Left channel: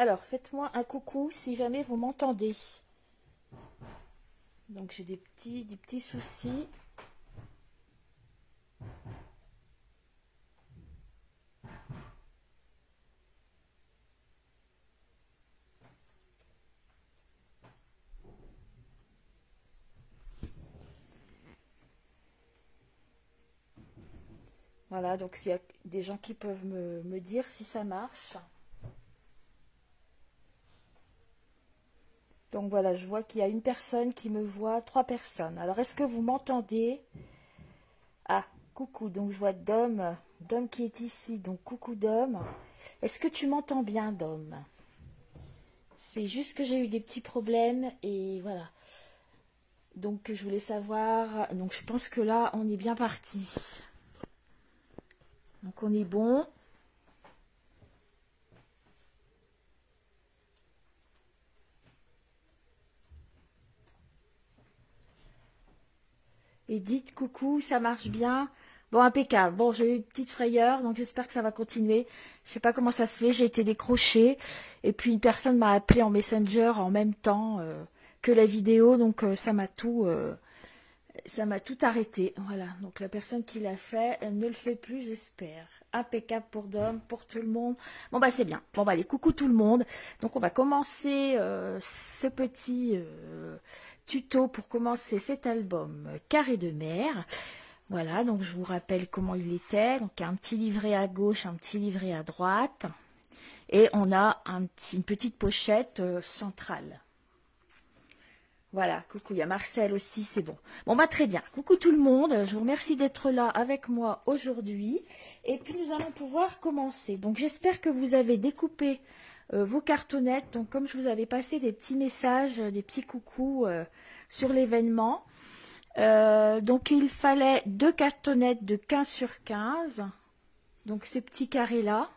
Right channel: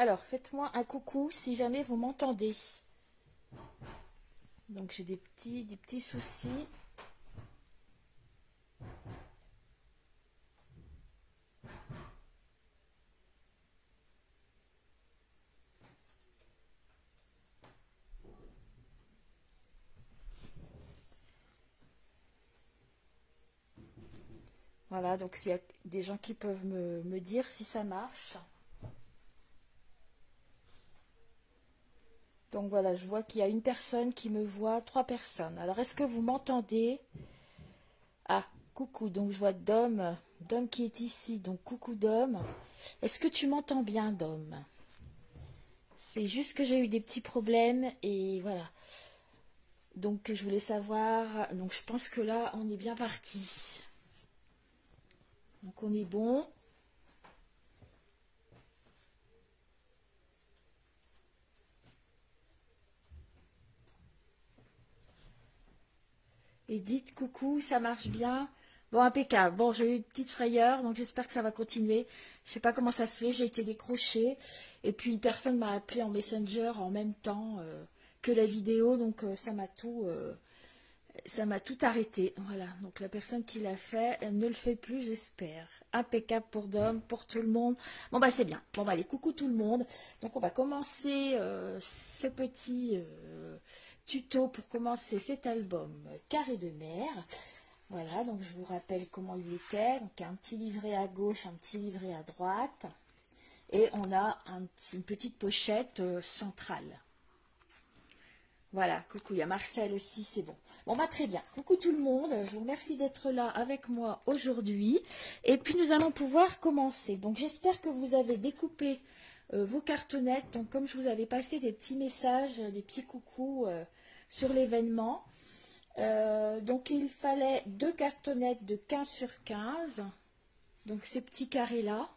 Alors, faites-moi un coucou si jamais vous m'entendez. Donc, j'ai des petits soucis. Voilà, donc s'il y a des gens qui peuvent me dire si ça marche. Donc voilà, je vois qu'il y a une personne qui me voit, 3 personnes. Alors, est-ce que vous m'entendez? Ah, coucou, donc je vois Dom qui est ici, donc coucou Dom. Est-ce que tu m'entends bien, Dom? C'est juste que j'ai eu des petits problèmes et voilà. Donc je voulais savoir, donc je pense que là, on est bien parti. Donc on est bon. Et dites coucou, ça marche bien. Bon, impeccable. Bon, j'ai eu une petite frayeur, donc j'espère que ça va continuer. Je sais pas comment ça se fait, j'ai été décrochée. Et puis une personne m'a appelé en Messenger en même temps que la vidéo, donc ça m'a tout arrêté. Voilà, donc la personne qui l'a fait, elle ne le fait plus, j'espère. Impeccable pour Dom, pour tout le monde. Bon, bah c'est bien. Bon, bah allez, coucou tout le monde. Donc on va commencer ce petit tuto pour commencer cet album Carré de mer. Voilà, donc je vous rappelle comment il était. Donc un petit livret à gauche, un petit livret à droite. Et on a une petite pochette centrale. Voilà, coucou, il y a Marcel aussi, c'est bon. Bon, bah très bien. Coucou tout le monde, je vous remercie d'être là avec moi aujourd'hui. Et puis nous allons pouvoir commencer. Donc j'espère que vous avez découpé vos cartonnettes. Donc comme je vous avais passé des petits messages, des petits coucous sur l'événement. Donc il fallait 2 cartonnettes de 15 sur 15. Donc ces petits carrés là.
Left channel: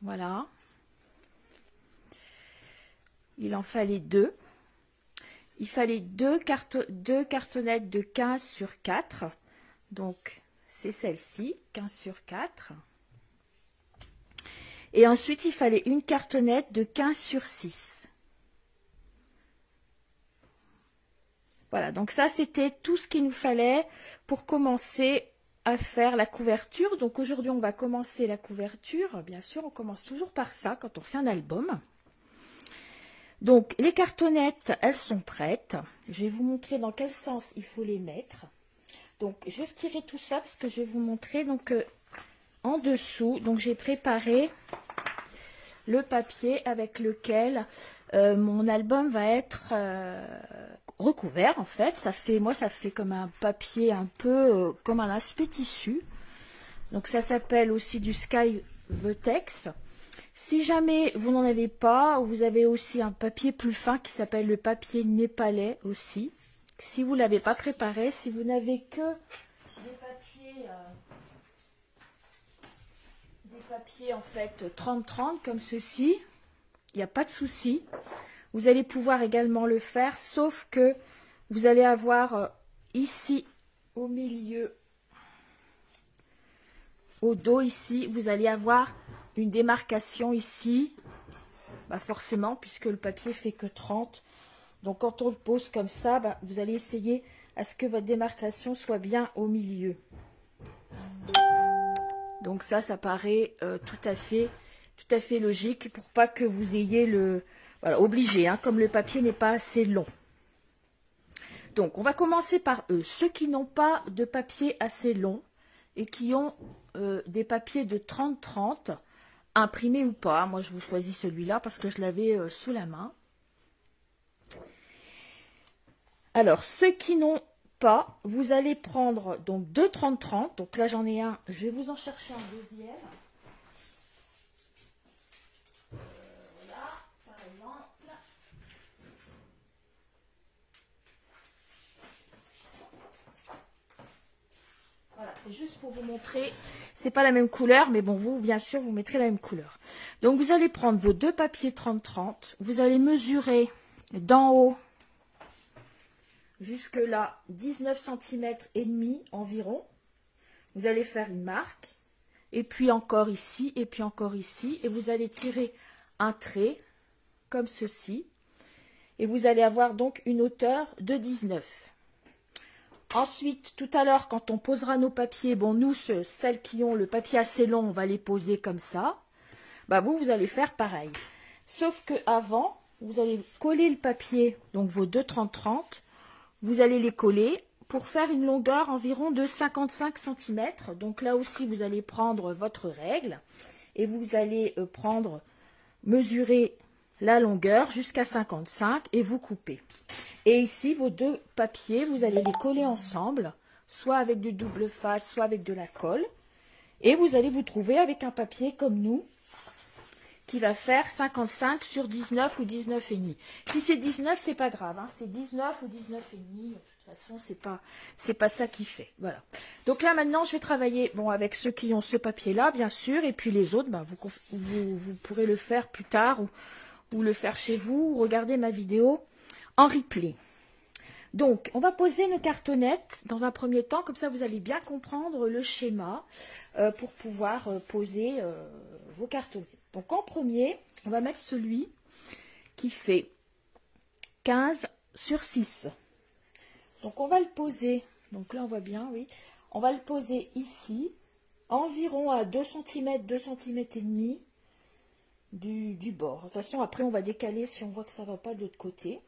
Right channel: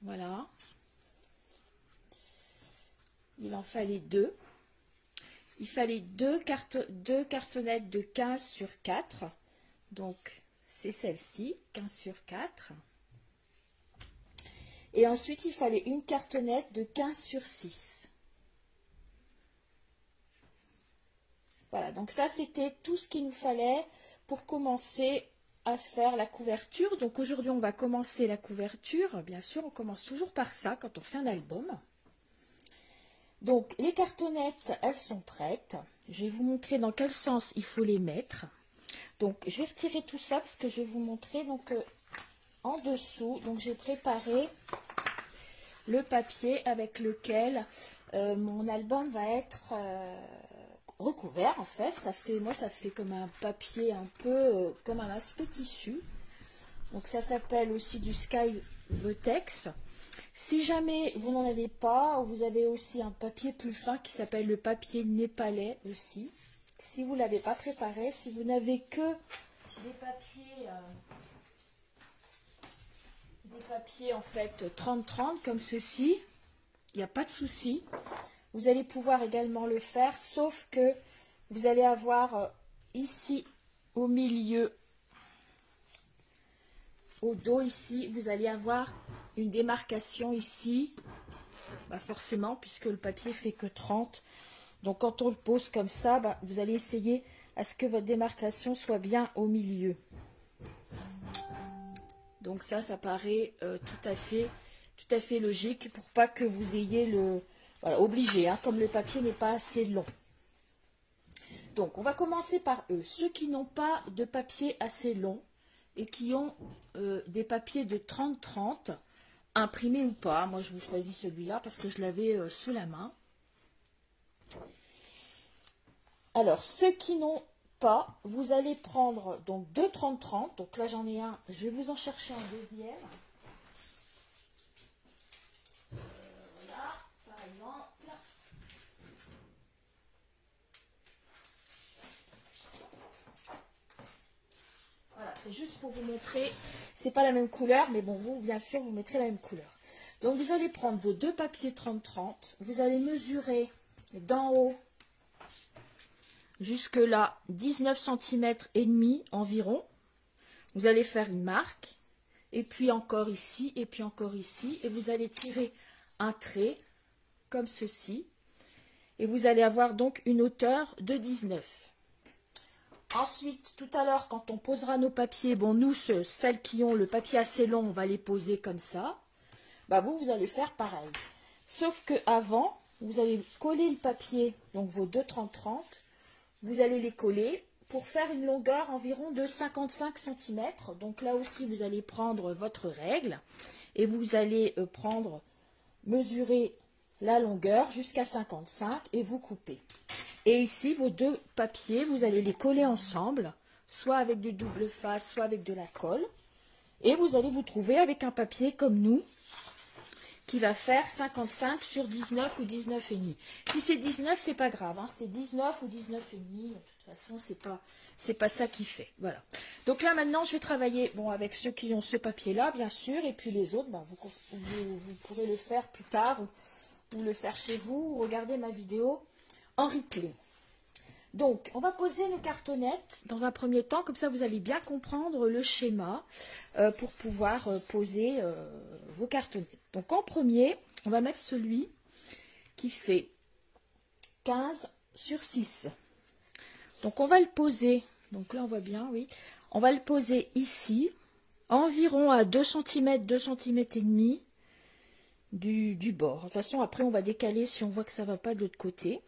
Voilà. Il en fallait 2. Il fallait 2 cartonnettes de 15 sur 4. Donc, c'est celle-ci, 15 sur 4. Et ensuite, il fallait une cartonnette de 15 sur 6. Voilà, donc ça, c'était tout ce qu'il nous fallait pour commencer à faire la couverture. Donc, aujourd'hui, on va commencer la couverture. Bien sûr, on commence toujours par ça quand on fait un album. Donc, les cartonnettes, elles sont prêtes. Je vais vous montrer dans quel sens il faut les mettre. Donc, je vais retirer tout ça parce que je vais vous montrer. Donc, en dessous, donc j'ai préparé le papier avec lequel mon album va être recouvert. En fait, ça fait comme un papier un peu comme un aspect tissu. Donc, ça s'appelle aussi du Sky Vertex. Si jamais vous n'en avez pas, vous avez aussi un papier plus fin qui s'appelle le papier népalais aussi. Si vous ne l'avez pas préparé, si vous n'avez que des papiers en fait 30-30 comme ceci, il n'y a pas de souci. Vous allez pouvoir également le faire, sauf que vous allez avoir ici au milieu, au dos ici, vous allez avoir une démarcation ici, bah forcément, puisque le papier fait que 30. Donc, quand on le pose comme ça, bah, vous allez essayer à ce que votre démarcation soit bien au milieu. Donc, ça paraît tout à fait logique pour pas que vous ayez le... Voilà, obligé, hein, comme le papier n'est pas assez long. Donc, on va commencer par eux. Ceux qui n'ont pas de papier assez long et qui ont des papiers de 30-30, imprimé ou pas, moi je vous choisis celui-là parce que je l'avais sous la main. Alors, ceux qui n'ont pas, vous allez prendre donc 2 30-30. Donc là j'en ai un, je vais vous en chercher un deuxième. Là, par exemple. Voilà, c'est juste pour vous montrer. C'est pas la même couleur, mais bon, vous, bien sûr, vous mettrez la même couleur. Donc, vous allez prendre vos 2 papiers 30-30. Vous allez mesurer d'en haut jusque là 19 cm et demi environ. Vous allez faire une marque. et puis encore ici, et puis encore ici, et vous allez tirer un trait comme ceci, et vous allez avoir donc une hauteur de 19. Ensuite, tout à l'heure, quand on posera nos papiers, bon, nous, celles qui ont le papier assez long, on va les poser comme ça. Bah, vous allez faire pareil. Sauf que avant, vous allez coller le papier, donc vos deux 30-30, vous allez les coller pour faire une longueur environ de 55 cm. Donc là aussi, vous allez prendre votre règle et vous allez mesurer la longueur jusqu'à 55 et vous coupez. Et ici, vos deux papiers, vous allez les coller ensemble, soit avec du double face, soit avec de la colle. Et vous allez vous trouver avec un papier comme nous, qui va faire 55 sur 19 ou 19,5. Si c'est 19, c'est pas grave, hein, c'est 19 ou 19,5. De toute façon, c'est pas ça qui fait. Voilà. Donc là, maintenant, je vais travailler avec ceux qui ont ce papier-là, bien sûr, et puis les autres, vous pourrez le faire plus tard ou le faire chez vous, ou regarder ma vidéo en replay. Donc, on va poser nos cartonnettes dans un premier temps, comme ça vous allez bien comprendre le schéma pour pouvoir poser vos cartonnettes. Donc, en premier, on va mettre celui qui fait 15 sur 6. Donc, on va le poser, donc là on voit bien, oui, on va le poser ici, environ à 2 cm, 2 cm et demi du bord. De toute façon, après on va décaler si on voit que ça ne va pas de l'autre côté.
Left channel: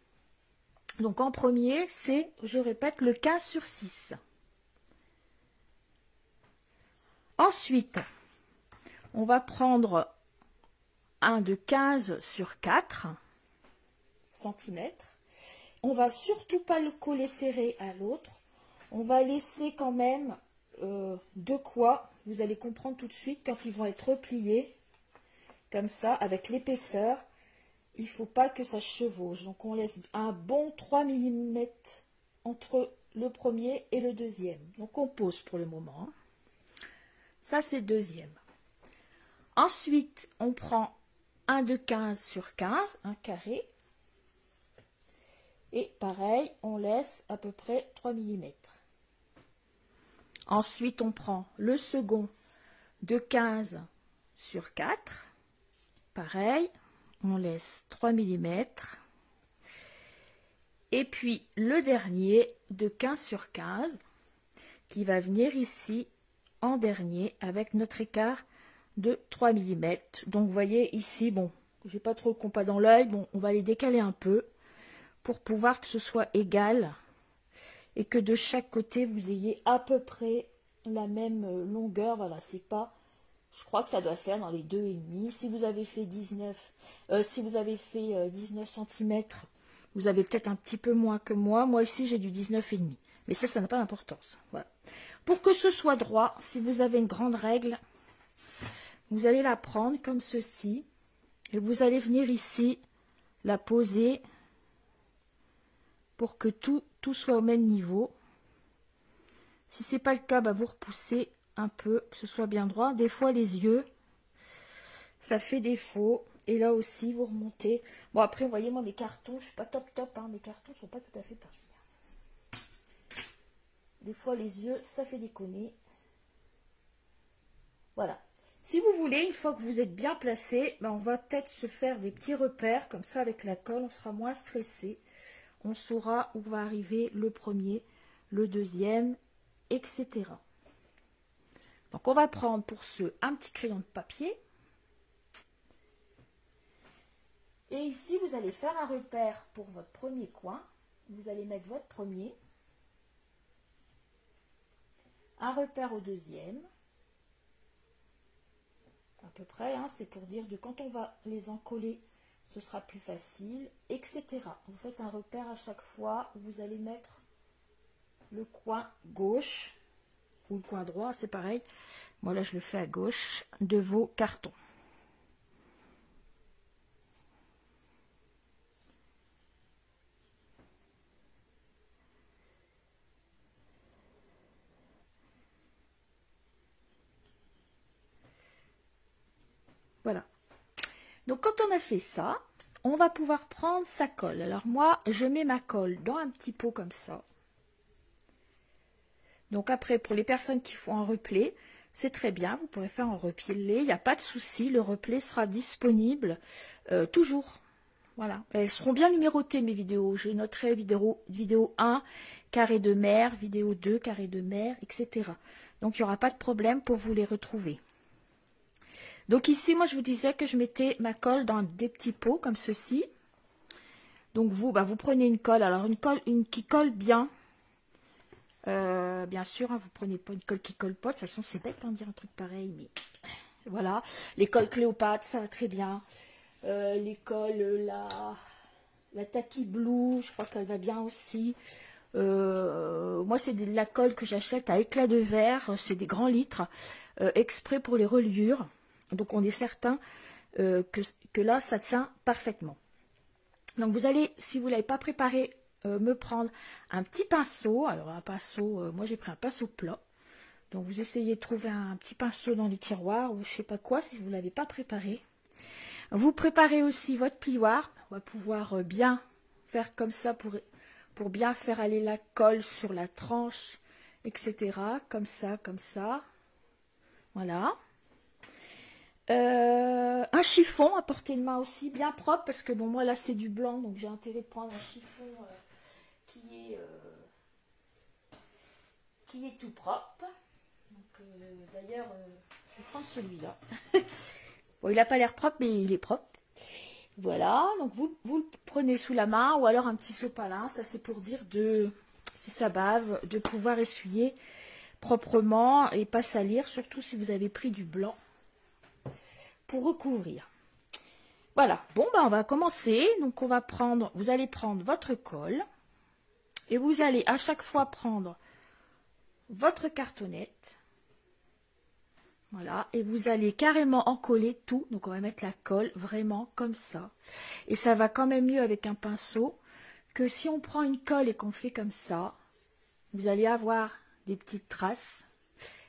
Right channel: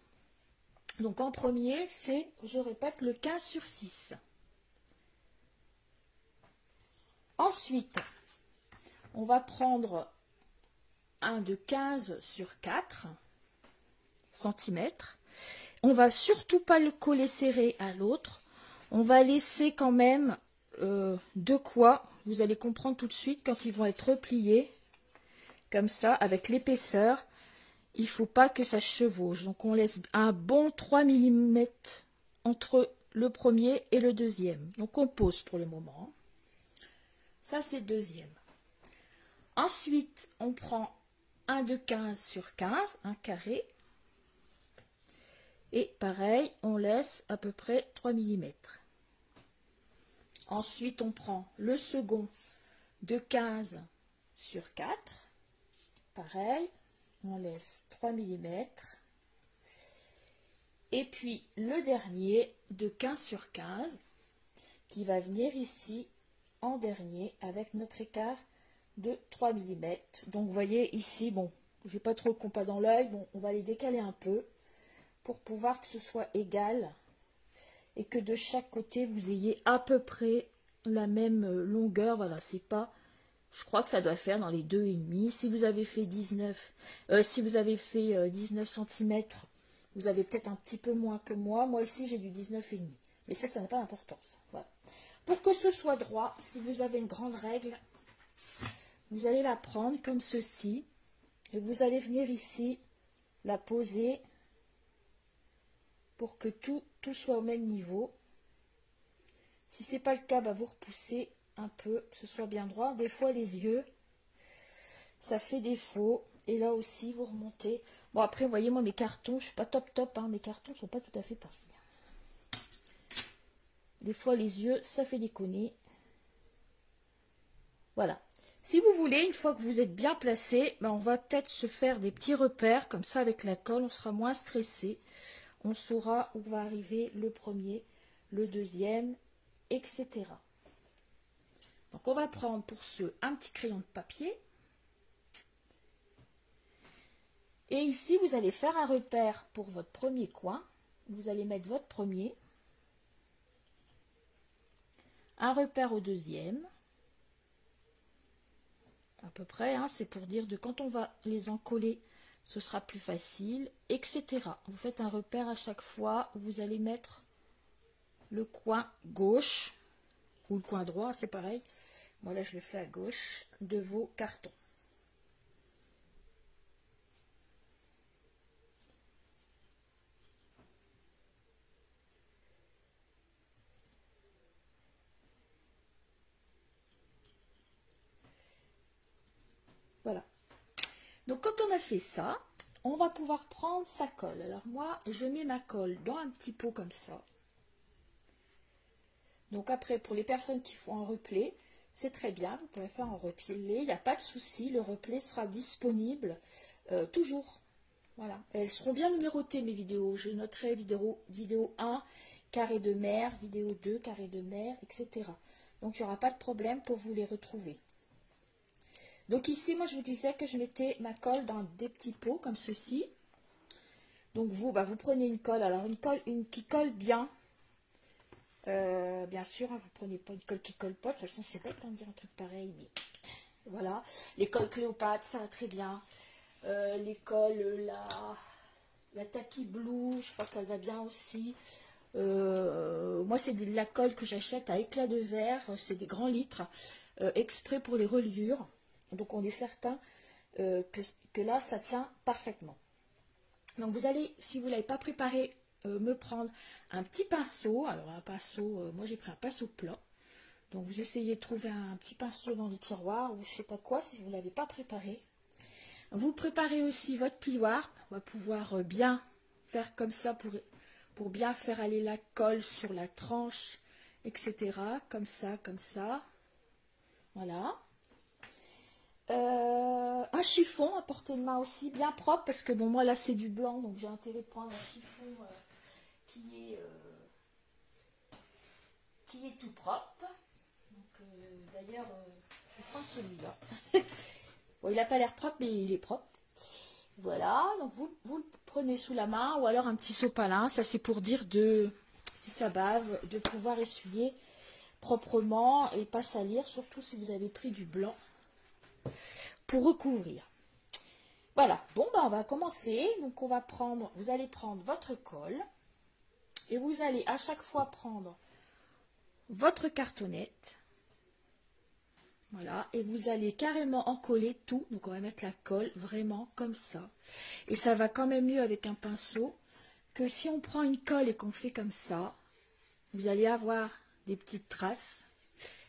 Donc en premier, c'est, je répète, le 15 sur 6. Ensuite, on va prendre un de 15 sur 4 cm. On va surtout pas le coller serré à l'autre. On va laisser quand même de quoi, vous allez comprendre tout de suite quand ils vont être repliés, comme ça, avec l'épaisseur. Il ne faut pas que ça chevauche. Donc, on laisse un bon 3 mm entre le premier et le deuxième. Donc, on pose pour le moment. Ça, c'est le deuxième. Ensuite, on prend un de 15 sur 15, un carré. Et pareil, on laisse à peu près 3 mm. Ensuite, on prend le second de 15 sur 4. Pareil. On laisse 3 mm. Et puis le dernier de 15 sur 15 qui va venir ici en dernier avec notre écart de 3 mm. Donc vous voyez ici, bon, j'ai pas trop le compas dans l'œil, bon, on va les décaler un peu pour pouvoir que ce soit égal et que de chaque côté vous ayez à peu près la même longueur. Voilà, c'est pas... Je crois que ça doit faire dans les 2,5. Si vous avez fait 19 cm, vous avez peut-être un petit peu moins que moi. Moi ici, j'ai du 19,5. Mais ça n'a pas d'importance. Voilà. Pour que ce soit droit, si vous avez une grande règle, vous allez la prendre comme ceci. Et vous allez venir ici, la poser pour que tout soit au même niveau. Si ce n'est pas le cas, vous repoussez un peu, que ce soit bien droit. Des fois, les yeux, ça fait défaut. Et là aussi, vous remontez. Bon, après, vous voyez, moi, mes cartons, je ne suis pas top, hein, mes cartons ne sont pas tout à fait pareils. Des fois, les yeux, ça fait déconner. Voilà. Si vous voulez, une fois que vous êtes bien placé, on va peut-être se faire des petits repères. Comme ça, avec la colle, on sera moins stressé. On saura où va arriver le premier, le deuxième, etc. Donc, on va prendre pour ce un petit crayon de papier. Et ici, vous allez faire un repère pour votre premier coin. Vous allez mettre votre premier. Un repère au deuxième. À peu près, hein, c'est pour dire de quand on va les encoller, ce sera plus facile, etc. Vous faites un repère à chaque fois où vous allez mettre le coin gauche. Ou le coin droit, c'est pareil. Moi, là, je le fais à gauche de vos cartons. Voilà. Donc, quand on a fait ça, on va pouvoir prendre sa colle. Alors, moi, je mets ma colle dans un petit pot comme ça. Donc, après, pour les personnes qui font un replay, c'est très bien, vous pourrez faire un replié, il n'y a pas de souci, le replay sera disponible toujours. Voilà, elles seront bien numérotées mes vidéos, je noterai vidéo 1, carré de mer, vidéo 2, carré de mer, etc. Donc il n'y aura pas de problème pour vous les retrouver. Donc ici, moi je vous disais que je mettais ma colle dans des petits pots comme ceci. Donc vous, vous prenez une colle, alors une qui colle bien. Bien sûr, hein, vous prenez pas une colle qui colle pas. De toute façon, c'est bête de dire un truc pareil, mais voilà. Les colles Cléopâtre, ça va très bien. Les colles, la Tacky Blue, je crois qu'elle va bien aussi. Moi, c'est de la colle que j'achète à éclat de verre. C'est des grands litres, exprès pour les reliures. Donc, on est certain que là, ça tient parfaitement. Donc, vous allez, si vous ne l'avez pas préparé, me prendre un petit pinceau. Alors un pinceau, moi j'ai pris un pinceau plat. Donc vous essayez de trouver un petit pinceau dans les tiroirs ou je sais pas quoi si vous ne l'avez pas préparé. Vous préparez aussi votre plioir. On va pouvoir bien faire comme ça pour bien faire aller la colle sur la tranche, etc. Comme ça, comme ça. Voilà. Un chiffon à portée de main aussi, bien propre, parce que bon, moi là c'est du blanc, donc j'ai intérêt de prendre un chiffon qui est tout propre. D'ailleurs, je vais prendre celui-là. Bon, il n'a pas l'air propre, mais il est propre. Voilà, donc vous le prenez sous la main, ou alors un petit sopalin, ça c'est pour dire si ça bave, de pouvoir essuyer proprement et pas salir, surtout si vous avez pris du blanc pour recouvrir. Voilà, bon on va commencer. Donc vous allez prendre votre colle et vous allez à chaque fois prendre votre cartonnette. Voilà, et vous allez carrément encoller tout. Donc on va mettre la colle vraiment comme ça. Et ça va quand même mieux avec un pinceau que si on prend une colle et qu'on fait comme ça. Vous allez avoir des petites traces.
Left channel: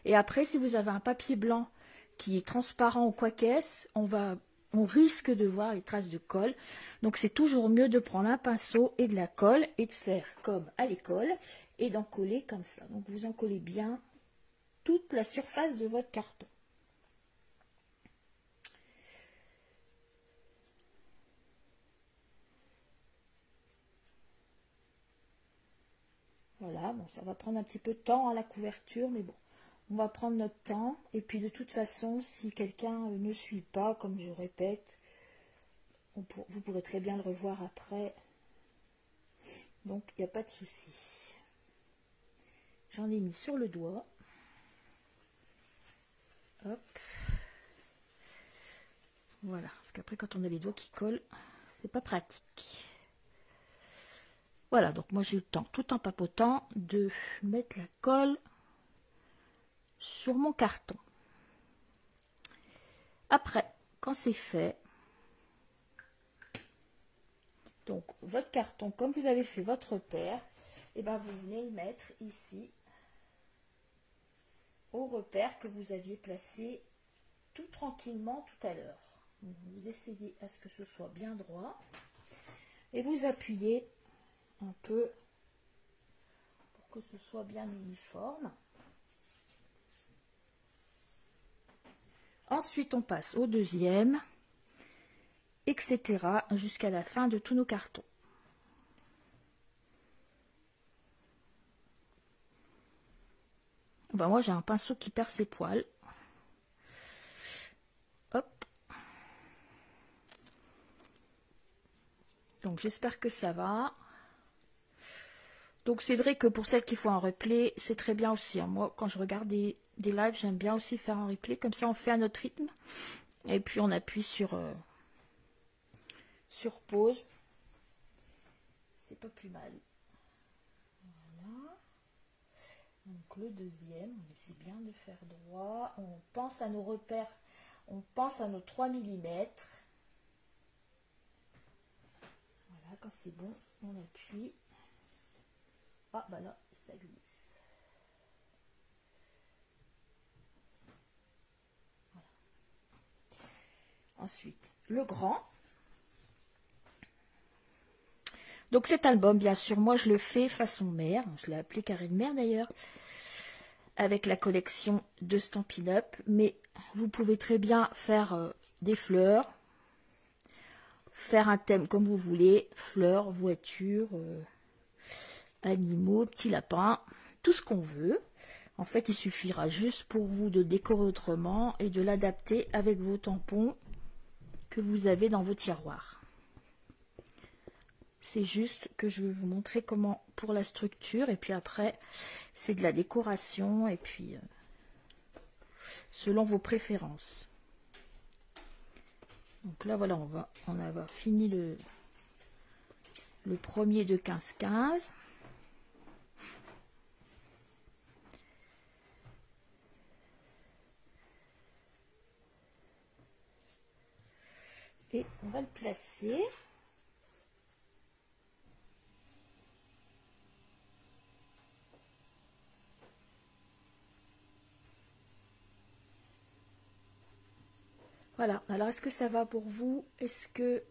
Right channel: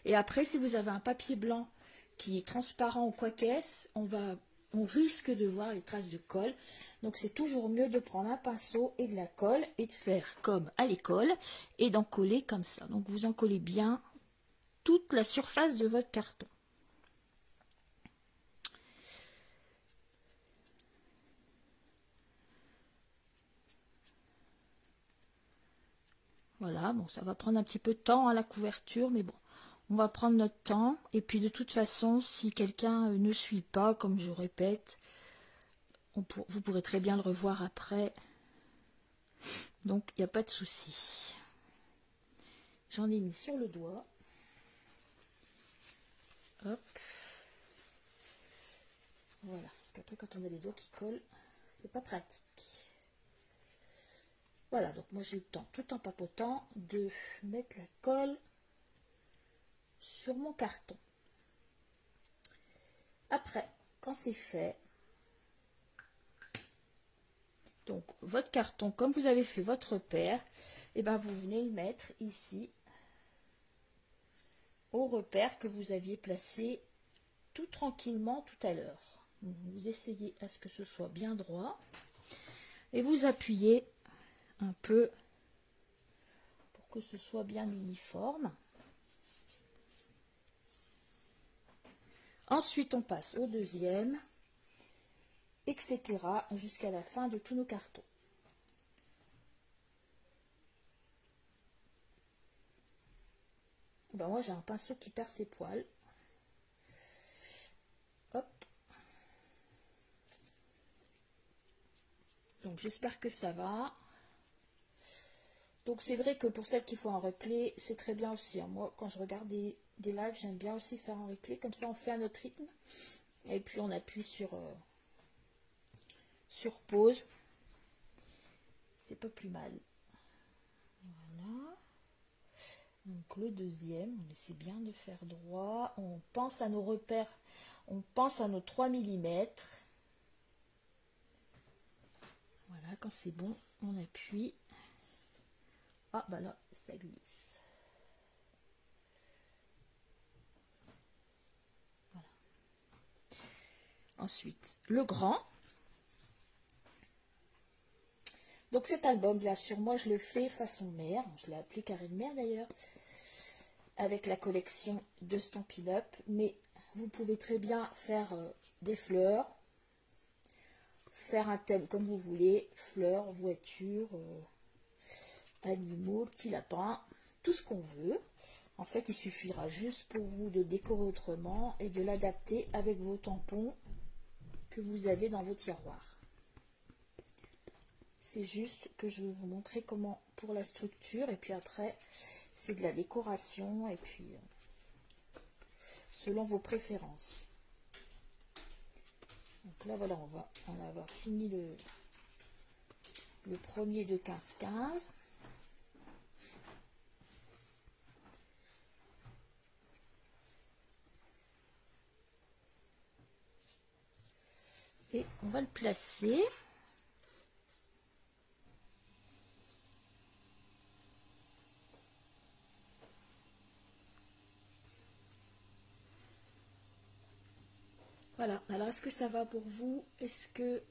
Et après, si vous avez un papier blanc qui est transparent ou quoi qu'est-ce, on risque de voir les traces de colle. Donc c'est toujours mieux de prendre un pinceau et de la colle et de faire comme à l'école et d'en coller comme ça. Donc vous en collez bien toute la surface de votre carton. Voilà, bon ça va prendre un petit peu de temps à la couverture, mais bon. On va prendre notre temps, et puis de toute façon, si quelqu'un ne suit pas, comme je répète, vous pourrez très bien le revoir après. Donc, il n'y a pas de souci. J'en ai mis sur le doigt. Hop. Voilà, parce qu'après, quand on a les doigts qui collent, c'est pas pratique. Voilà, donc moi j'ai eu le temps, tout en papotant, de mettre la colle sur mon carton. Après, quand c'est fait, donc votre carton, comme vous avez fait votre repère, et ben vous venez le mettre ici au repère que vous aviez placé tout tranquillement tout à l'heure. Vous essayez à ce que ce soit bien droit et vous appuyez un peu pour que ce soit bien uniforme. Ensuite, on passe au deuxième, etc. jusqu'à la fin de tous nos cartons. Ben moi, j'ai un pinceau qui perd ses poils. Hop. Donc, j'espère que ça va. Donc, c'est vrai que pour celles qui font un replay, c'est très bien aussi. Moi, quand je regarde des lives, j'aime bien aussi faire un replay. Comme ça, on fait à notre rythme. Et puis, on appuie sur pause. C'est pas plus mal. Voilà. Donc, le deuxième, on essaie bien de faire droit. On pense à nos repères. On pense à nos 3 mm. Voilà, quand c'est bon, on appuie. Ah, bah là, ça glisse. Voilà. Ensuite, le grand. Donc cet album, bien sûr, moi je le fais façon mer. Je l'ai appelé carré de mer d'ailleurs. avec la collection de Stampin' Up, mais vous pouvez très bien faire des fleurs, faire un thème comme vous voulez, fleurs, voitures, animaux, petits lapins, tout ce qu'on veut. En fait, il suffira juste pour vous de décorer autrement et de l'adapter avec vos tampons que vous avez dans vos tiroirs. C'est juste que je vais vous montrer comment pour la structure, et puis après c'est de la décoration, et puis selon vos préférences. Donc là voilà, on a fini le premier de 15-15. Et on va le placer. Voilà, alors est-ce que ça va pour vous? Est-ce que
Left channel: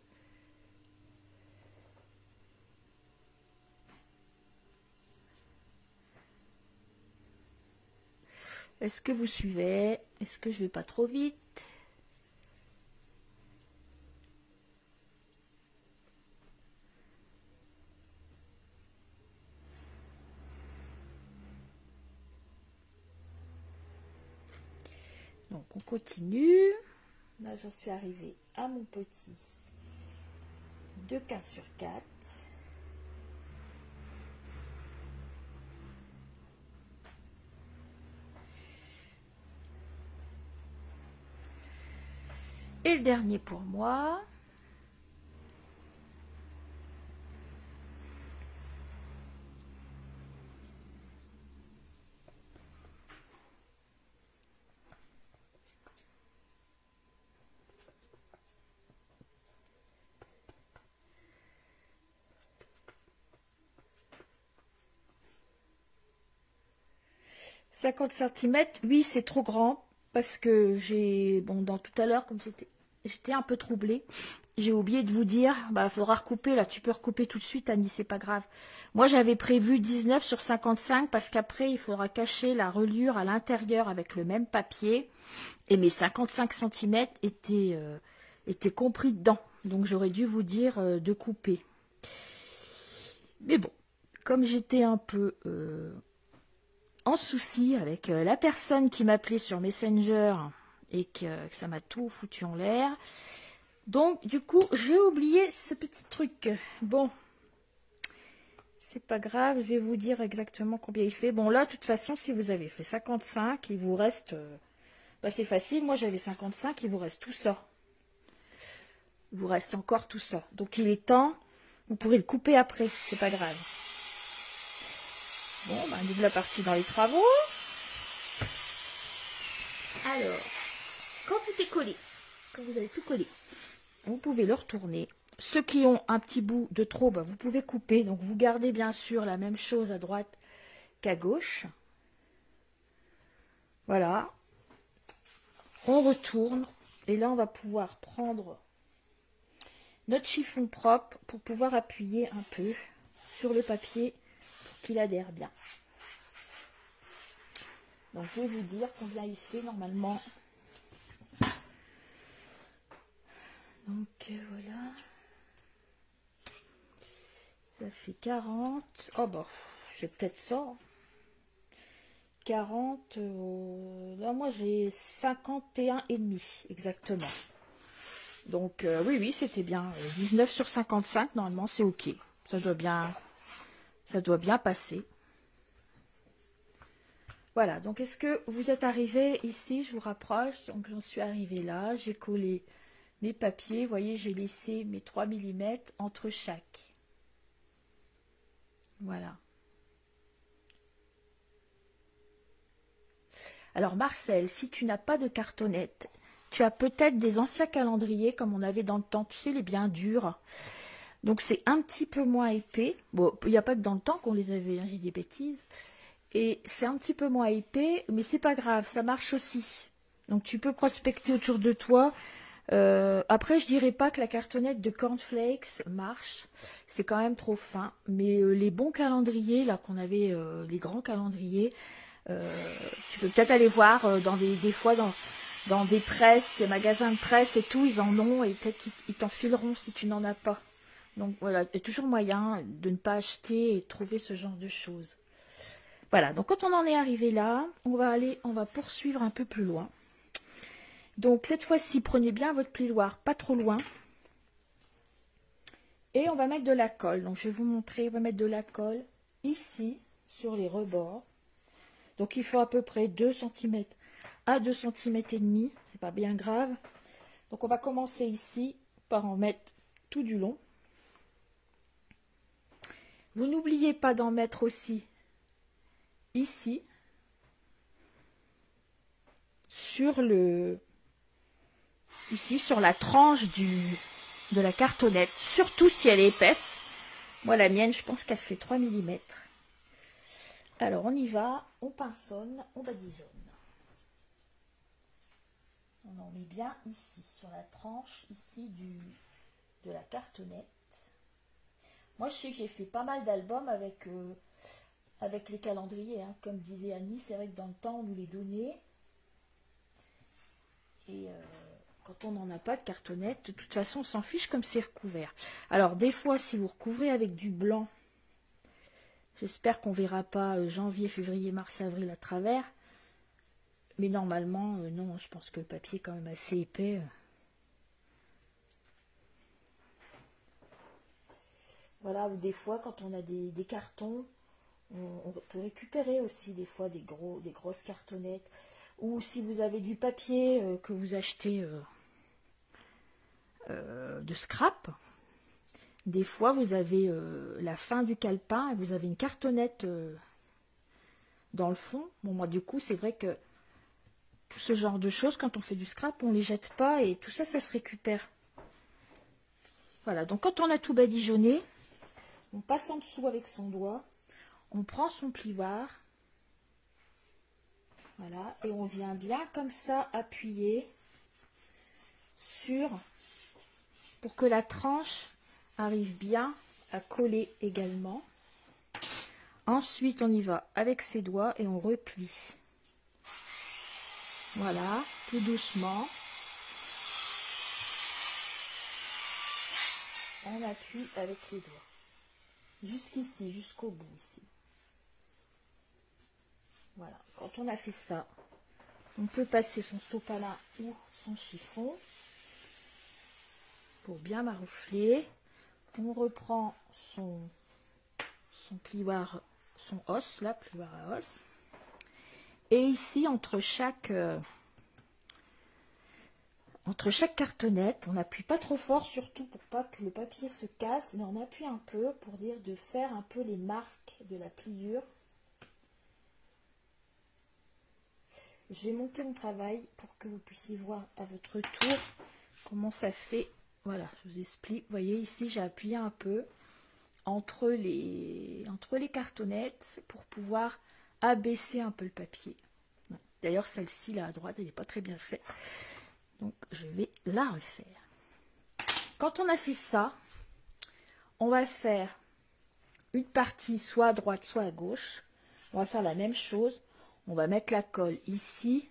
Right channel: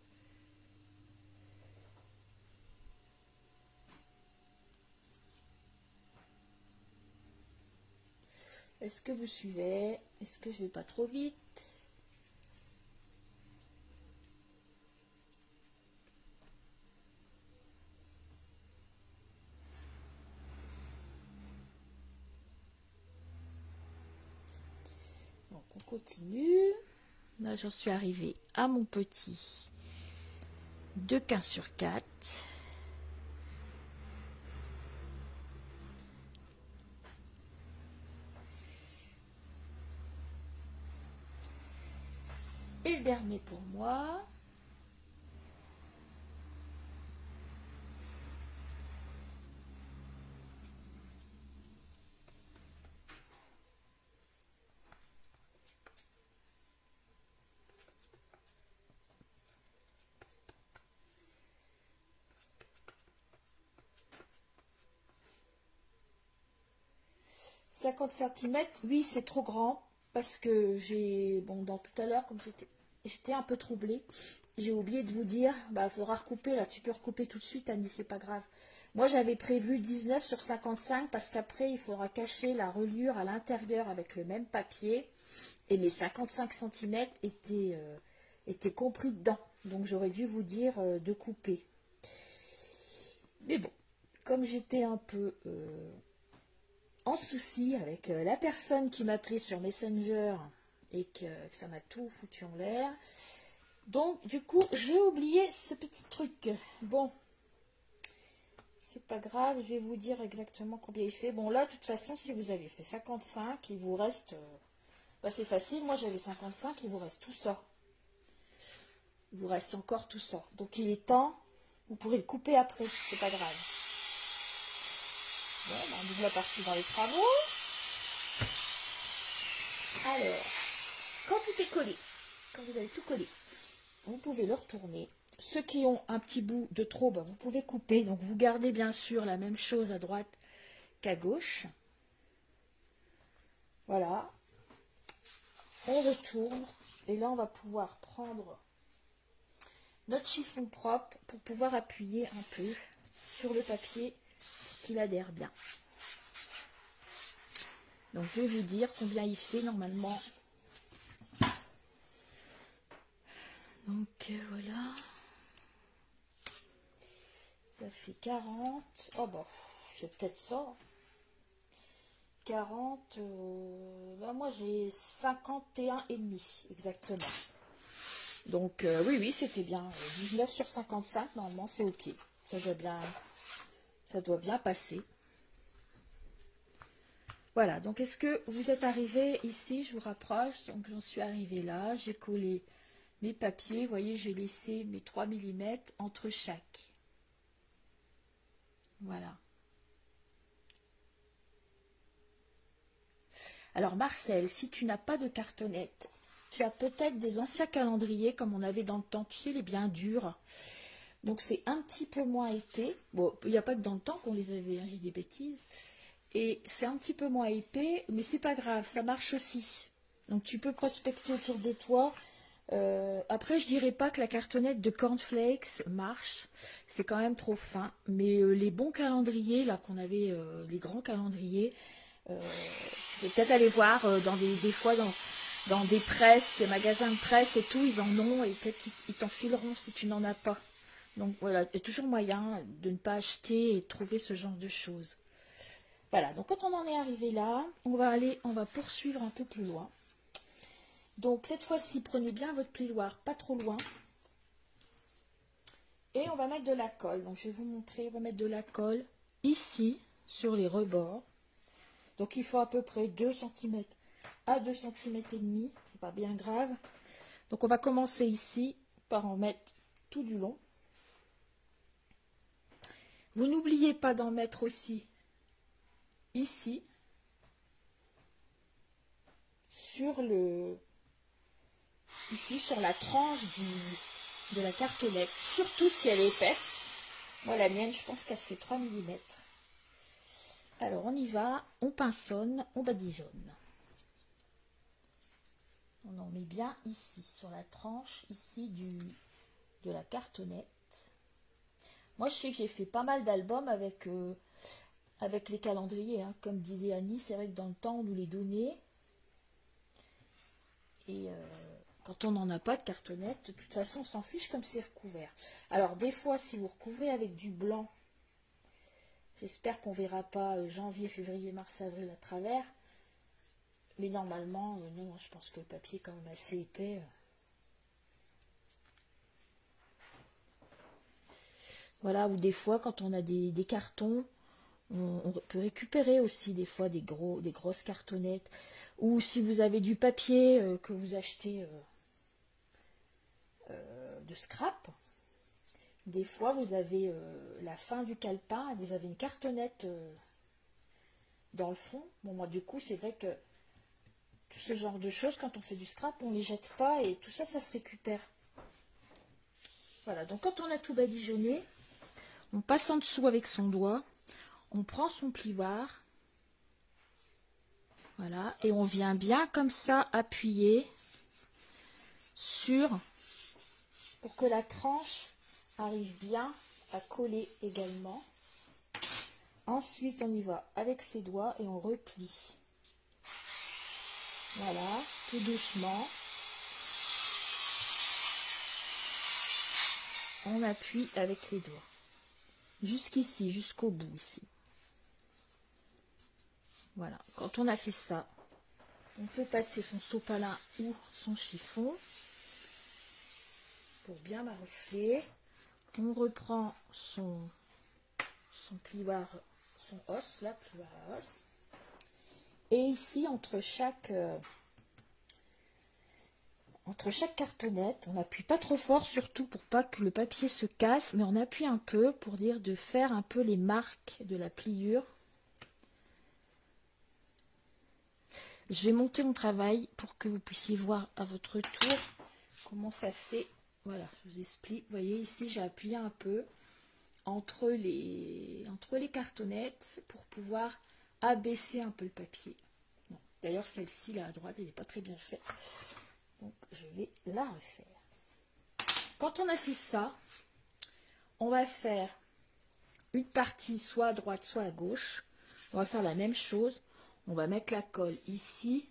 vous suivez? Est-ce que je vais pas trop vite? Donc on continue. Là j'en suis arrivée à mon petit de 15 sur 4. Et le dernier pour moi. « 50 cm, oui, c'est trop grand parce que j'ai, bon, dans tout à l'heure, comme j'étais un peu troublée, j'ai oublié de vous dire, bah, il faudra recouper, là, tu peux recouper tout de suite, Annie, c'est pas grave. Moi, j'avais prévu 19 sur 55 parce qu'après, il faudra cacher la reliure à l'intérieur avec le même papier et mes 55 cm étaient compris dedans. Donc, j'aurais dû vous dire de couper. Mais bon, comme j'étais un peu en souci avec la personne qui m'appelait sur Messenger et que ça m'a tout foutu en l'air, donc du coup j'ai oublié ce petit truc. Bon, c'est pas grave, je vais vous dire exactement combien il fait. Bon là, de toute façon, si vous avez fait 55, il vous reste, bah, c'est facile, moi j'avais 55, il vous reste tout ça. Il vous reste encore tout ça. Donc il est temps, vous pourrez le couper après, c'est pas grave. Bon, ben, nous voilà partis dans les travaux. Alors, quand tout est collé, quand vous avez tout collé, vous pouvez le retourner. Ceux qui ont un petit bout de trop, ben, vous pouvez couper. Donc, vous gardez bien sûr la même chose à droite qu'à gauche. Voilà. On retourne. Et là, on va pouvoir prendre notre chiffon propre pour pouvoir appuyer un peu sur le papier qu'il adhère bien. Donc je vais vous dire combien il fait normalement. Donc voilà. Ça fait 40. Oh bah, c'est peut-être ça. 40. Là moi j'ai 51,5 exactement. Donc oui, c'était bien. 19 sur 55, normalement c'est ok. Ça doit bien passer. Voilà, donc est-ce que vous êtes arrivé ici? Je vous rapproche, donc j'en suis arrivée là, j'ai collé mes papiers, vous voyez, j'ai laissé mes 3 mm entre chaque. Voilà. Alors Marcel, si tu n'as pas de cartonnette, tu as peut-être des anciens calendriers comme on avait dans le temps, tu sais, les bien durs. Donc c'est un petit peu moins épais. Bon, il n'y a pas que dans le temps qu'on les avait, hein, j'ai des bêtises. Et c'est un petit peu moins épais, mais c'est pas grave, ça marche aussi. Donc tu peux prospecter autour de toi. Après, je dirais pas que la cartonnette de cornflakes marche, c'est quand même trop fin. Mais les bons calendriers, là qu'on avait, les grands calendriers, Tu peux peut-être aller voir dans des fois dans des presses, magasins de presse et tout, ils en ont et peut-être qu'ils t'en fileront si tu n'en as pas. Donc voilà, il y a toujours moyen de ne pas acheter et de trouver ce genre de choses. Voilà, donc quand on en est arrivé là, on va poursuivre un peu plus loin. Donc cette fois-ci, prenez bien votre plioir, pas trop loin. Et on va mettre de la colle. Donc je vais vous montrer, on va mettre de la colle ici, sur les rebords. Donc il faut à peu près 2 cm à 2 cm et demi, c'est pas bien grave. Donc on va commencer ici par en mettre tout du long. Vous n'oubliez pas d'en mettre aussi ici sur la tranche de la cartonnette, surtout si elle est épaisse. Moi la mienne, je pense qu'elle fait 3 mm. Alors on y va, on pinçonne, on badigeonne. On en met bien ici, sur la tranche ici de la cartonnette. Moi je sais que j'ai fait pas mal d'albums avec les calendriers, hein. Comme disait Annie, c'est vrai que dans le temps on nous les donnait. Et quand on n'en a pas de cartonnette, de toute façon on s'en fiche comme c'est recouvert. Alors des fois si vous recouvrez avec du blanc, j'espère qu'on ne verra pas janvier, février, mars, avril à travers. Mais normalement, non, je pense que le papier est quand même assez épais. Voilà, ou des fois, quand on a des cartons, on peut récupérer aussi des fois des grosses cartonnettes. Ou si vous avez du papier que vous achetez de scrap, des fois vous avez la fin du calepin et vous avez une cartonnette dans le fond. Bon, moi du coup, c'est vrai que tout ce genre de choses, quand on fait du scrap, on ne les jette pas et tout ça, ça se récupère. Voilà, donc quand on a tout badigeonné, on passe en dessous avec son doigt, on prend son plioir, voilà, et on vient bien comme ça appuyer pour que la tranche arrive bien à coller également. Ensuite, on y va avec ses doigts et on replie. Voilà, tout doucement. On appuie avec les doigts. Jusqu'ici, jusqu'au bout ici. Voilà, quand on a fait ça, on peut passer son sopalin ou son chiffon pour bien maroufler. On reprend son plioir, son os, là, plioir à os. Et ici, entre chaque cartonnette, on n'appuie pas trop fort, surtout pour pas que le papier se casse, mais on appuie un peu pour dire de faire un peu les marques de la pliure. Je vais monter mon travail pour que vous puissiez voir à votre tour comment ça fait. Voilà, je vous explique. Vous voyez, ici, j'ai appuyé un peu entre les cartonnettes pour pouvoir abaisser un peu le papier. D'ailleurs, celle-ci, là, à droite, elle n'est pas très bien faite. Donc, je vais la refaire. Quand on a fait ça, on va faire une partie soit à droite, soit à gauche. On va faire la même chose. On va mettre la colle ici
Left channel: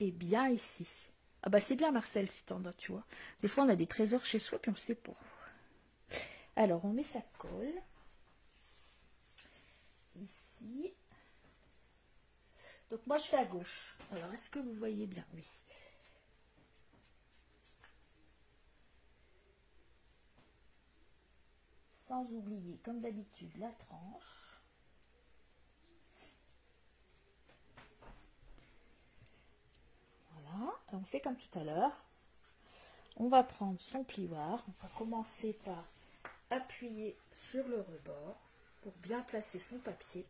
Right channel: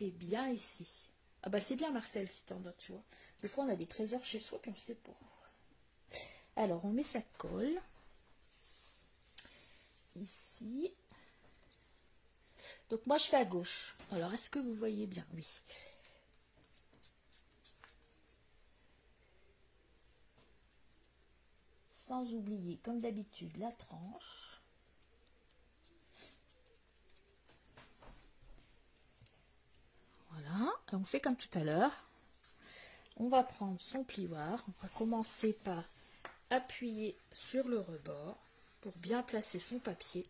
et bien ici. Ah bah c'est bien Marcel si t'en as, tu vois. Des fois on a des trésors chez soi puis on sait pas. Alors on met sa colle ici. Donc moi je fais à gauche. Alors est-ce que vous voyez bien? Oui. Sans oublier comme d'habitude la tranche. Voilà, on fait comme tout à l'heure. On va prendre son plioir. On va commencer par appuyer sur le rebord pour bien placer son papier.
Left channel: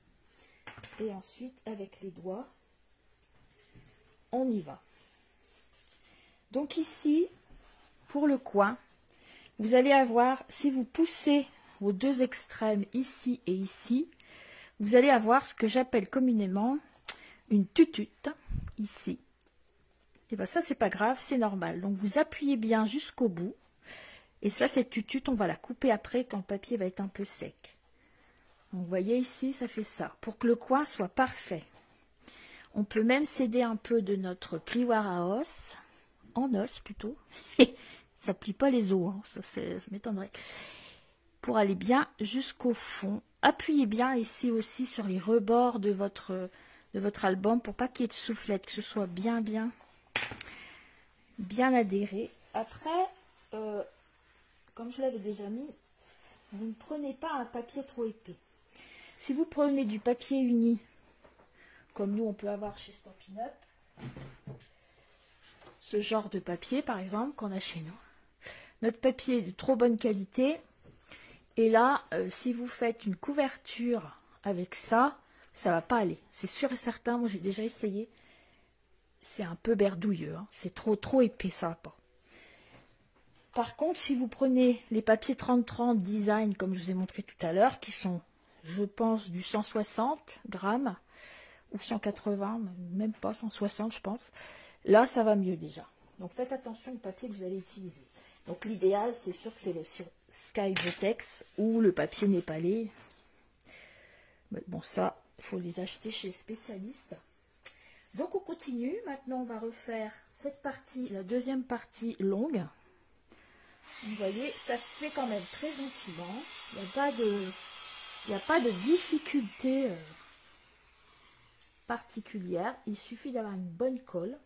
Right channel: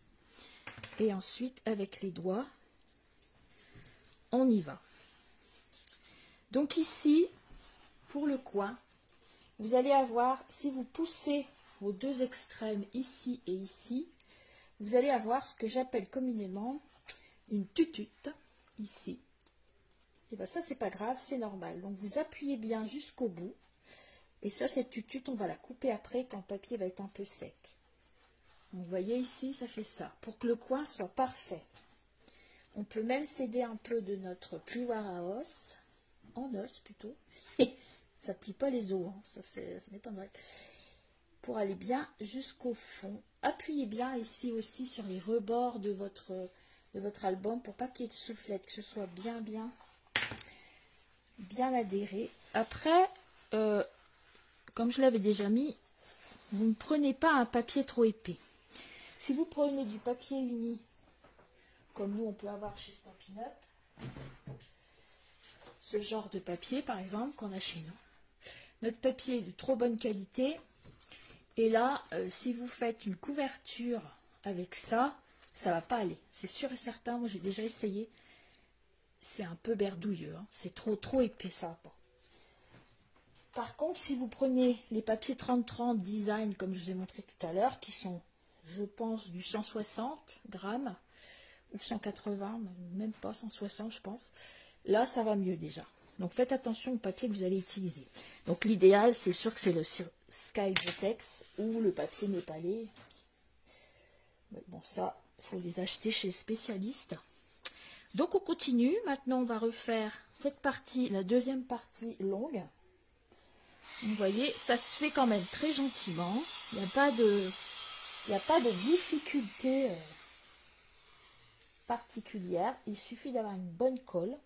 Et ensuite, avec les doigts, on y va. Donc ici, pour le coin, vous allez avoir, si vous poussez vos deux extrêmes ici et ici, vous allez avoir ce que j'appelle communément une tutute ici. Et bien ça, c'est pas grave, c'est normal. Donc vous appuyez bien jusqu'au bout. Et ça, cette tutute, on va la couper après quand le papier va être un peu sec. Vous voyez ici, ça fait ça. Pour que le coin soit parfait. On peut même céder un peu de notre plioir à os, en os plutôt. Ça plie pas les os, hein, ça m'étonnerait. Pour aller bien jusqu'au fond. Appuyez bien ici aussi sur les rebords de votre album pour pas qu'il y ait de soufflette, que ce soit bien adhéré. Après, comme je l'avais déjà mis, vous ne prenez pas un papier trop épais. Si vous prenez du papier uni, comme nous on peut avoir chez Stampin' Up, ce genre de papier par exemple qu'on a chez nous, notre papier est de trop bonne qualité, et là si vous faites une couverture avec ça, ça va pas aller, c'est sûr et certain. Moi j'ai déjà essayé, c'est un peu berdouilleux, hein. C'est trop épais, ça va pas. Par contre, si vous prenez les papiers 30-30 design, comme je vous ai montré tout à l'heure, qui sont, je pense, du 160 grammes, ou 180, même pas 160, je pense, là, ça va mieux déjà. Donc, faites attention au papier que vous allez utiliser. Donc, l'idéal, c'est sûr que c'est le Sky Vertex ou le papier népalais. Mais bon, ça, il faut les acheter chez les spécialistes. Donc, on continue. Maintenant, on va refaire cette partie, la deuxième partie longue. Vous voyez, ça se fait quand même très gentiment. Il n'y a pas de difficulté particulière. Il suffit d'avoir une bonne colle.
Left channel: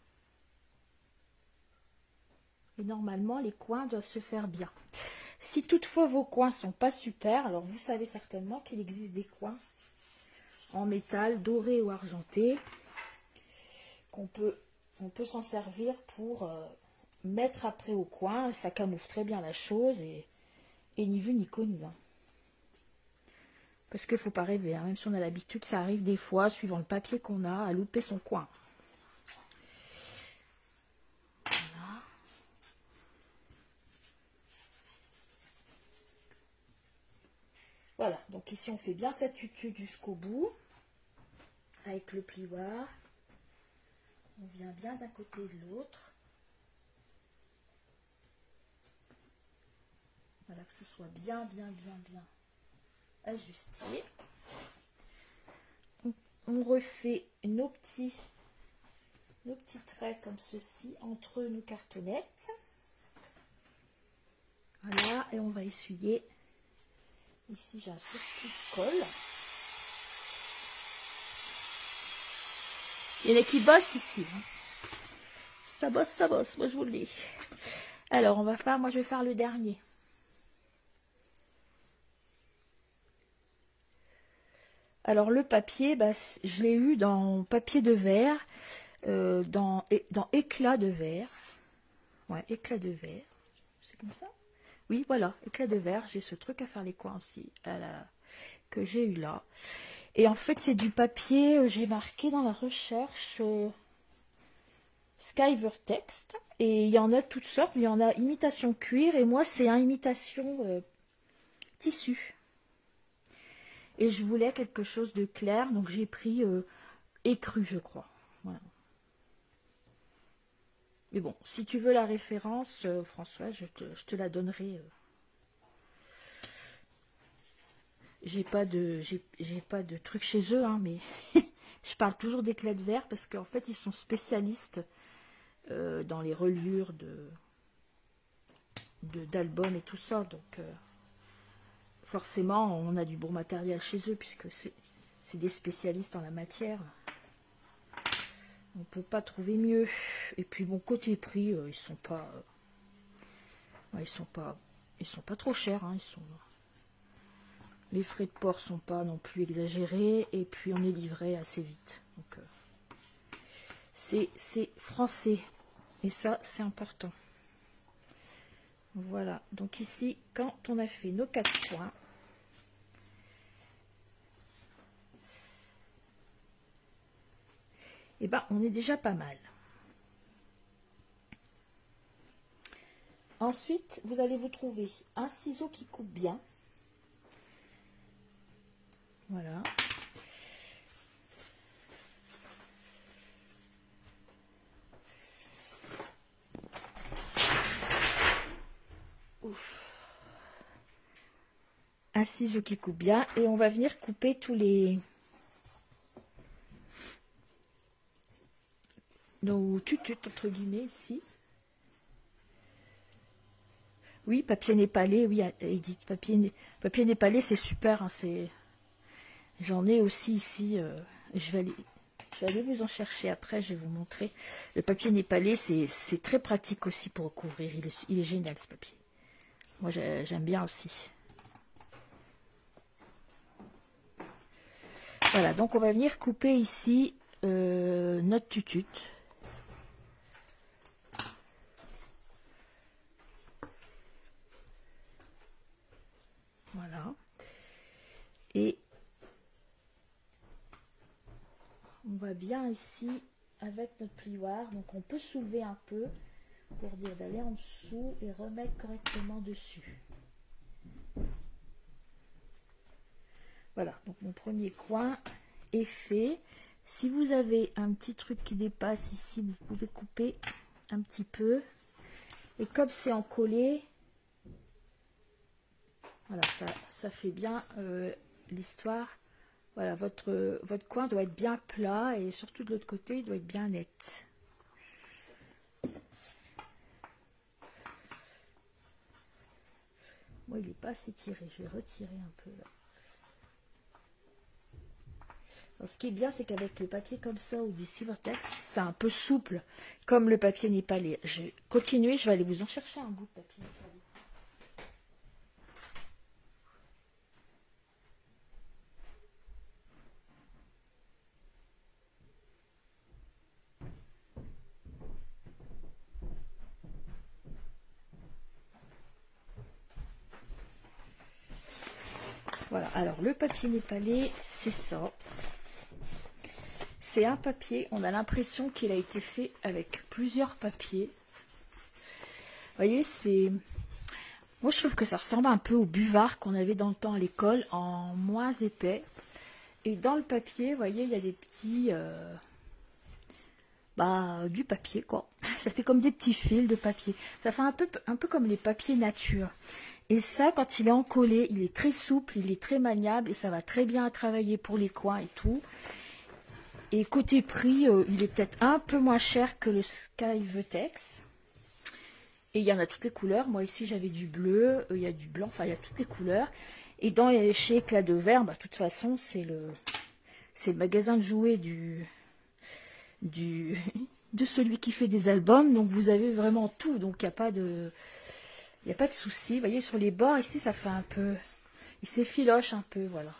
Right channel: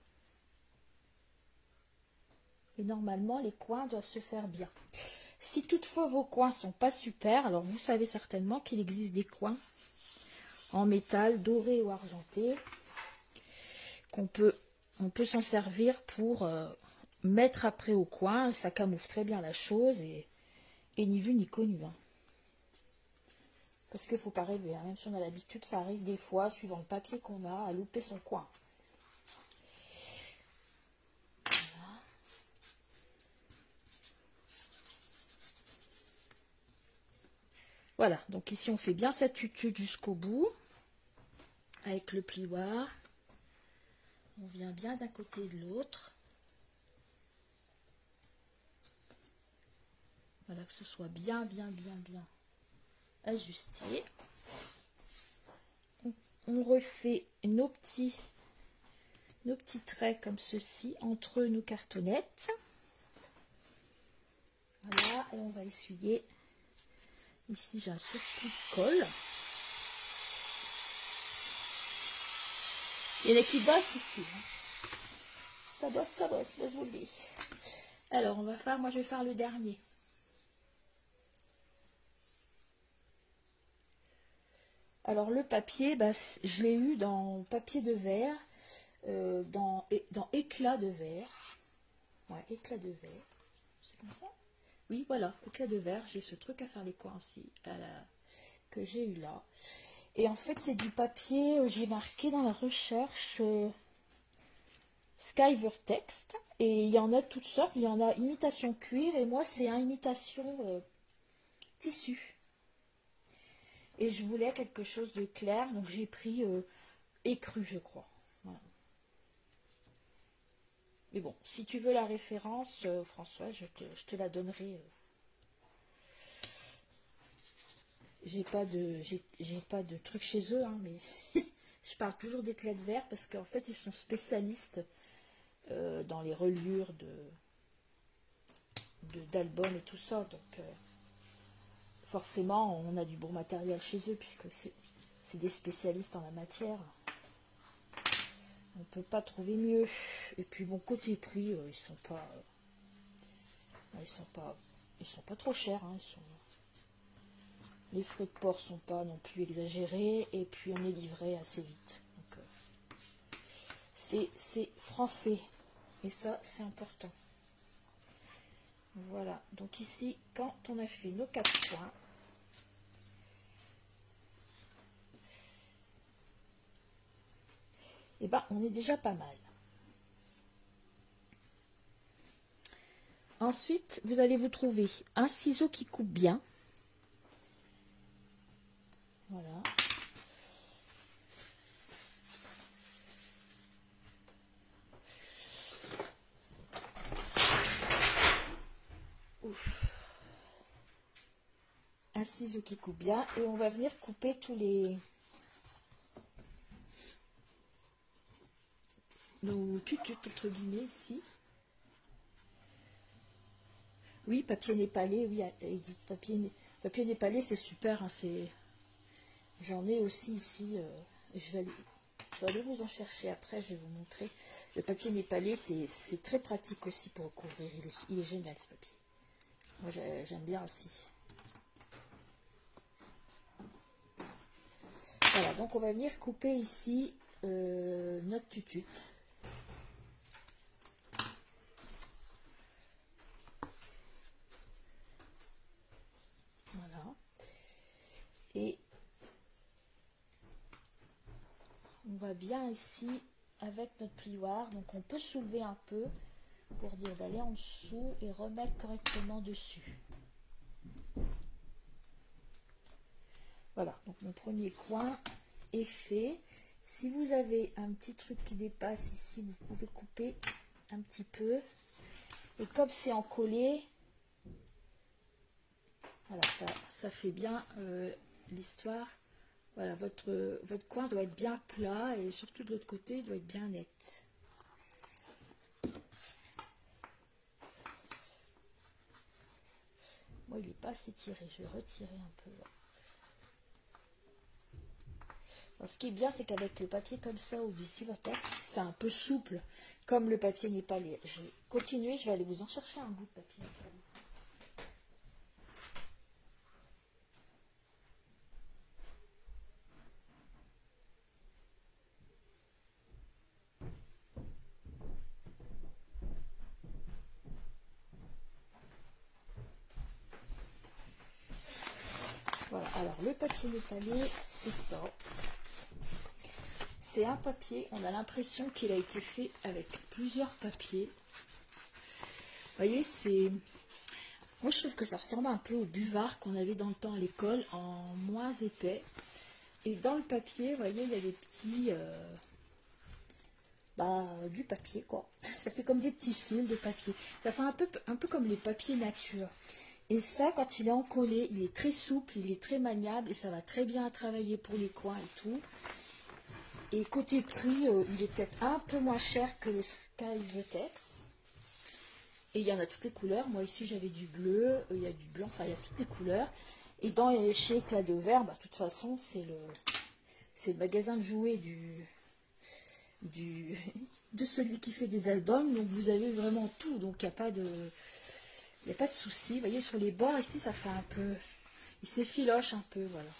Et normalement, les coins doivent se faire bien. Si toutefois vos coins sont pas super, alors vous savez certainement qu'il existe des coins en métal, doré ou argenté, on peut s'en servir pour mettre après au coin. Ça camoufle très bien la chose et ni vu ni connu. Hein. Parce qu'il ne faut pas rêver, hein. Même si on a l'habitude, ça arrive des fois, suivant le papier qu'on a, à louper son coin. Voilà. Voilà, donc ici on fait bien cette tutude jusqu'au bout, avec le plioir. On vient bien d'un côté et de l'autre. Voilà, que ce soit bien ajusté. On refait nos petits traits comme ceci entre nos cartonnettes. Voilà, et on va essuyer. Ici, j'ai un surplus de colle. Il y en a qui bossent ici. Hein. Ça bosse, moi je vous le dis. Alors, moi je vais faire le dernier. Alors le papier, bah, je l'ai eu dans papier de verre, dans éclat de verre. Ouais, éclat de verre. C'est comme ça? Oui, voilà, éclat de verre. J'ai ce truc à faire les coins aussi, que j'ai eu là. Et en fait, c'est du papier, j'ai marqué dans la recherche Sky Vertex. Et il y en a toutes sortes. Il y en a imitation cuir et moi, c'est un imitation tissu. Et je voulais quelque chose de clair, donc j'ai pris écru, je crois. Voilà. Mais bon, si tu veux la référence, François, je te la donnerai. J'ai pas de truc chez eux, hein, mais je parle toujours d'éclats de verre parce qu'en fait, ils sont spécialistes dans les reliures d'albums et tout ça. Donc, forcément, on a du bon matériel chez eux puisque c'est des spécialistes en la matière. On ne peut pas trouver mieux. Et puis bon, côté prix, ils sont pas trop chers. Hein, les frais de port sont pas non plus exagérés. Et puis on est livré assez vite. Donc c'est français. Et ça, c'est important. Voilà. Donc ici, quand on a fait nos 4 points, et ben on est déjà pas mal. Ensuite, vous allez vous trouver un ciseau qui coupe bien. Voilà. Ouf. un ciseau qui coupe bien et on va venir couper tous nos tututes entre guillemets ici. Oui, papier népalais, oui, Edith, papier népalais, c'est super, hein, j'en ai aussi ici, je vais aller vous en chercher après, je vais vous montrer. Le papier népalais, c'est très pratique aussi pour recouvrir, il est génial ce papier. Moi, j'aime bien aussi. Voilà, donc on va venir couper ici notre tutute. Voilà. Et on va bien ici avec notre plioir. Donc on peut soulever un peu pour dire d'aller en dessous et remettre correctement dessus. Voilà, donc mon premier coin est fait. Si vous avez un petit truc qui dépasse ici, vous pouvez couper un petit peu. Et comme c'est encollé, voilà, ça fait bien l'histoire. Voilà, votre coin doit être bien plat et surtout de l'autre côté, il doit être bien net. Moi, il n'est pas assez tiré, je vais retirer un peu là. Alors, ce qui est bien, c'est qu'avec le papier comme ça ou du Silvertex, c'est un peu souple, comme le papier népalais. Je vais continuer, je vais aller vous en chercher un bout de papier népalais. Voilà, alors le papier népalais, c'est ça. C'est un papier, on a l'impression qu'il a été fait avec plusieurs papiers. Vous voyez, c'est... Moi, je trouve que ça ressemble un peu au buvard qu'on avait dans le temps à l'école, en moins épais. Et dans le papier, vous voyez, il y a des petits... du papier, quoi. Ça fait comme des petits fils de papier. Ça fait un peu comme les papiers nature. Et ça, quand il est encollé, il est très souple, il est très maniable et ça va très bien à travailler pour les coins et tout. Et côté prix, il est peut-être un peu moins cher que le Silvertex. Et il y en a toutes les couleurs. Moi ici, j'avais du bleu, il y a du blanc, enfin il y a toutes les couleurs. Et chez Éclat de Verre, de toute façon, c'est le magasin de jouets de celui qui fait des albums. Donc vous avez vraiment tout. Donc il n'y a pas de... Il n'y a pas de souci. Vous voyez, sur les bords, ici, ça fait un peu... Il s'effiloche un peu, voilà.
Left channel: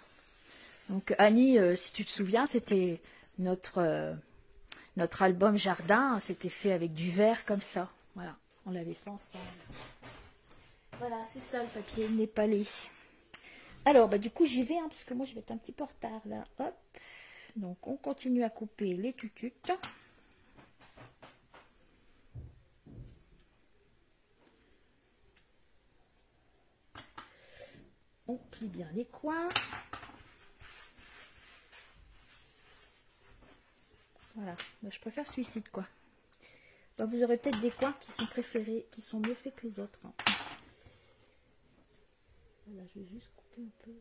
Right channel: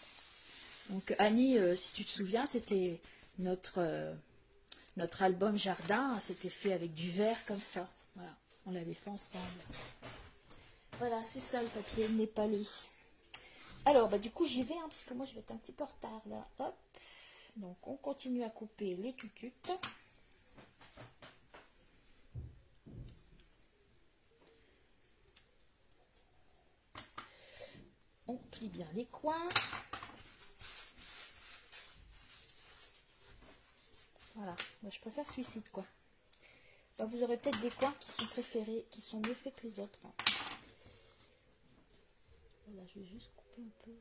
Donc, Annie, si tu te souviens, c'était notre album jardin. C'était fait avec du verre, comme ça. Voilà, on l'avait fait ensemble. Voilà, c'est ça, le papier népalais. Alors, du coup, j'y vais, hein, parce que moi, je vais être un petit peu en retard, là. Hop. Donc, on continue à couper les tututes. On plie bien les coins. Voilà, moi je préfère celui-ci, quoi. Donc vous aurez peut-être des coins qui sont préférés, qui sont mieux faits que les autres. Hein. Voilà, je vais juste couper un peu.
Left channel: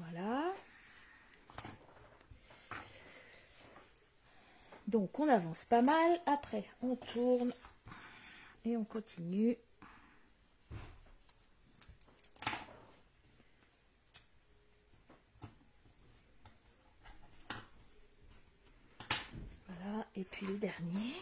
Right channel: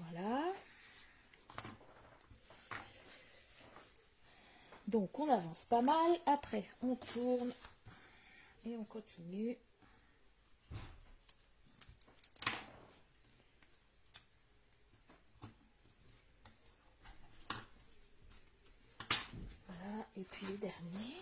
Voilà. Donc on avance pas mal. Après, on tourne et on continue. Et puis le dernier.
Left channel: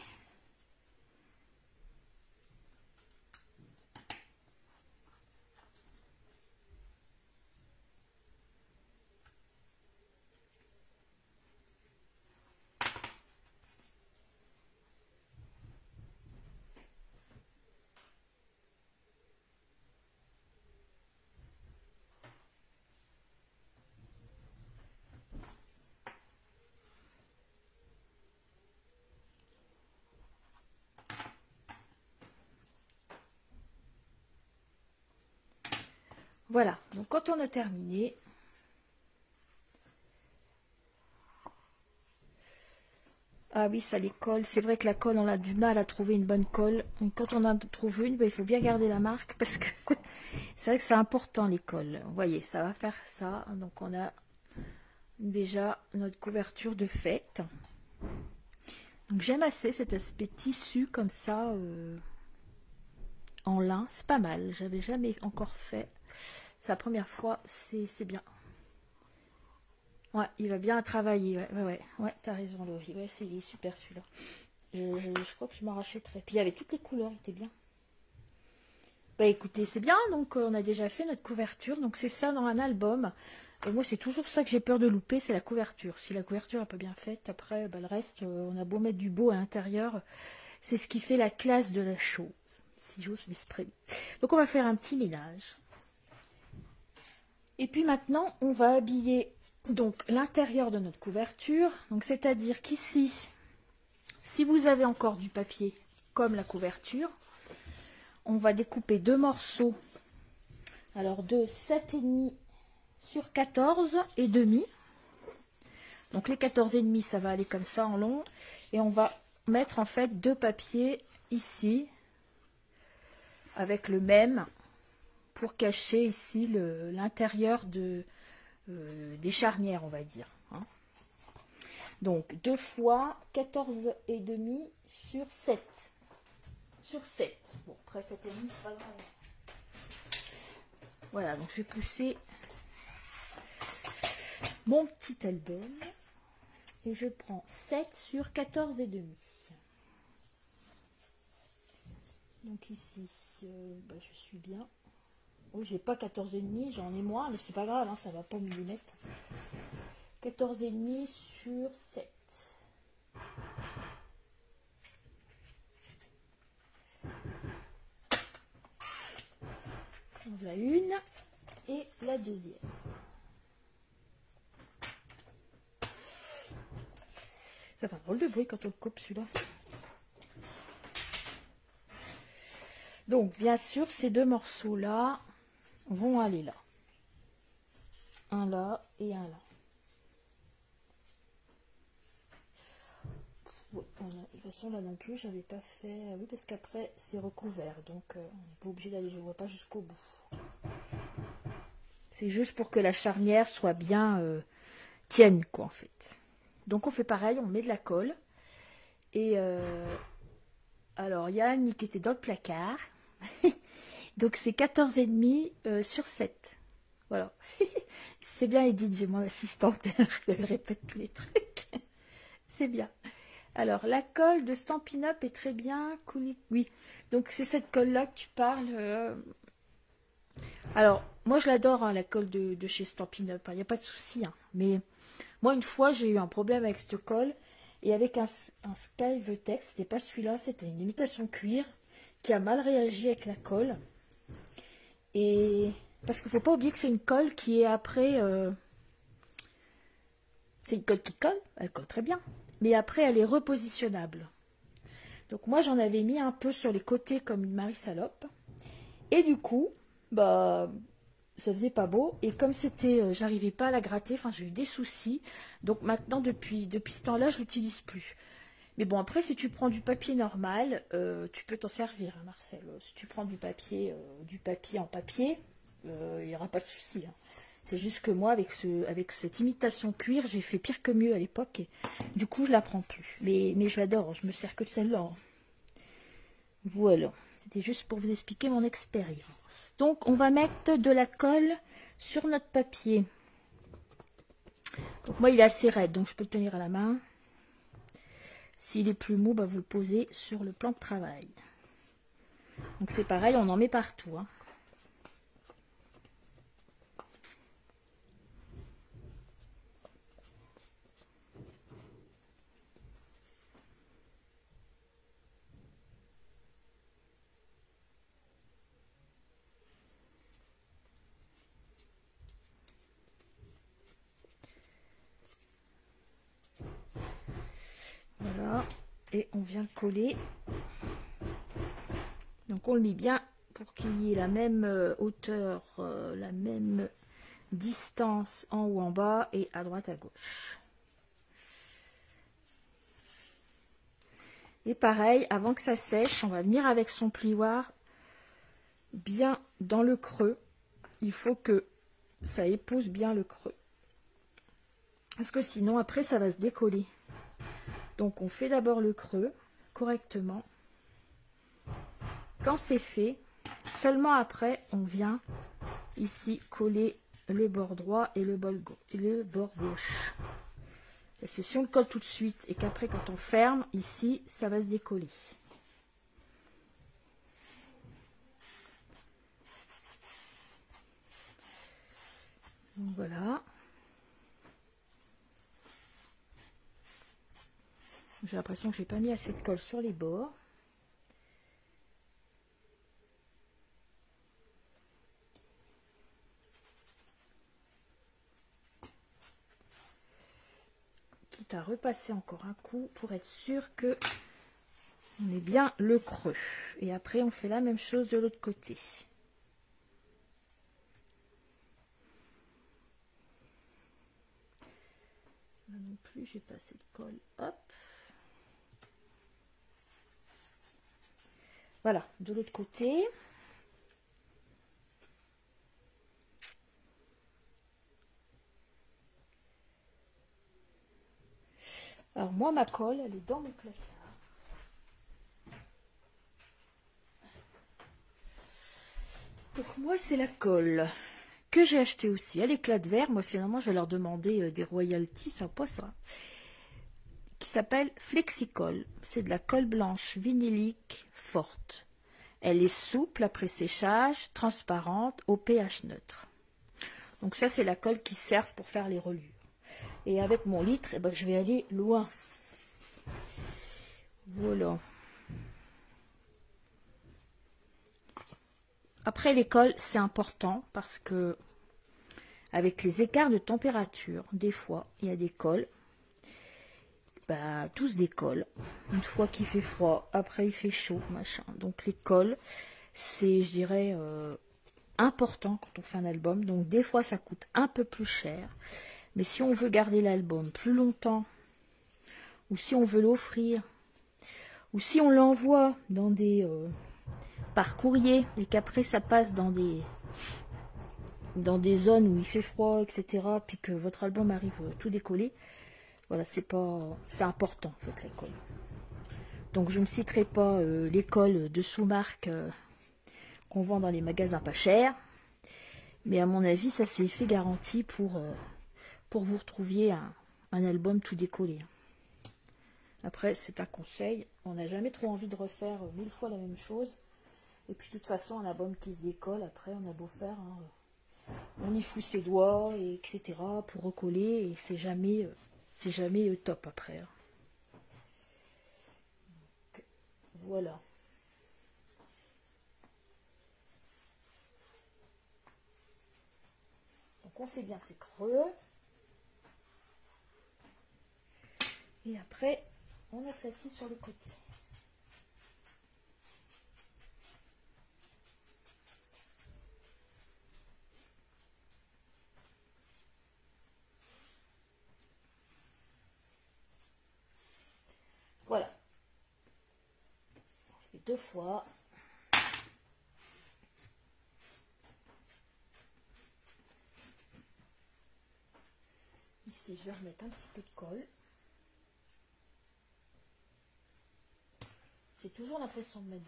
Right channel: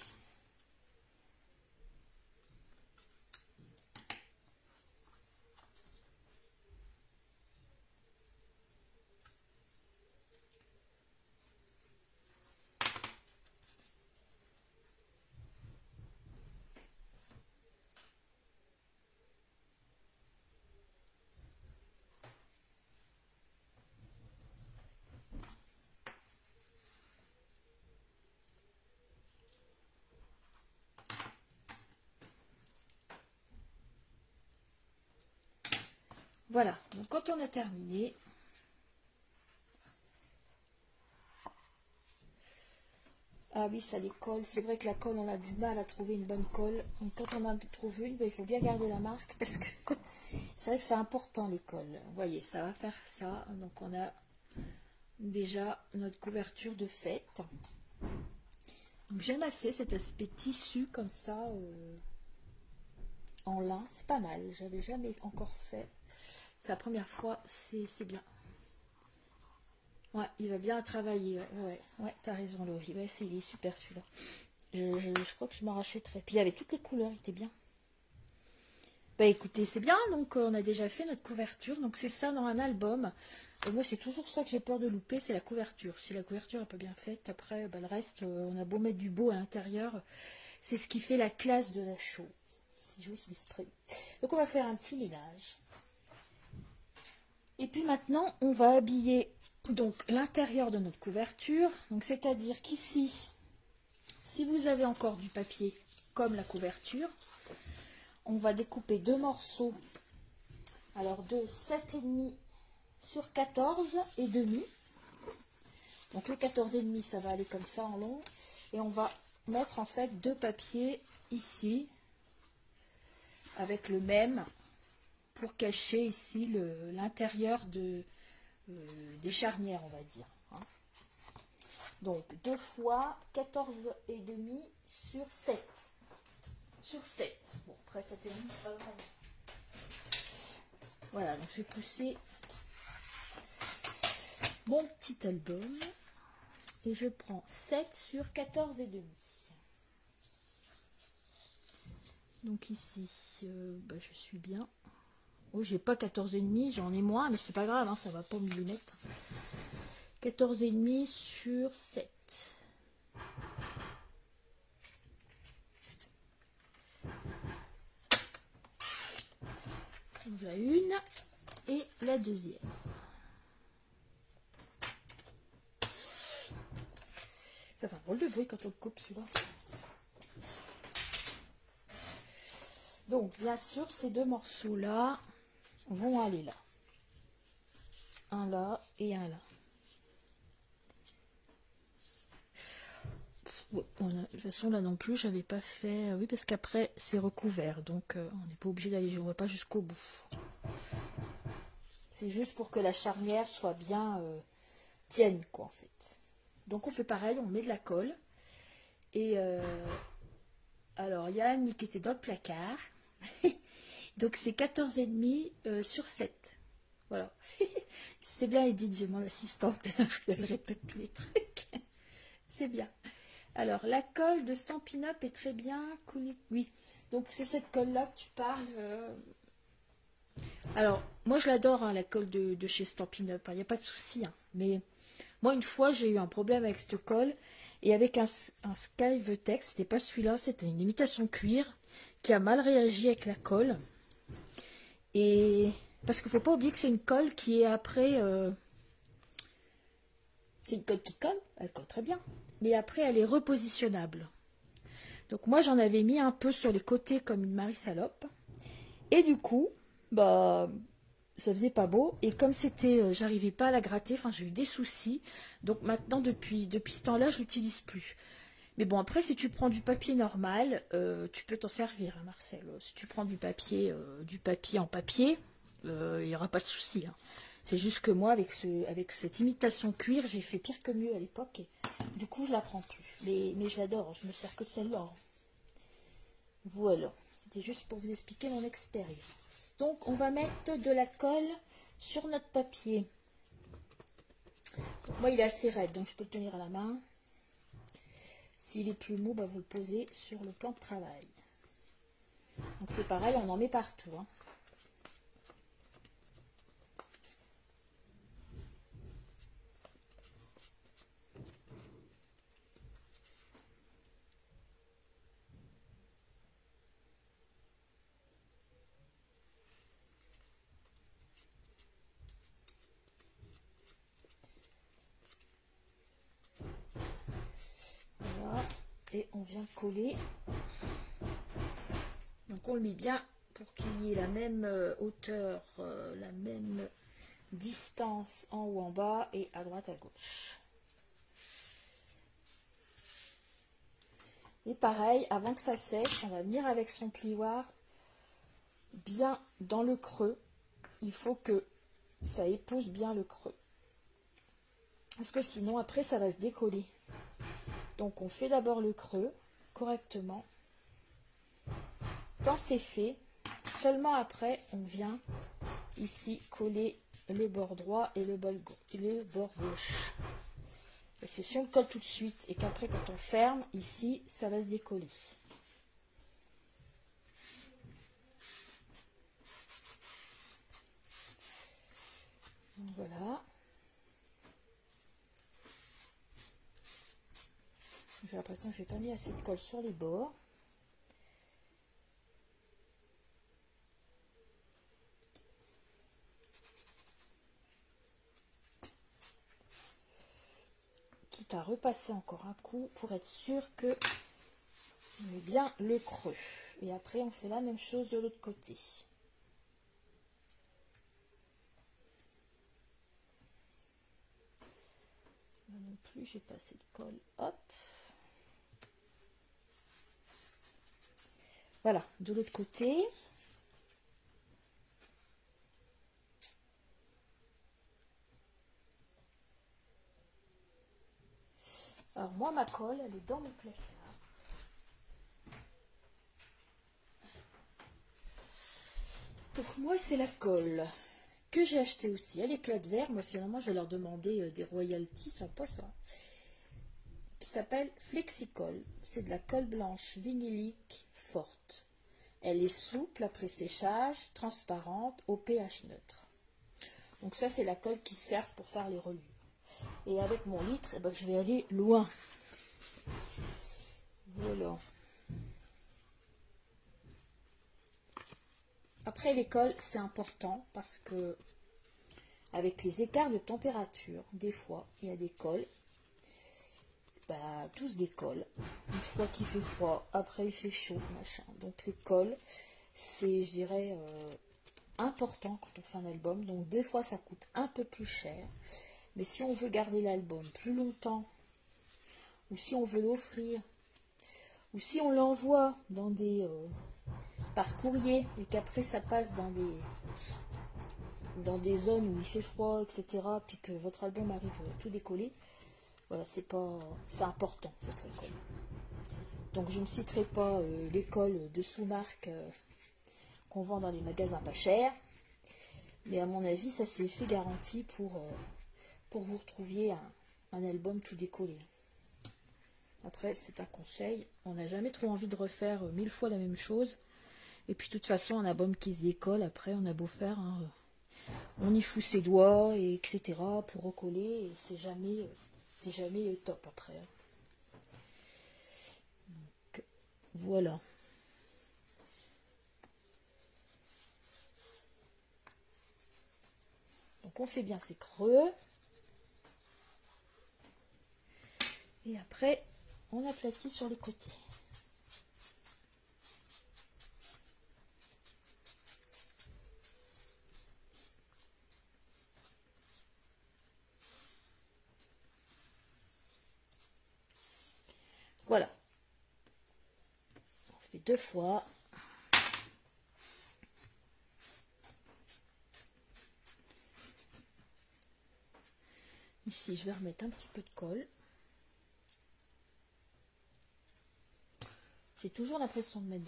Voilà, donc quand on a terminé, Ah oui, ça les colle. C'est vrai que la colle, on a du mal à trouver une bonne colle. Donc quand on en trouve une, ben, il faut bien garder la marque parce que c'est vrai que c'est important les colles. Vous voyez, ça va faire ça. Donc on a déjà notre couverture de fête. Donc j'aime assez cet aspect tissu comme ça en lin. C'est pas mal. J'avais jamais encore fait. C'est la première fois. C'est bien. Ouais, il va bien travailler. Ouais, t'as raison, Laurie. Ouais, il est super celui-là. Je crois que je m'en rachèterais. Puis il y avait toutes les couleurs, il était bien. Bah écoutez, c'est bien. Donc on a déjà fait notre couverture. Donc c'est ça dans un album. Moi, c'est toujours ça que j'ai peur de louper, c'est la couverture. Si la couverture n'est pas bien faite, après, bah, le reste, on a beau mettre du beau à l'intérieur. C'est ce qui fait la classe de la chose, si j'ose m'exprimer. Donc on va faire un petit ménage. Et puis maintenant, on va habiller donc l'intérieur de notre couverture. Donc c'est-à-dire qu'ici, si vous avez encore du papier comme la couverture, on va découper deux morceaux. Alors de 7,5 sur 14 et demi. Donc les 14,5, ça va aller comme ça en long. Et on va mettre en fait deux papiers ici avec le même pour cacher ici l'intérieur des charnières, on va dire. Hein. Donc 2 fois 14,5 sur 7. Sur 7. Bon, après 7,5, c'est pas grave. Voilà, donc je vais pousser mon petit album et je prends 7 sur 14,5. Donc ici, je suis bien. Oh, j'ai pas 14,5, j'en ai moins, mais c'est pas grave, hein, ça va pas au millimètre. 14,5 sur 7. Donc la une et la deuxième. Ça fait un drôle de bruit quand on le coupe celui-là. Donc bien sûr, ces deux morceaux-là vont aller là. Un là et un là. Bon, de toute façon là non plus j'avais pas fait, oui parce qu'après c'est recouvert donc on n'est pas obligé d'aller, je vois pas jusqu'au bout. C'est juste pour que la charnière soit bien tienne quoi en fait. Donc on fait pareil, on met de la colle et alors il y a Annie qui était dans le placard. Donc c'est 14,5 sur 7. Voilà. C'est bien Edith, j'ai mon assistante, elle répète tous les trucs. C'est bien. Alors, la colle de Stampin' Up est très bien. Oui, donc c'est cette colle-là que tu parles. Alors, moi je l'adore, hein, la colle de chez Stampin' Up. Il n'y a pas de souci. Hein. Mais moi, une fois, j'ai eu un problème avec cette colle. Et avec un Sky Tex, c'était pas celui-là, c'était une imitation cuir qui a mal réagi avec la colle. Et parce qu'il ne faut pas oublier que c'est une colle qui est après... c'est une colle qui colle, elle colle très bien. Mais après, elle est repositionnable. Donc moi, j'en avais mis un peu sur les côtés comme une Marie Salope. Et du coup, bah, ça faisait pas beau. Et comme c'était, j'arrivais pas à la gratter, enfin, j'ai eu des soucis. Donc maintenant, depuis ce temps-là, je l'utilise plus. Mais bon, après, si tu prends du papier normal, tu peux t'en servir, hein, Marcel. Si tu prends du papier en papier, il n'y aura pas de souci. Hein. C'est juste que moi, avec cette imitation cuir, j'ai fait pire que mieux à l'époque. Et du coup, je la prends plus. Mais je l'adore, je me sers que de celle-là. Voilà. C'était juste pour vous expliquer mon expérience. Donc, on va mettre de la colle sur notre papier. Donc, moi, il est assez raide, donc je peux le tenir à la main. S'il est plus mou, bah, vous le posez sur le plan de travail. Donc, c'est pareil, on en met partout. Hein. Voilà, et on vient le coller. Donc on le met bien pour qu'il y ait la même hauteur, la même distance en haut en bas et à droite à gauche. Et pareil, avant que ça sèche, on va venir avec son plioir bien dans le creux. Il faut que ça épouse bien le creux. Parce que sinon, après, ça va se décoller. Donc, on fait d'abord le creux correctement. Quand c'est fait, seulement après, on vient ici coller le bord droit et le bord gauche. Parce que si on le colle tout de suite et qu'après, quand on ferme, ici, ça va se décoller. Donc, voilà. J'ai l'impression que j'ai pas mis assez de colle sur les bords. Quitte à repasser encore un coup pour être sûr que on met bien le creux. Et après, on fait la même chose de l'autre côté. Là non plus, j'ai pas assez de colle. Hop. Voilà, de l'autre côté. Alors moi, ma colle, elle est dans mon placard. Donc moi, c'est la colle que j'ai achetée aussi. Elle éclat de verre. Moi, finalement, je vais leur demander des royalties, ça pas ça. Qui s'appelle Flexicol. C'est de la colle blanche vinylique forte. Elle est souple après séchage, transparente, au pH neutre. Donc ça, c'est la colle qui sert pour faire les reliures. Et avec mon litre, eh ben, je vais aller loin. Voilà. Après, les colles, c'est important parce que avec les écarts de température, des fois, il y a des colles. Bah, tous des colles. Une fois qu'il fait froid, après il fait chaud, machin. Donc les colles, c'est, je dirais, important quand on fait un album. Donc des fois, ça coûte un peu plus cher. Mais si on veut garder l'album plus longtemps, ou si on veut l'offrir, ou si on l'envoie dans des par courrier et qu'après ça passe dans des zones où il fait froid, etc., puis que votre album arrive tout décollé, voilà, c'est important en fait, l'école. Donc je ne citerai pas l'école de sous-marque qu'on vend dans les magasins pas chers, mais à mon avis, ça c'est fait garantie pour vous retrouviez un album tout décollé. Après, c'est un conseil, on n'a jamais trop envie de refaire 1000 fois la même chose. Et puis de toute façon, un album qui se décolle, après on a beau faire, on y fout ses doigts, et etc. pour recoller, et c'est jamais top après. Donc, voilà. Donc on fait bien ses creux. Et après, on aplatit sur les côtés. Voilà. On fait 2 fois. Ici, je vais remettre un petit peu de colle. J'ai toujours l'impression de mettre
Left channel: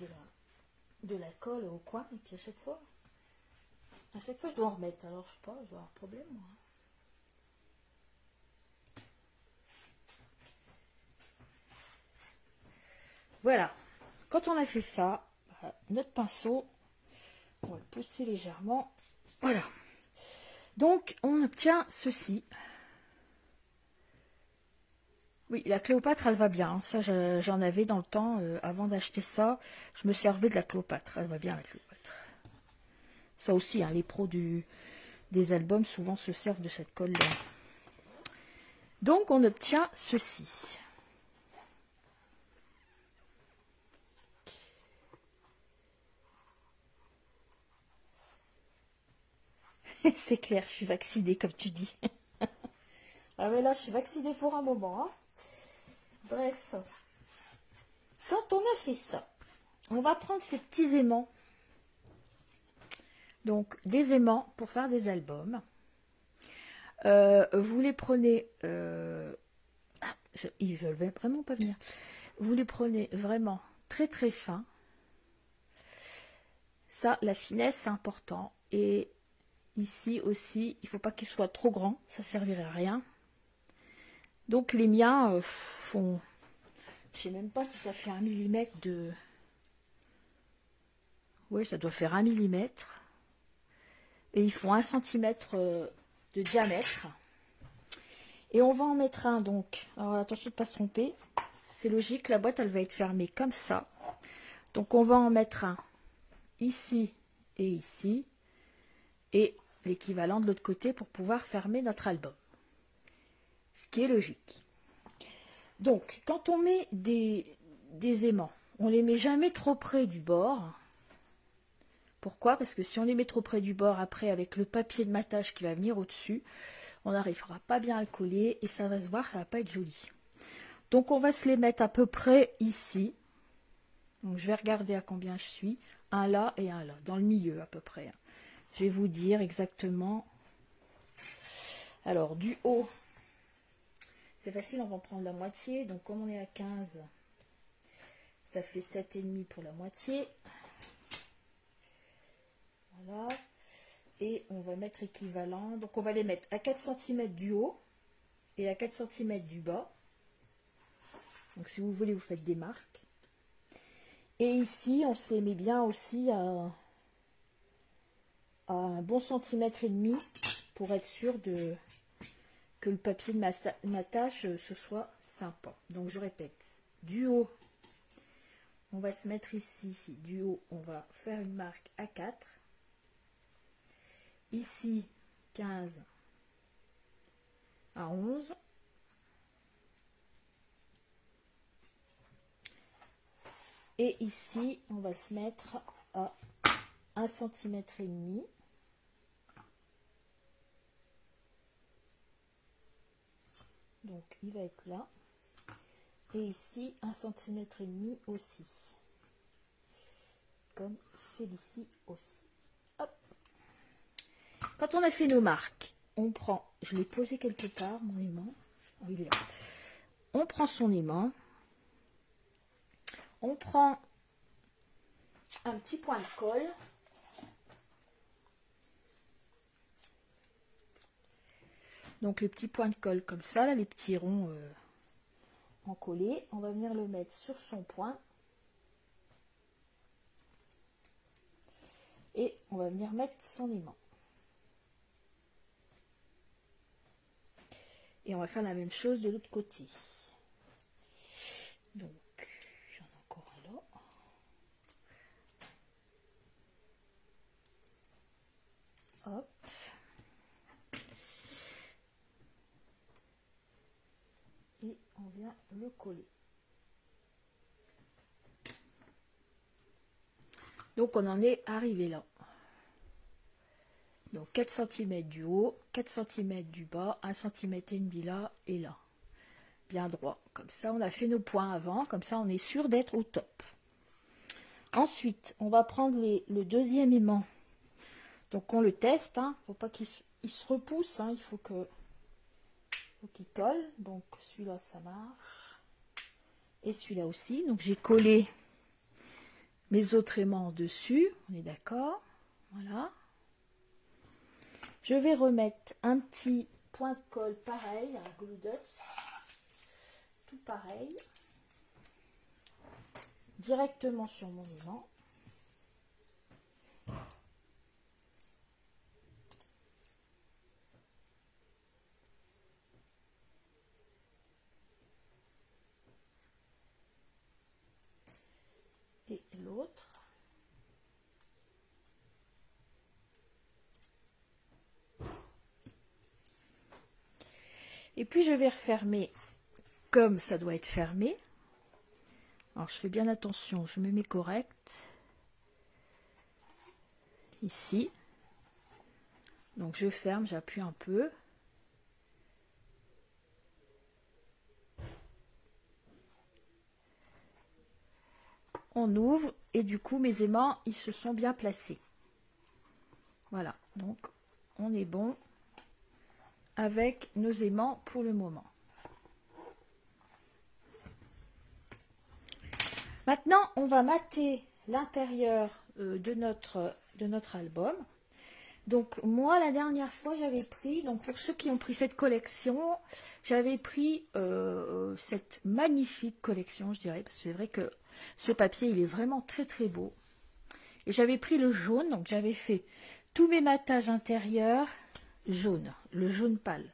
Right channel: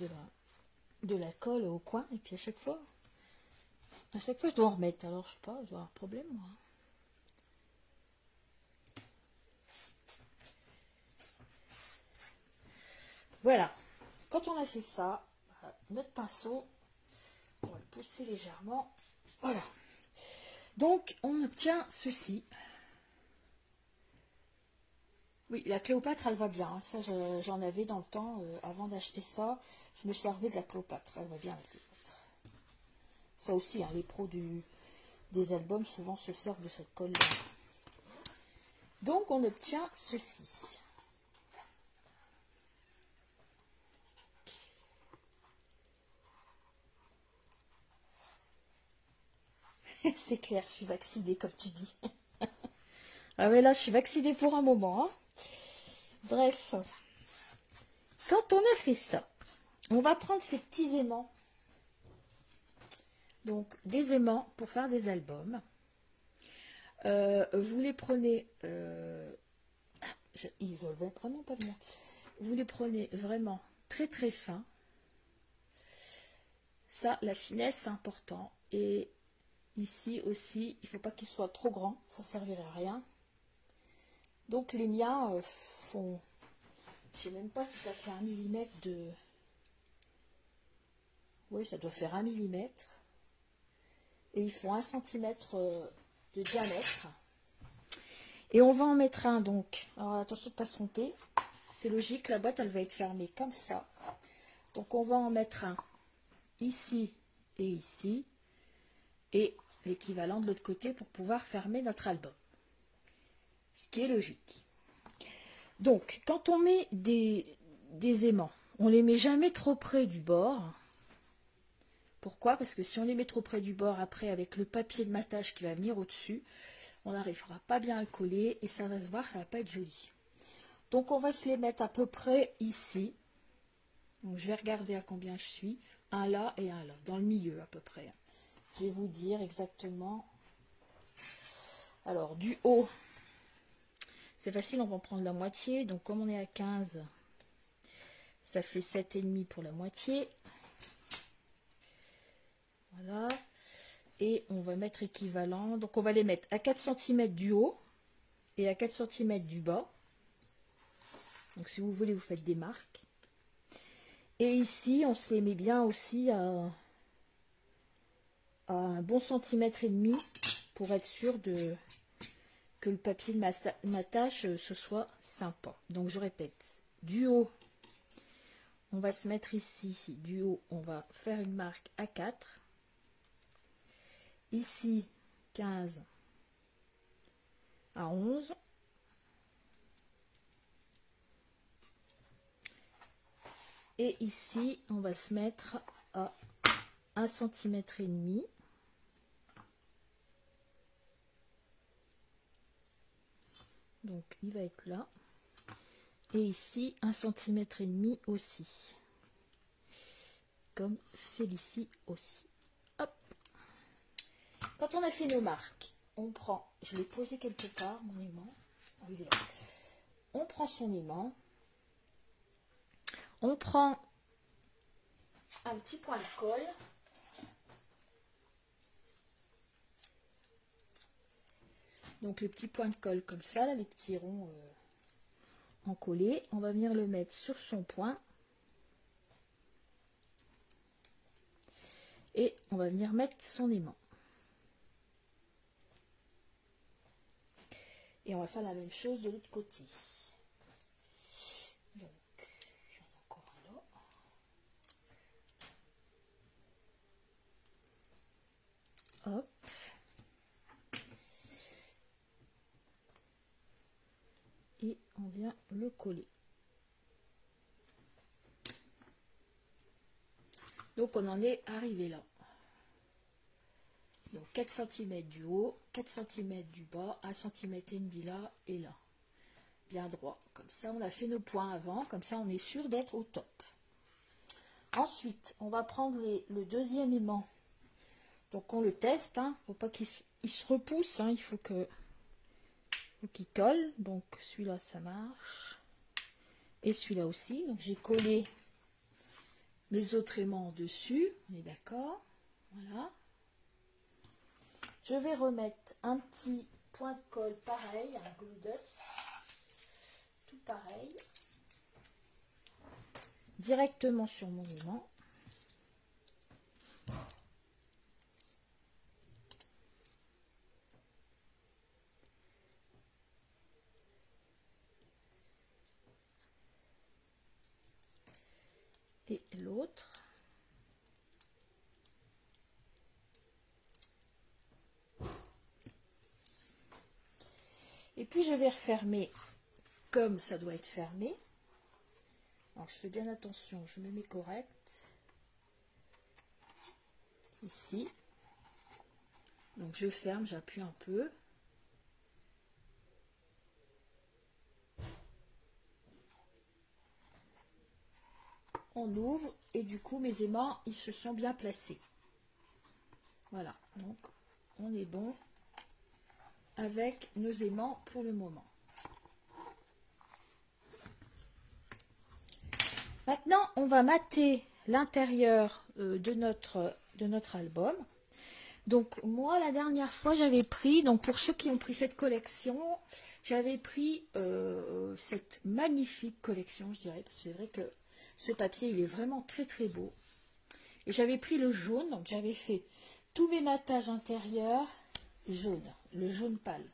de la colle au coin. Et puis à chaque fois, je dois en remettre. Alors, je sais pas, je dois avoir un problème, moi. Voilà. Quand on a fait ça, notre pinceau, on va le pousser légèrement. Voilà. Donc, on obtient ceci. Oui, la Cléopâtre, elle va bien. Ça, j'en avais dans le temps. Avant d'acheter ça, je me servais de la Cléopâtre. Elle va bien, la Cléopâtre. Ça aussi, hein, les pros des albums, souvent, se servent de cette colle-là. Donc, on obtient ceci. C'est clair, je suis vaccinée, comme tu dis. Ah mais là, je suis vaccinée pour un moment. Hein. Bref. Quand on a fait ça, on va prendre ces petits aimants. Donc, des aimants pour faire des albums. Vous les prenez... ils veulent vraiment pas venir. Vous les prenez vraiment très très fins. Ça, la finesse, c'est important. Et ici aussi, il ne faut pas qu'ils soient trop grands. Ça ne servirait à rien. Donc, les miens font... Je ne sais même pas si ça fait 1 millimètre de... Oui, ça doit faire 1 millimètre. Et ils font 1 centimètre de diamètre. Et on va en mettre un, donc. Alors, attention de ne pas se tromper. C'est logique, la boîte, elle va être fermée comme ça. Donc, on va en mettre un ici et ici. Et l'équivalent de l'autre côté pour pouvoir fermer notre album. Ce qui est logique. Donc, quand on met des aimants, on ne les met jamais trop près du bord. Pourquoi? Parce que si on les met trop près du bord, après, avec le papier de matage qui va venir au-dessus, on n'arrivera pas bien à le coller et ça va se voir, ça va pas être joli. Donc, on va se les mettre à peu près ici. Donc, je vais regarder à combien je suis. Un là et un là, dans le milieu à peu près. Je vais vous dire exactement. Alors, du haut, c'est facile, on va en prendre la moitié. Donc, comme on est à 15, ça fait 7,5 pour la moitié. Voilà. Et on va mettre équivalent. Donc, on va les mettre à 4 cm du haut et à 4 cm du bas. Donc, si vous voulez, vous faites des marques. Et ici, on se les met bien aussi à un bon centimètre et demi pour être sûr que le papier de matage ce soit sympa. Donc, je répète, du haut, on va se mettre ici. Du haut, on va faire une marque à 4. Ici, 15 à 11. Et ici, on va se mettre à 1 centimètre et demi. Donc, il va être là. Et ici, 1 centimètre et demi aussi. Comme Félicie aussi. Hop. Quand on a fait nos marques, on prend, je l'ai posé quelque part, mon aimant. Il est là. On prend son aimant. On prend un petit point de colle. Donc les petits points de colle comme ça, là, les petits ronds encollés. On va venir le mettre sur son point. Et on va venir mettre son aimant. Et on va faire la même chose de l'autre côté. Donc, j'en ai encore un là. Hop. Et on vient le coller. Donc, on en est arrivé là. Donc 4 cm du haut, 4 cm du bas, 1 cm et demi là et là. Bien droit. Comme ça, on a fait nos points avant. Comme ça, on est sûr d'être au top. Ensuite, on va prendre le deuxième aimant. Donc, on le teste. Il ne faut pas qu'il se repousse. Il faut qu'il colle. Donc, celui-là, ça marche. Et celui-là aussi. Donc, j'ai collé mes autres aimants dessus. On est d'accord. Voilà. Je vais remettre un petit point de colle pareil, un Glue Dots, tout pareil, directement sur mon aimant. Et l'autre. Et puis je vais refermer comme ça doit être fermé. Alors je fais bien attention, je me mets correct. Ici. Donc je ferme, j'appuie un peu. On ouvre et du coup mes aimants ils se sont bien placés. Voilà, donc on est bon avec nos aimants pour le moment. Maintenant on va mater l'intérieur de notre album. Donc moi la dernière fois j'avais pris, donc pour ceux qui ont pris cette collection, j'avais pris cette magnifique collection, je dirais, parce que c'est vrai que ce papier il est vraiment très très beau. Et j'avais pris le jaune, donc j'avais fait tous mes matages intérieurs jaune, le jaune pâle.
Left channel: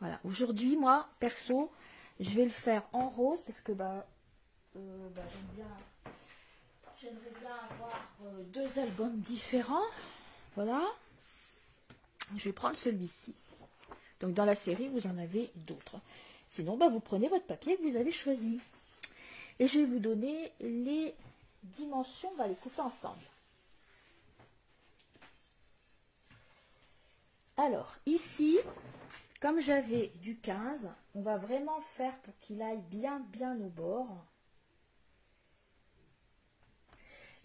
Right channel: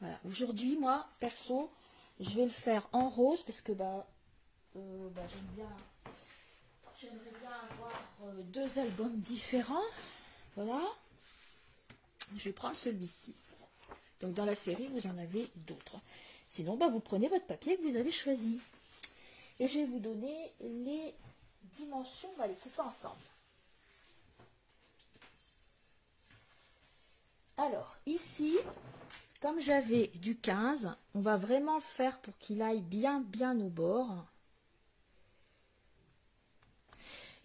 Voilà, aujourd'hui moi perso je vais le faire en rose parce que j'aimerais bien avoir deux albums différents. Voilà, je vais prendre celui-ci. Donc dans la série, vous en avez d'autres. Sinon, vous prenez votre papier que vous avez choisi. Et je vais vous donner les dimensions, on va les couper ensemble. Alors, ici, comme j'avais du 15, on va vraiment faire pour qu'il aille bien au bord.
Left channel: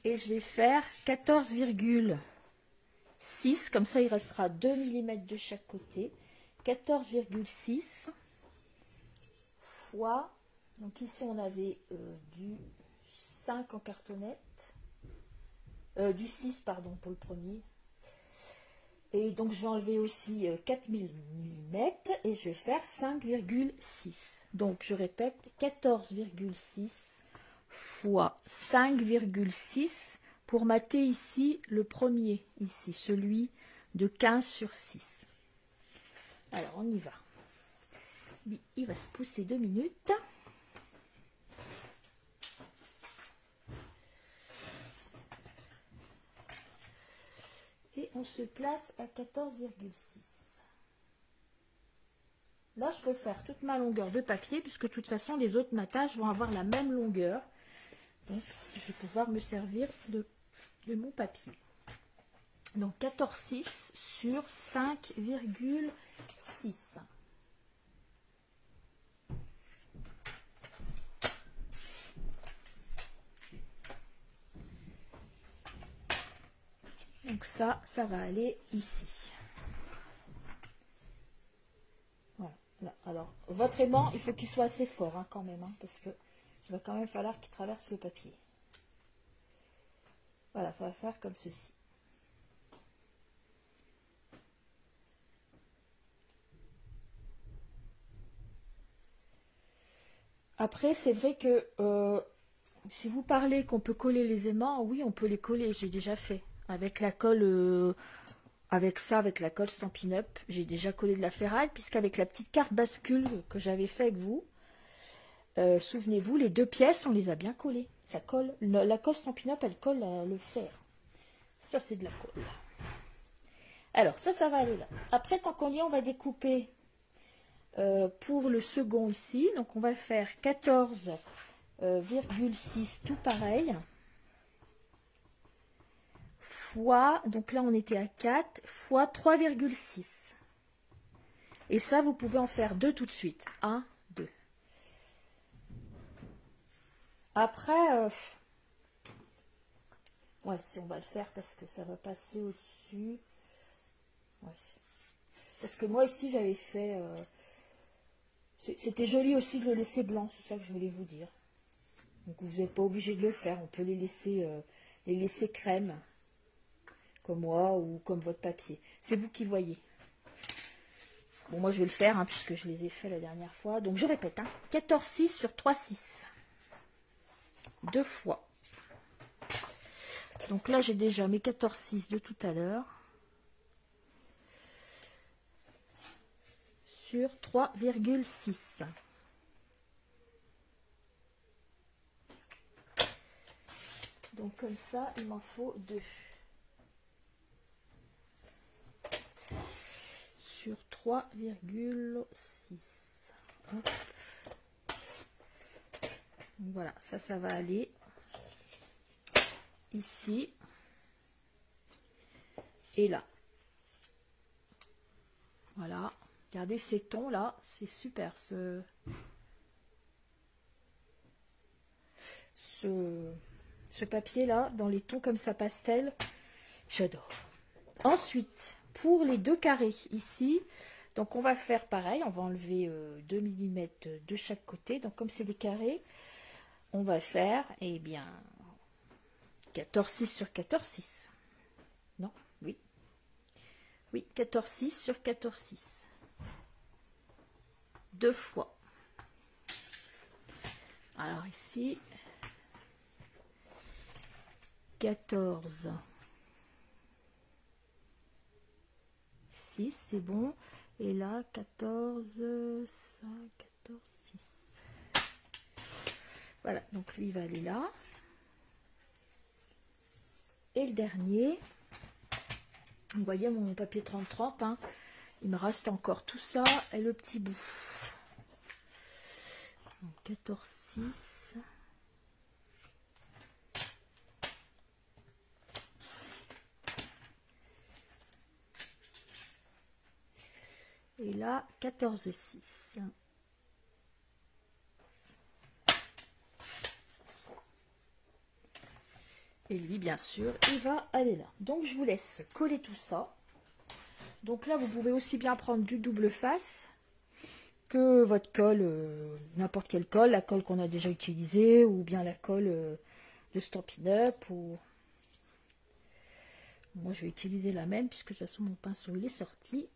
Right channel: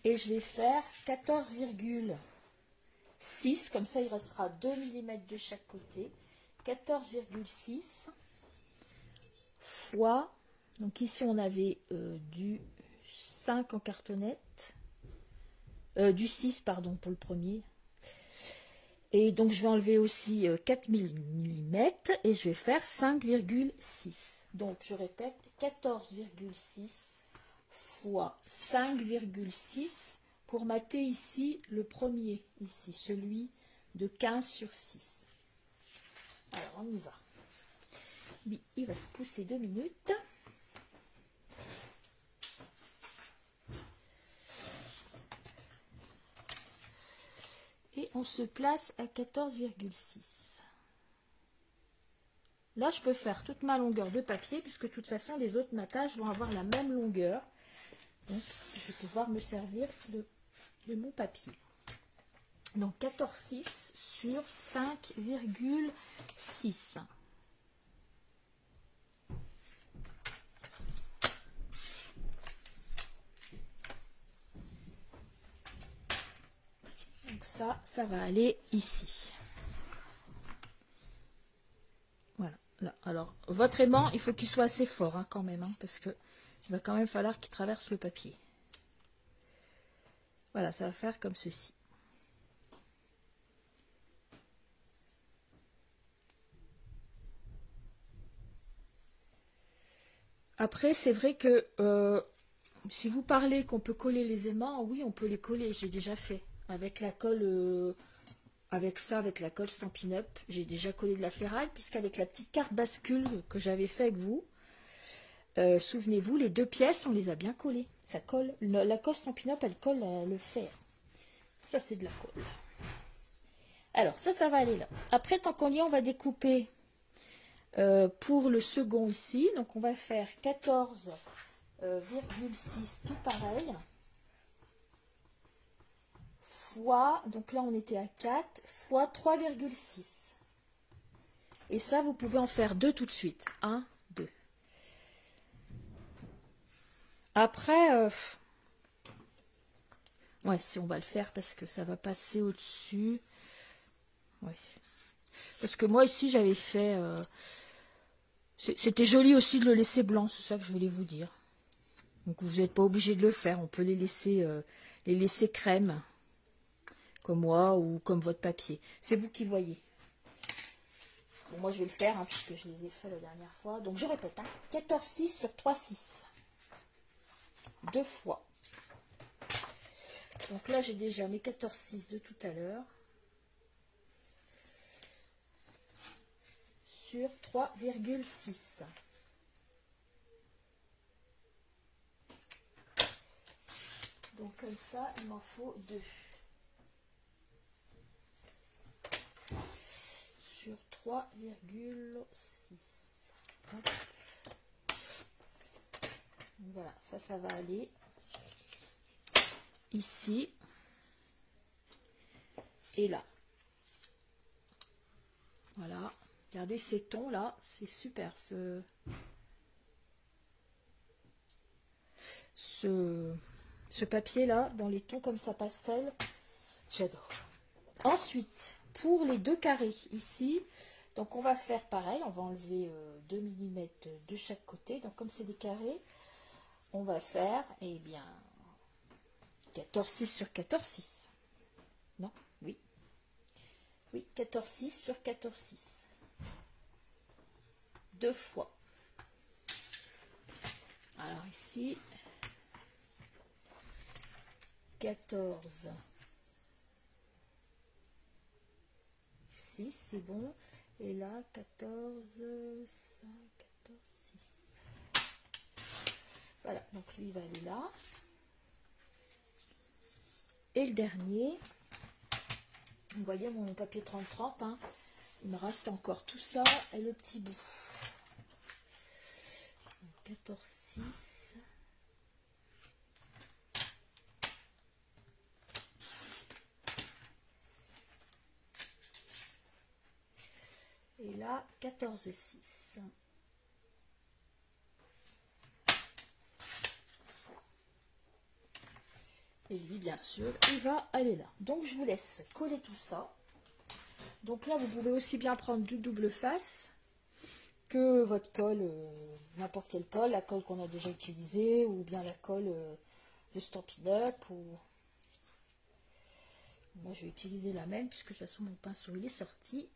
Et je vais faire 14,6, comme ça il restera 2 mm de chaque côté. 14,6 fois, donc ici on avait du 5 en cartonnette, du 6 pardon pour le premier. Et donc je vais enlever aussi 4 mm et je vais faire 5,6. Donc je répète, 14,6 fois 5,6 pour mater ici le premier, ici, celui de 15/6. Alors on y va. Il va se pousser 2 minutes. Et on se place à 14,6. Là, je peux faire toute ma longueur de papier, puisque de toute façon, les autres matages vont avoir la même longueur. Donc, je vais pouvoir me servir de mon papier. Donc, 14,6 sur 5,6. Donc ça va aller ici. Voilà. Là. Alors, votre aimant, il faut qu'il soit assez fort quand même, parce que il va quand même falloir qu'il traverse le papier. Voilà, ça va faire comme ceci. Après, c'est vrai que si vous parlez qu'on peut coller les aimants, oui, on peut les coller. J'ai déjà fait avec la colle, avec la colle Stampin' Up. J'ai déjà collé de la ferraille, puisqu'avec la petite carte bascule que j'avais fait avec vous, souvenez-vous, les deux pièces, on les a bien collées. Ça colle. La colle Stampin' Up, elle colle le fer. Ça, c'est de la colle. Alors, ça va aller là. Après, tant qu'on y est, on va découper pour le second ici. Donc, on va faire 14,6 tout pareil. Fois, donc là, on était à 4, fois 3,6. Et ça, vous pouvez en faire deux tout de suite. 1, 2. Après, ouais, si on va le faire parce que ça va passer au-dessus. Ouais. Parce que moi, ici, j'avais fait... c'était joli aussi de le laisser blanc, c'est ça que je voulais vous dire. Donc, vous n'êtes pas obligé de le faire. On peut les laisser crème, comme moi, ou comme votre papier. C'est vous qui voyez. Bon, moi, je vais le faire, puisque je les ai fait la dernière fois. Donc, je répète, 14,6 sur 3,6. 2 fois. Donc là, j'ai déjà mes 14,6 de tout à l'heure. Sur 3,6. Donc comme ça, il m'en faut 2. Sur 3,6. Voilà, ça va aller ici et là. Voilà, regardez ces tons là, c'est super. ce papier-là, dans les tons comme ça pastel. J'adore. Ensuite, pour les deux carrés ici, donc on va faire pareil, on va enlever 2 mm de chaque côté. Donc comme c'est des carrés, on va faire, eh bien, 14,6 sur 14,6. Non, oui. Oui, 14,6 sur 14,6. Deux fois. Alors ici, 14, 6, c'est bon. Et là, 14, 5, 14, 6. Voilà, donc lui, il va aller là. Et le dernier, vous voyez mon papier 30-30, hein, il me reste encore tout ça et le petit bout. 14, 6. Et là, 14, 6. Et lui, bien sûr, il va aller là. Donc, je vous laisse coller tout ça. Donc là, vous pouvez aussi bien prendre du double face que votre colle, n'importe quelle colle, la colle qu'on a déjà utilisée, ou bien la colle de Stampin' Up. Ou... Moi, je vais utiliser la même, puisque de toute façon, mon pinceau, il est sorti.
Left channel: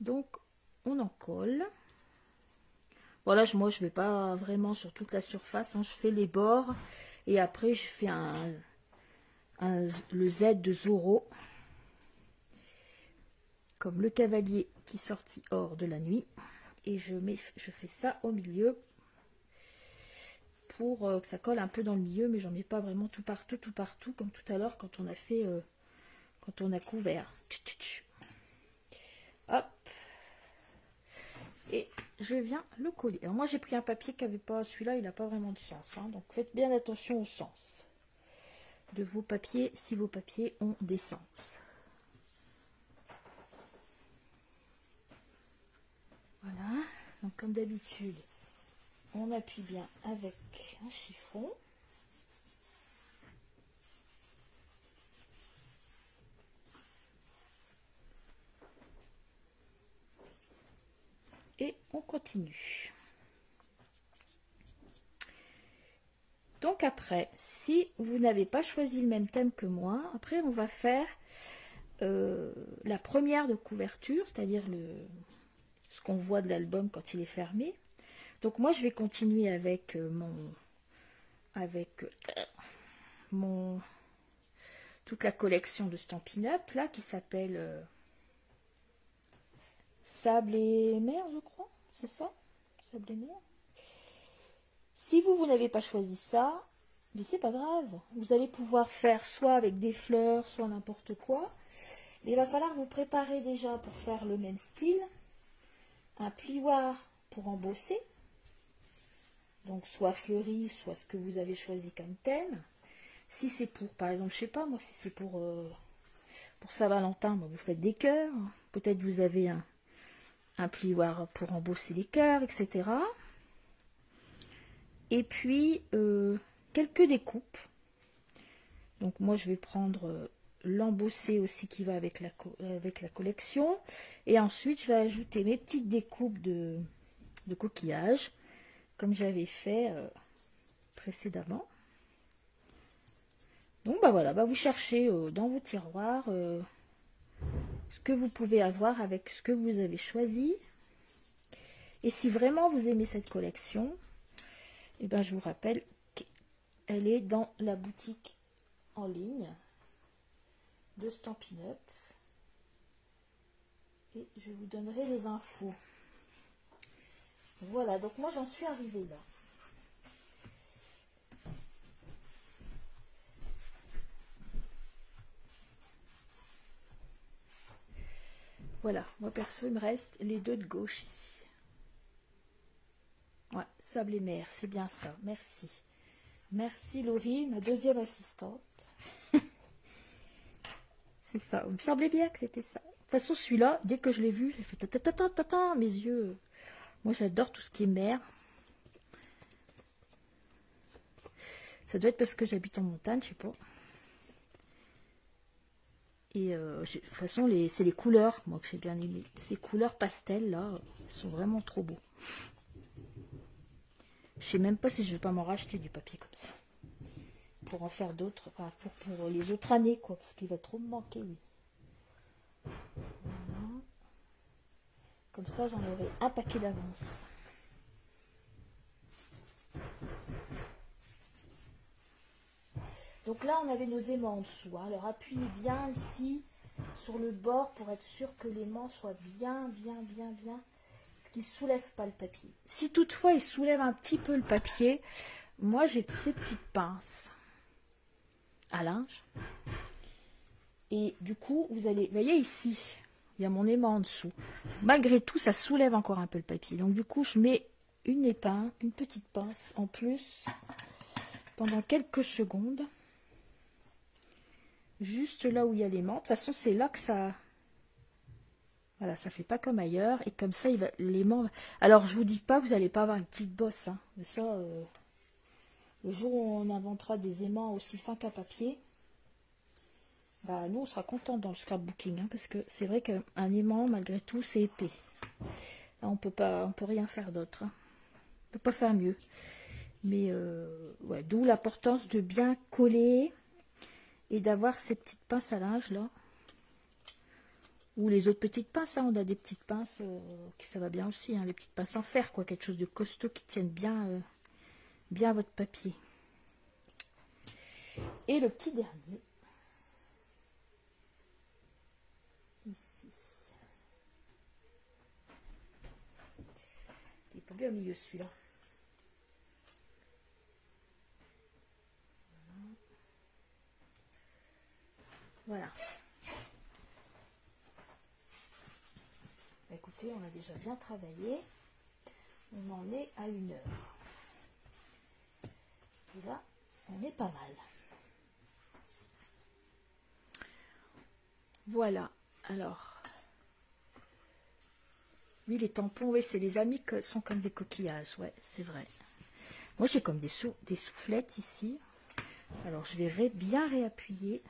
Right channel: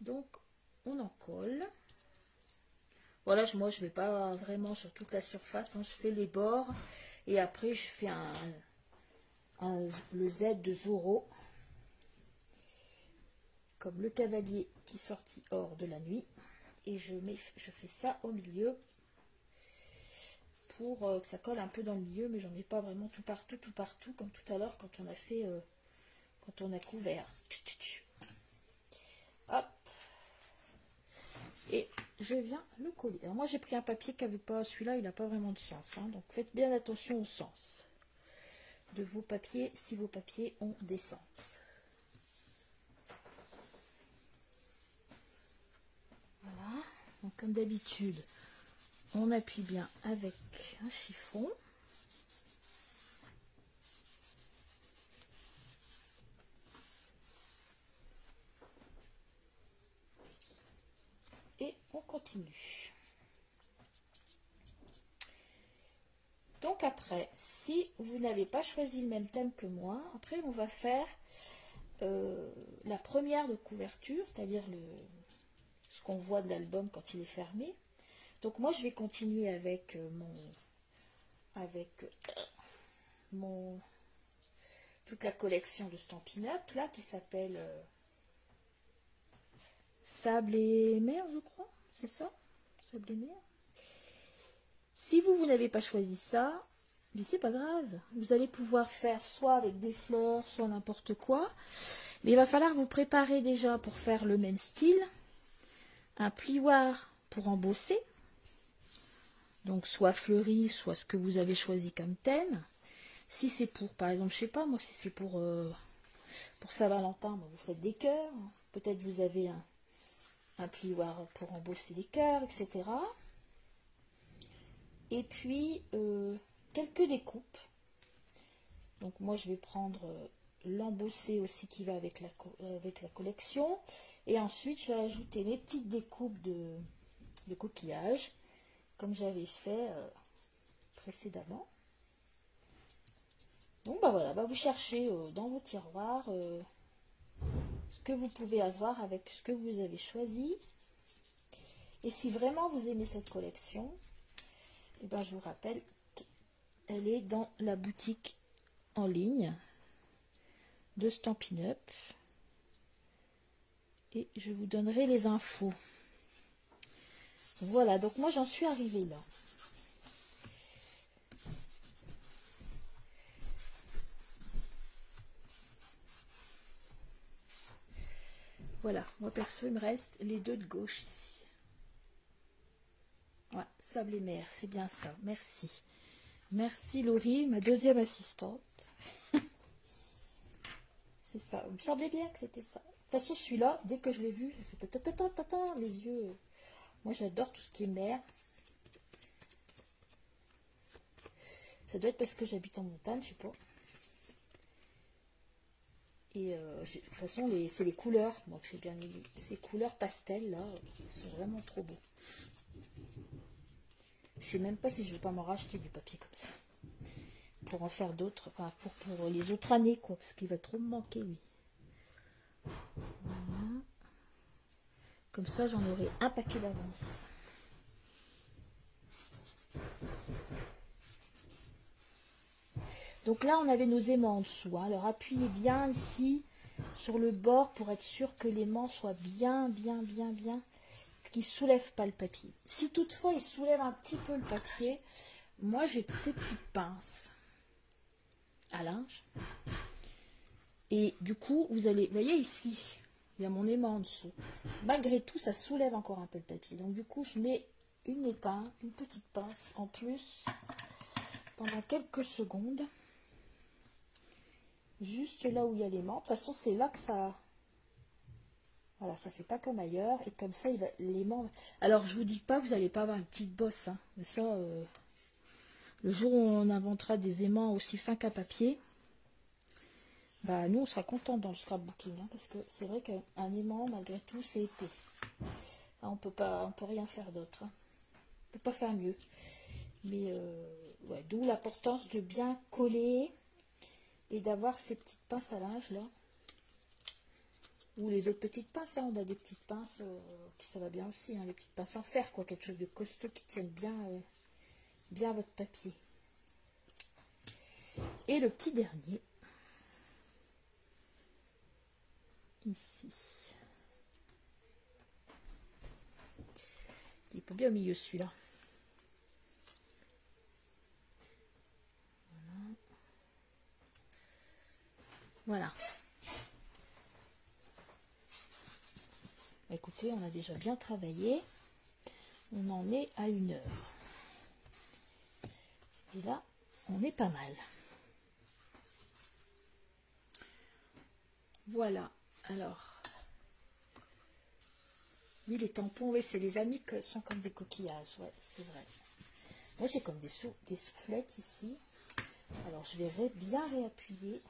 Donc, on en colle. Voilà, moi, je ne vais pas vraiment sur toute la surface, hein, je fais les bords, et après, je fais le Z de Zorro, comme le cavalier qui sortit hors de la nuit, et je fais ça au milieu pour que ça colle un peu dans le milieu, mais j'en mets pas vraiment tout partout, comme tout à l'heure quand on a fait, quand on a couvert. Hop, et je viens le coller. Alors moi j'ai pris un papier qui avait pas, celui-là il n'a pas vraiment de sens, hein, donc faites bien attention au sens de vos papiers si vos papiers ont des sens. Voilà, donc comme d'habitude, on appuie bien avec un chiffon. Et on continue. Donc après, si vous n'avez pas choisi le même thème que moi, après on va faire la première de couverture, c'est-à-dire ce qu'on voit de l'album quand il est fermé. Donc moi je vais continuer avec toute la collection de Stampin' Up là qui s'appelle Sable et mer, je crois, c'est ça, Sable et mer. Si vous n'avez pas choisi ça, mais c'est pas grave, vous allez pouvoir faire soit avec des fleurs, soit n'importe quoi, mais il va falloir vous préparer déjà pour faire le même style, un plioir pour embosser, donc soit fleuri, soit ce que vous avez choisi comme thème. Si c'est pour, par exemple, je sais pas, moi si c'est pour Saint-Valentin, vous faites des cœurs, peut-être vous avez un plioir pour embosser les cœurs, etc. Et puis, quelques découpes. Donc, moi, je vais prendre l'embossé aussi qui va avec la collection. Et ensuite, je vais ajouter mes petites découpes de coquillages, comme j'avais fait précédemment. Donc, bah voilà, bah vous cherchez dans vos tiroirs ce que vous pouvez avoir avec ce que vous avez choisi. Et si vraiment vous aimez cette collection, et ben je vous rappelle qu'elle est dans la boutique en ligne de Stampin' Up. Et je vous donnerai les infos. Voilà, donc moi j'en suis arrivée là. Voilà, moi perso, il me reste les deux de gauche ici. Ouais, sable et mer, c'est bien ça, merci. Merci Laurie, ma deuxième assistante. C'est ça, il me semblait bien que c'était ça. De toute façon, celui-là, dès que je l'ai vu, j'ai fait ta ta ta ta ta ta, mes yeux Moi, j'adore tout ce qui est mer. Ça doit être parce que j'habite en montagne, je sais pas. Et de toute façon, c'est les couleurs, moi, que j'ai bien aimé. Ces couleurs pastel, là, sont vraiment trop beaux. Je sais même pas si je vais pas m'en racheter du papier comme ça. Pour en faire d'autres, enfin, pour les autres années, quoi. Parce qu'il va trop me manquer, lui. Voilà. Comme ça, j'en aurai un paquet d'avance. Donc là, on avait nos aimants en dessous. Hein. Alors, appuyez bien ici sur le bord pour être sûr que l'aimant soit bien, qu'il ne soulève pas le papier. Si toutefois, il soulève un petit peu le papier, moi, j'ai ces petites pinces à linge. Et du coup, vous voyez ici, il y a mon aimant en dessous. Malgré tout, ça soulève encore un peu le papier. Donc, du coup, je mets une épingle, une petite pince en plus pendant quelques secondes. Juste là où il y a l'aimant. De toute façon, c'est là que ça... Voilà, ça fait pas comme ailleurs. Et comme ça, l'aimant... Alors, je vous dis pas que vous n'allez pas avoir une petite bosse. Hein. Mais ça, le jour où on inventera des aimants aussi fins qu'à papier, bah, nous, on sera contents dans le scrapbooking. Hein, parce que c'est vrai qu'un aimant, malgré tout, c'est épais. Là, on peut rien faire d'autre. Hein. On peut pas faire mieux. Mais, ouais, d'où l'importance de bien coller... Et d'avoir ces petites pinces à linge là. Ou les autres petites pinces. Hein. On a des petites pinces qui ça va bien aussi. Hein. Les petites pinces en fer, quoi. Quelque chose de costaud qui tienne bien à votre papier. Et le petit dernier. Ici. Il est pas bien au milieu celui-là. Voilà. Écoutez, on a déjà bien travaillé. On en est à 1 heure. Et là, on est pas mal. Voilà. Alors, oui, les tampons, oui, c'est les amis qui sont comme des coquillages. Ouais, c'est vrai. Moi, j'ai comme des soufflettes ici. Alors, je vais bien réappuyer.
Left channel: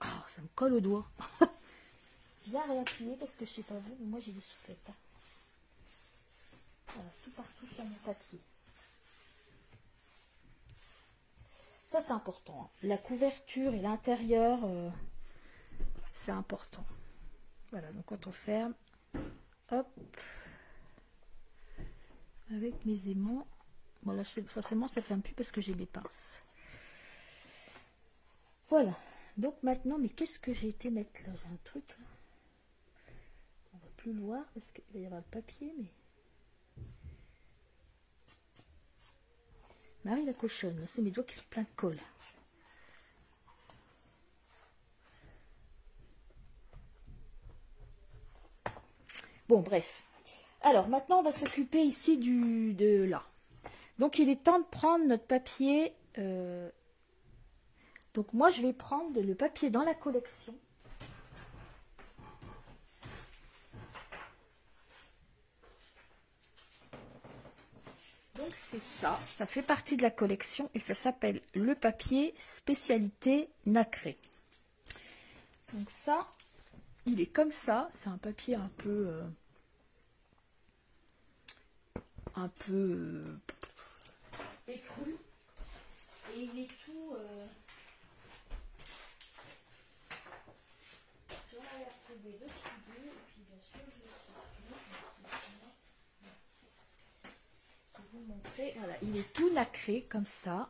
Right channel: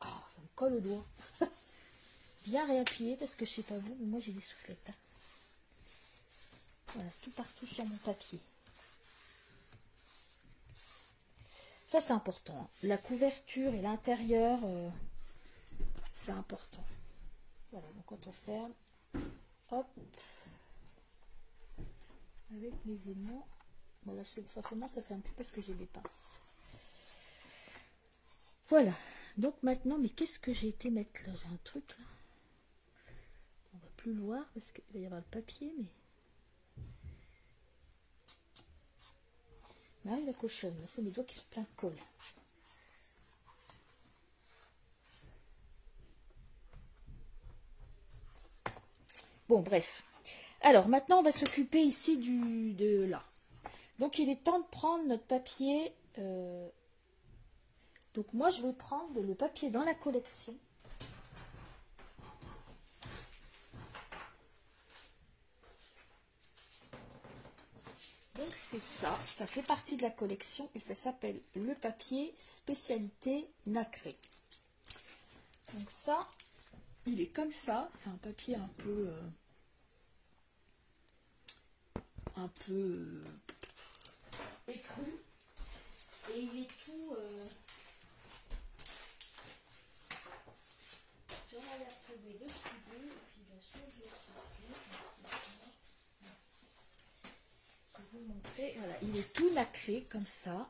Oh, ça me colle au doigt. Bien réappuyer parce que je sais pas vous, mais moi j'ai des soufflettes. Hein. Voilà, tout partout sur mon papier. Ça, c'est important. Hein. La couverture et l'intérieur, c'est important. Voilà, donc quand on ferme, hop, avec mes aimants. Bon, là, forcément, ça ferme plus parce que j'ai des pinces. Voilà. Donc maintenant, mais qu'est-ce que j'ai été mettre là? J'ai un truc là. On va plus le voir parce qu'il va y avoir le papier, mais... Marie la cochonne, c'est mes doigts qui sont pleins de colle. Bon, bref. Alors, maintenant, on va s'occuper ici de là. Donc, il est temps de prendre notre papier. Donc, moi, je vais prendre le papier dans la collection. Donc, c'est ça. Ça fait partie de la collection et ça s'appelle le papier spécialité nacré. Donc, ça, il est comme ça. C'est un papier un peu écru. Et il est tout... J'en avais retrouvé 2 studios et puis bien sûr je vais vous montrer. Voilà, il est tout nacré comme ça.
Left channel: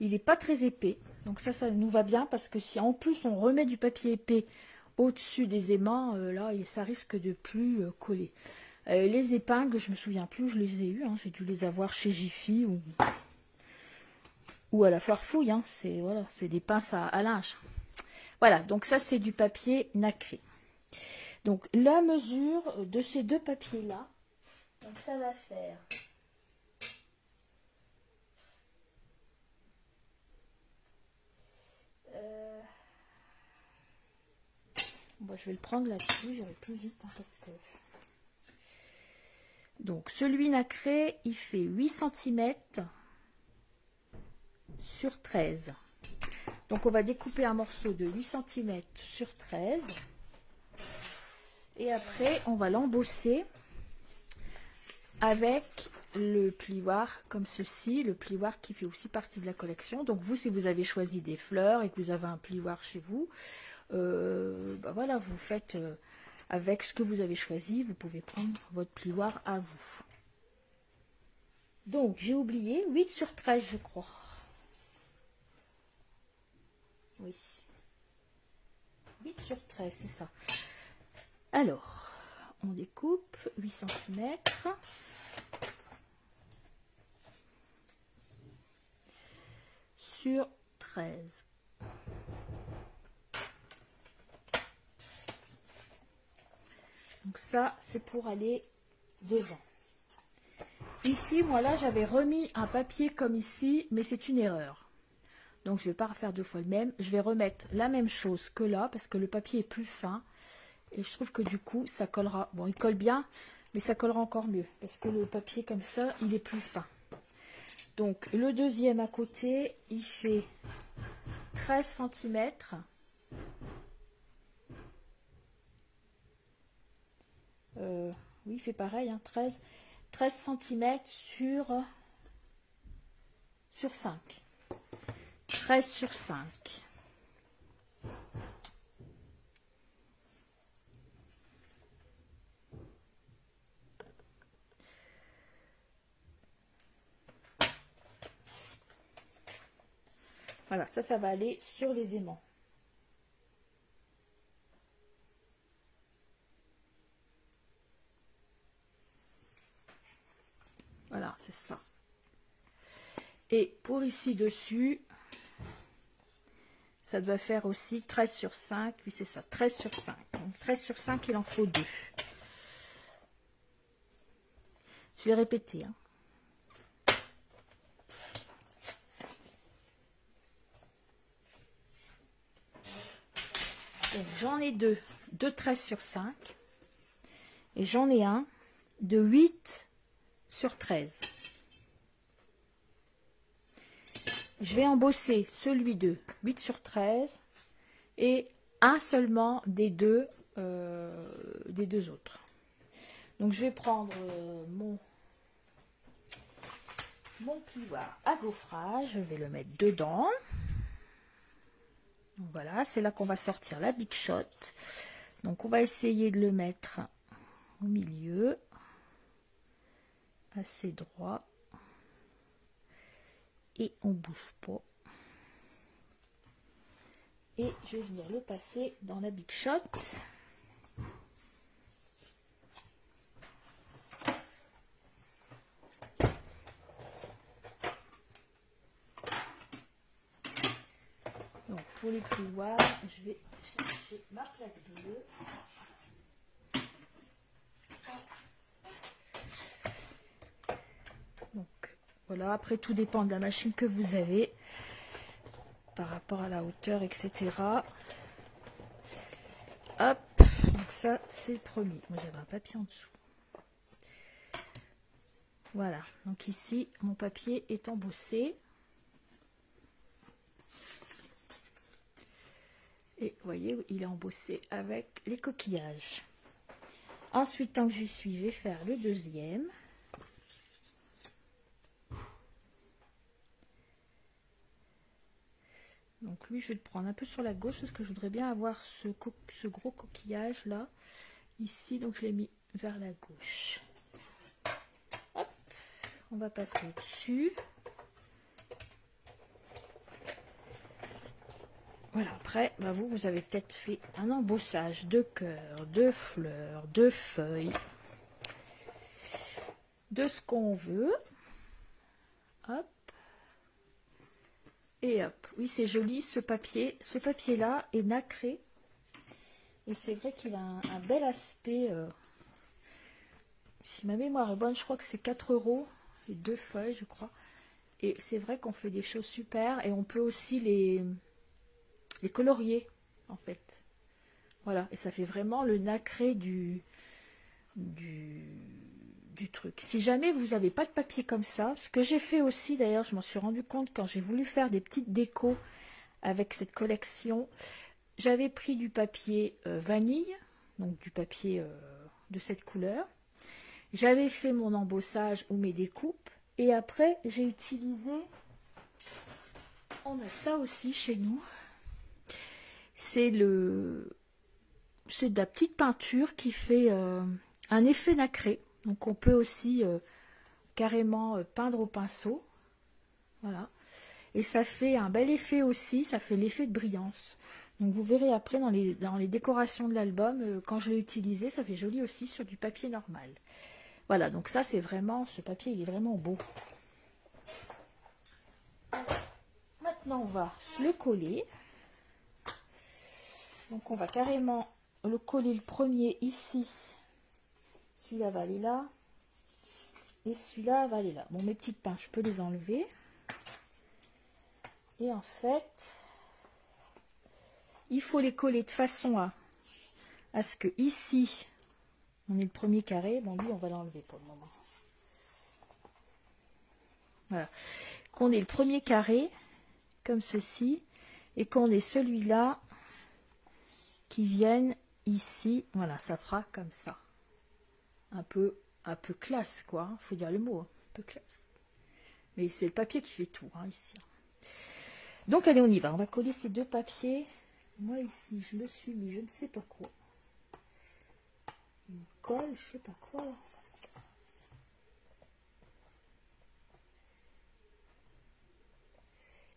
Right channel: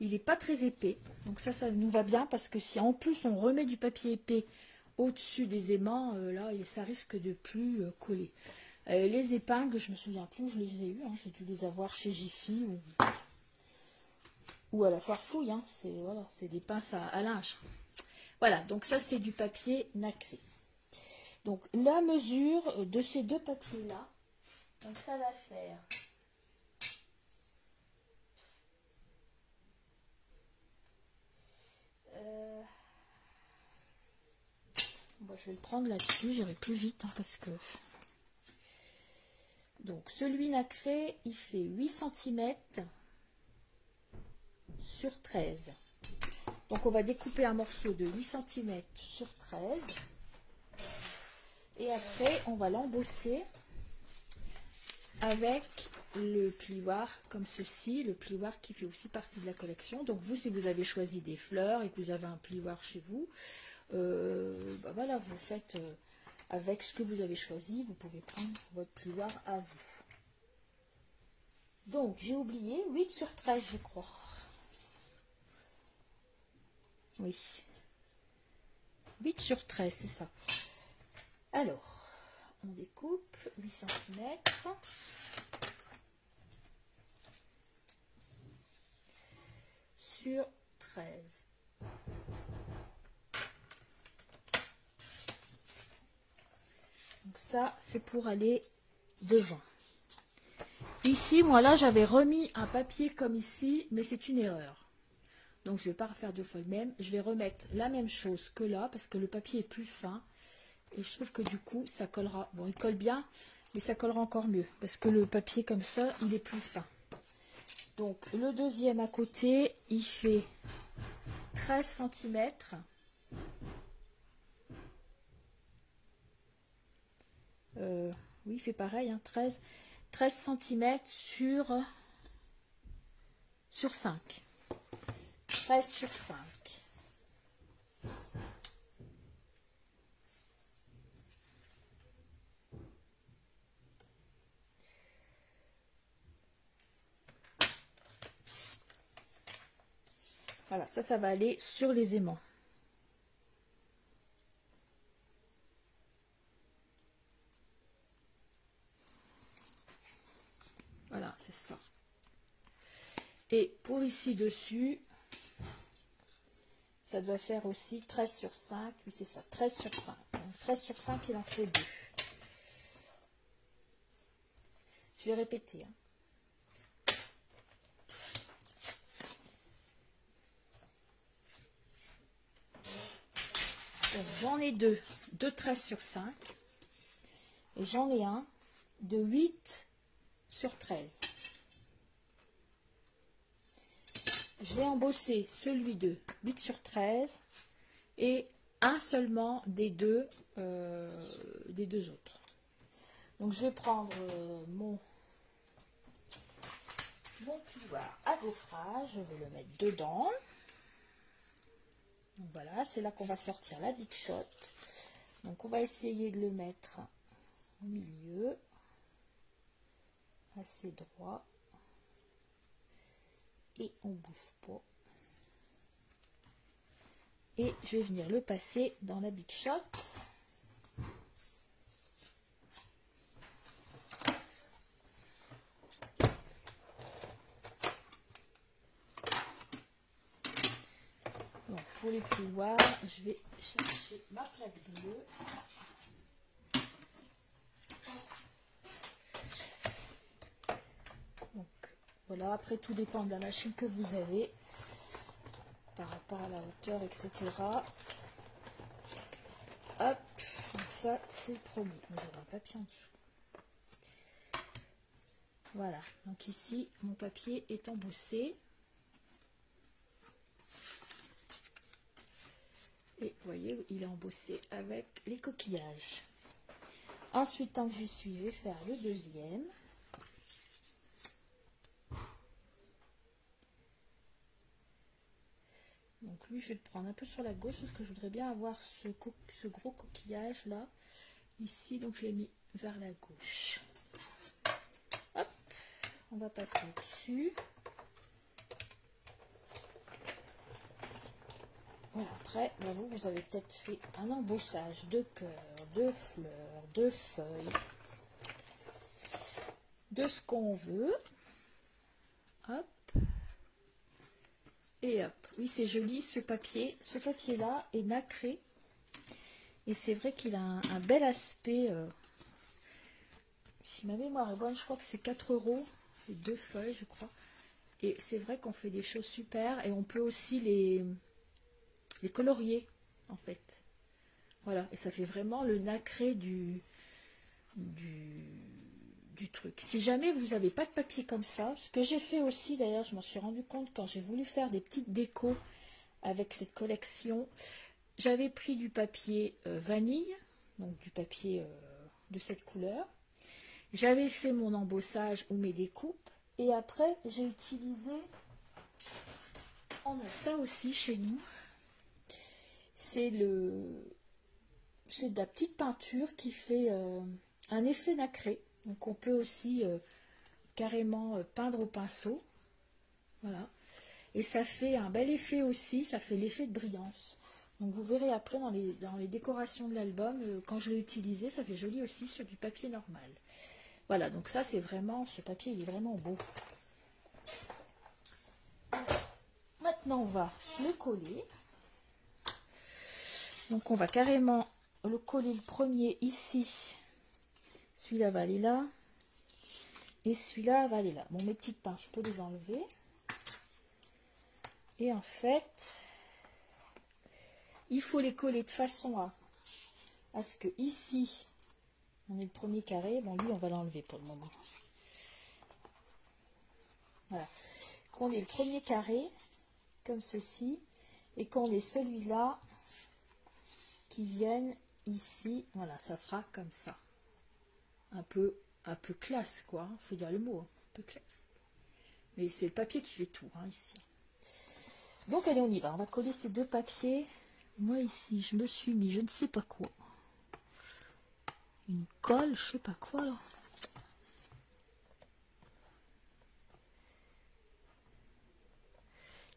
Il n'est pas très épais. Donc ça nous va bien parce que si en plus on remet du papier épais au-dessus des aimants, là ça risque de plus coller. Les épingles, je me souviens plus où je les ai eues. Hein. J'ai dû les avoir chez Jiffy ou à la Farfouille. Hein. C'est voilà, des pinces à linge. Voilà, donc ça c'est du papier nacré. Donc la mesure de ces 2 papiers-là, donc ça va faire... on je vais le prendre là-dessus, j'irai plus vite hein, parce que... Donc, celui nacré, il fait 8 cm sur 13. Donc, on va découper un morceau de 8 cm sur 13. Et après, on va l'embosser avec le plioir comme ceci, le plioir qui fait aussi partie de la collection. Donc, vous, si vous avez choisi des fleurs et que vous avez un plioir chez vous, bah voilà, vous faites avec ce que vous avez choisi, vous pouvez prendre votre plioir à vous. Donc, j'ai oublié 8 sur 13, je crois. Oui. 8 sur 13, c'est ça. Alors, on découpe 8 cm. Sur 13. Donc ça, c'est pour aller devant. Ici, moi là, j'avais remis un papier comme ici, mais c'est une erreur. Donc, je ne vais pas refaire deux fois le même. Je vais remettre la même chose que là, parce que le papier est plus fin. Et je trouve que du coup, ça collera. Bon, il colle bien, mais ça collera encore mieux. Parce que le papier comme ça, il est plus fin. Donc, le deuxième à côté, il fait 13 cm. Oui, il fait pareil, hein, 13 cm sur 5. 13 sur 5. Voilà, ça va aller sur les aimants. Voilà, c'est ça. Et pour ici dessus, ça doit faire aussi 13 sur 5. Oui, c'est ça, 13 sur 5. Donc 13 sur 5, il en faut 2. Je vais répéter. Hein. J'en ai deux de 13 sur 5. Et j'en ai un de 8 sur 13. Je vais embosser celui de 8 sur 13 et un seulement des deux autres. Donc je vais prendre mon plioir à gaufrage, je vais le mettre dedans. Donc voilà, c'est là qu'on va sortir la Big Shot. Donc on va essayer de le mettre au milieu, assez droit. Et on bouge pas. Et je vais venir le passer dans la Big Shot. Donc pour les plioirs, je vais chercher ma plaque bleue. Donc voilà, après tout dépend de la machine que vous avez par rapport à la hauteur, etc. Hop, donc ça c'est le premier. Moi j'avais un papier en dessous. Voilà, donc ici mon papier est embossé. Et vous voyez, il est embossé avec les coquillages. Ensuite, tant que j'y suis, je vais faire le deuxième. Donc lui, je vais le prendre un peu sur la gauche parce que je voudrais bien avoir ce gros coquillage là, ici. Donc je l'ai mis vers la gauche. Hop, on va passer dessus. Voilà, après, bah vous avez peut-être fait un embossage de cœurs, de fleurs, de feuilles, de ce qu'on veut. Hop. Et hop. Oui, c'est joli ce papier. Ce papier-là est nacré. Et c'est vrai qu'il a un bel aspect. Si ma mémoire est bonne, je crois que c'est 4 €. C'est 2 feuilles, je crois. Et c'est vrai qu'on fait des choses super. Et on peut aussi les colorier, en fait. Voilà, et ça fait vraiment le nacré du truc. Si jamais vous n'avez pas de papier comme ça, ce que j'ai fait aussi d'ailleurs, je m'en suis rendu compte quand j'ai voulu faire des petites décos avec cette collection, j'avais pris du papier vanille, donc du papier de cette couleur. J'avais fait mon embossage ou mes découpes, et après j'ai utilisé, on a ça aussi chez nous, c'est de la petite peinture qui fait un effet nacré. Donc on peut aussi carrément peindre au pinceau. Voilà. Et ça fait un bel effet aussi, ça fait l'effet de brillance. Donc vous verrez après dans les décorations de l'album, quand je l'ai utilisé, ça fait joli aussi sur du papier normal. Voilà, donc ça c'est vraiment, ce papier il est vraiment beau. Maintenant on va le coller. Donc on va carrément le coller le premier ici. Celui-là va aller là. Et celui-là va aller là. Bon, mes petites pinces, je peux les enlever. Et en fait, il faut les coller de façon à ce que ici, on ait le premier carré. Bon, lui, on va l'enlever pour le moment. Voilà. Qu'on ait le premier carré, comme ceci. Et qu'on ait celui-là qui vienne ici. Voilà, ça fera comme ça. Un peu classe, quoi. Faut dire le mot, un peu classe. Mais c'est le papier qui fait tout, hein, ici. Donc, allez, on y va. On va coller ces deux papiers. Moi, ici, je me suis mis, je ne sais pas quoi. Une colle, je sais pas quoi, là.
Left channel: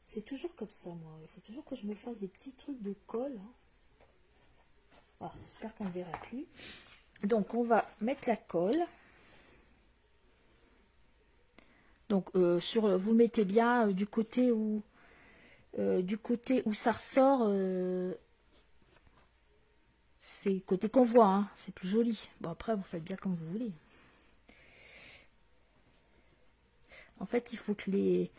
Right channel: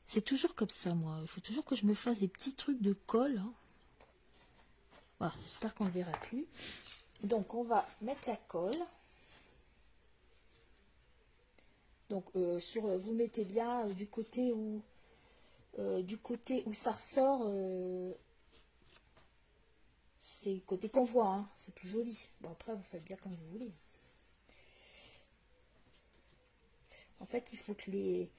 C'est toujours comme ça, moi. Il faut toujours que je me fasse des petits trucs de colle. Hein. Voilà, j'espère qu'on ne verra plus. Donc, on va mettre la colle. Donc, vous mettez bien du côté où ça ressort. C'est côté qu'on voit, hein, c'est plus joli. Bon, après, vous faites bien comme vous voulez. En fait, il faut que les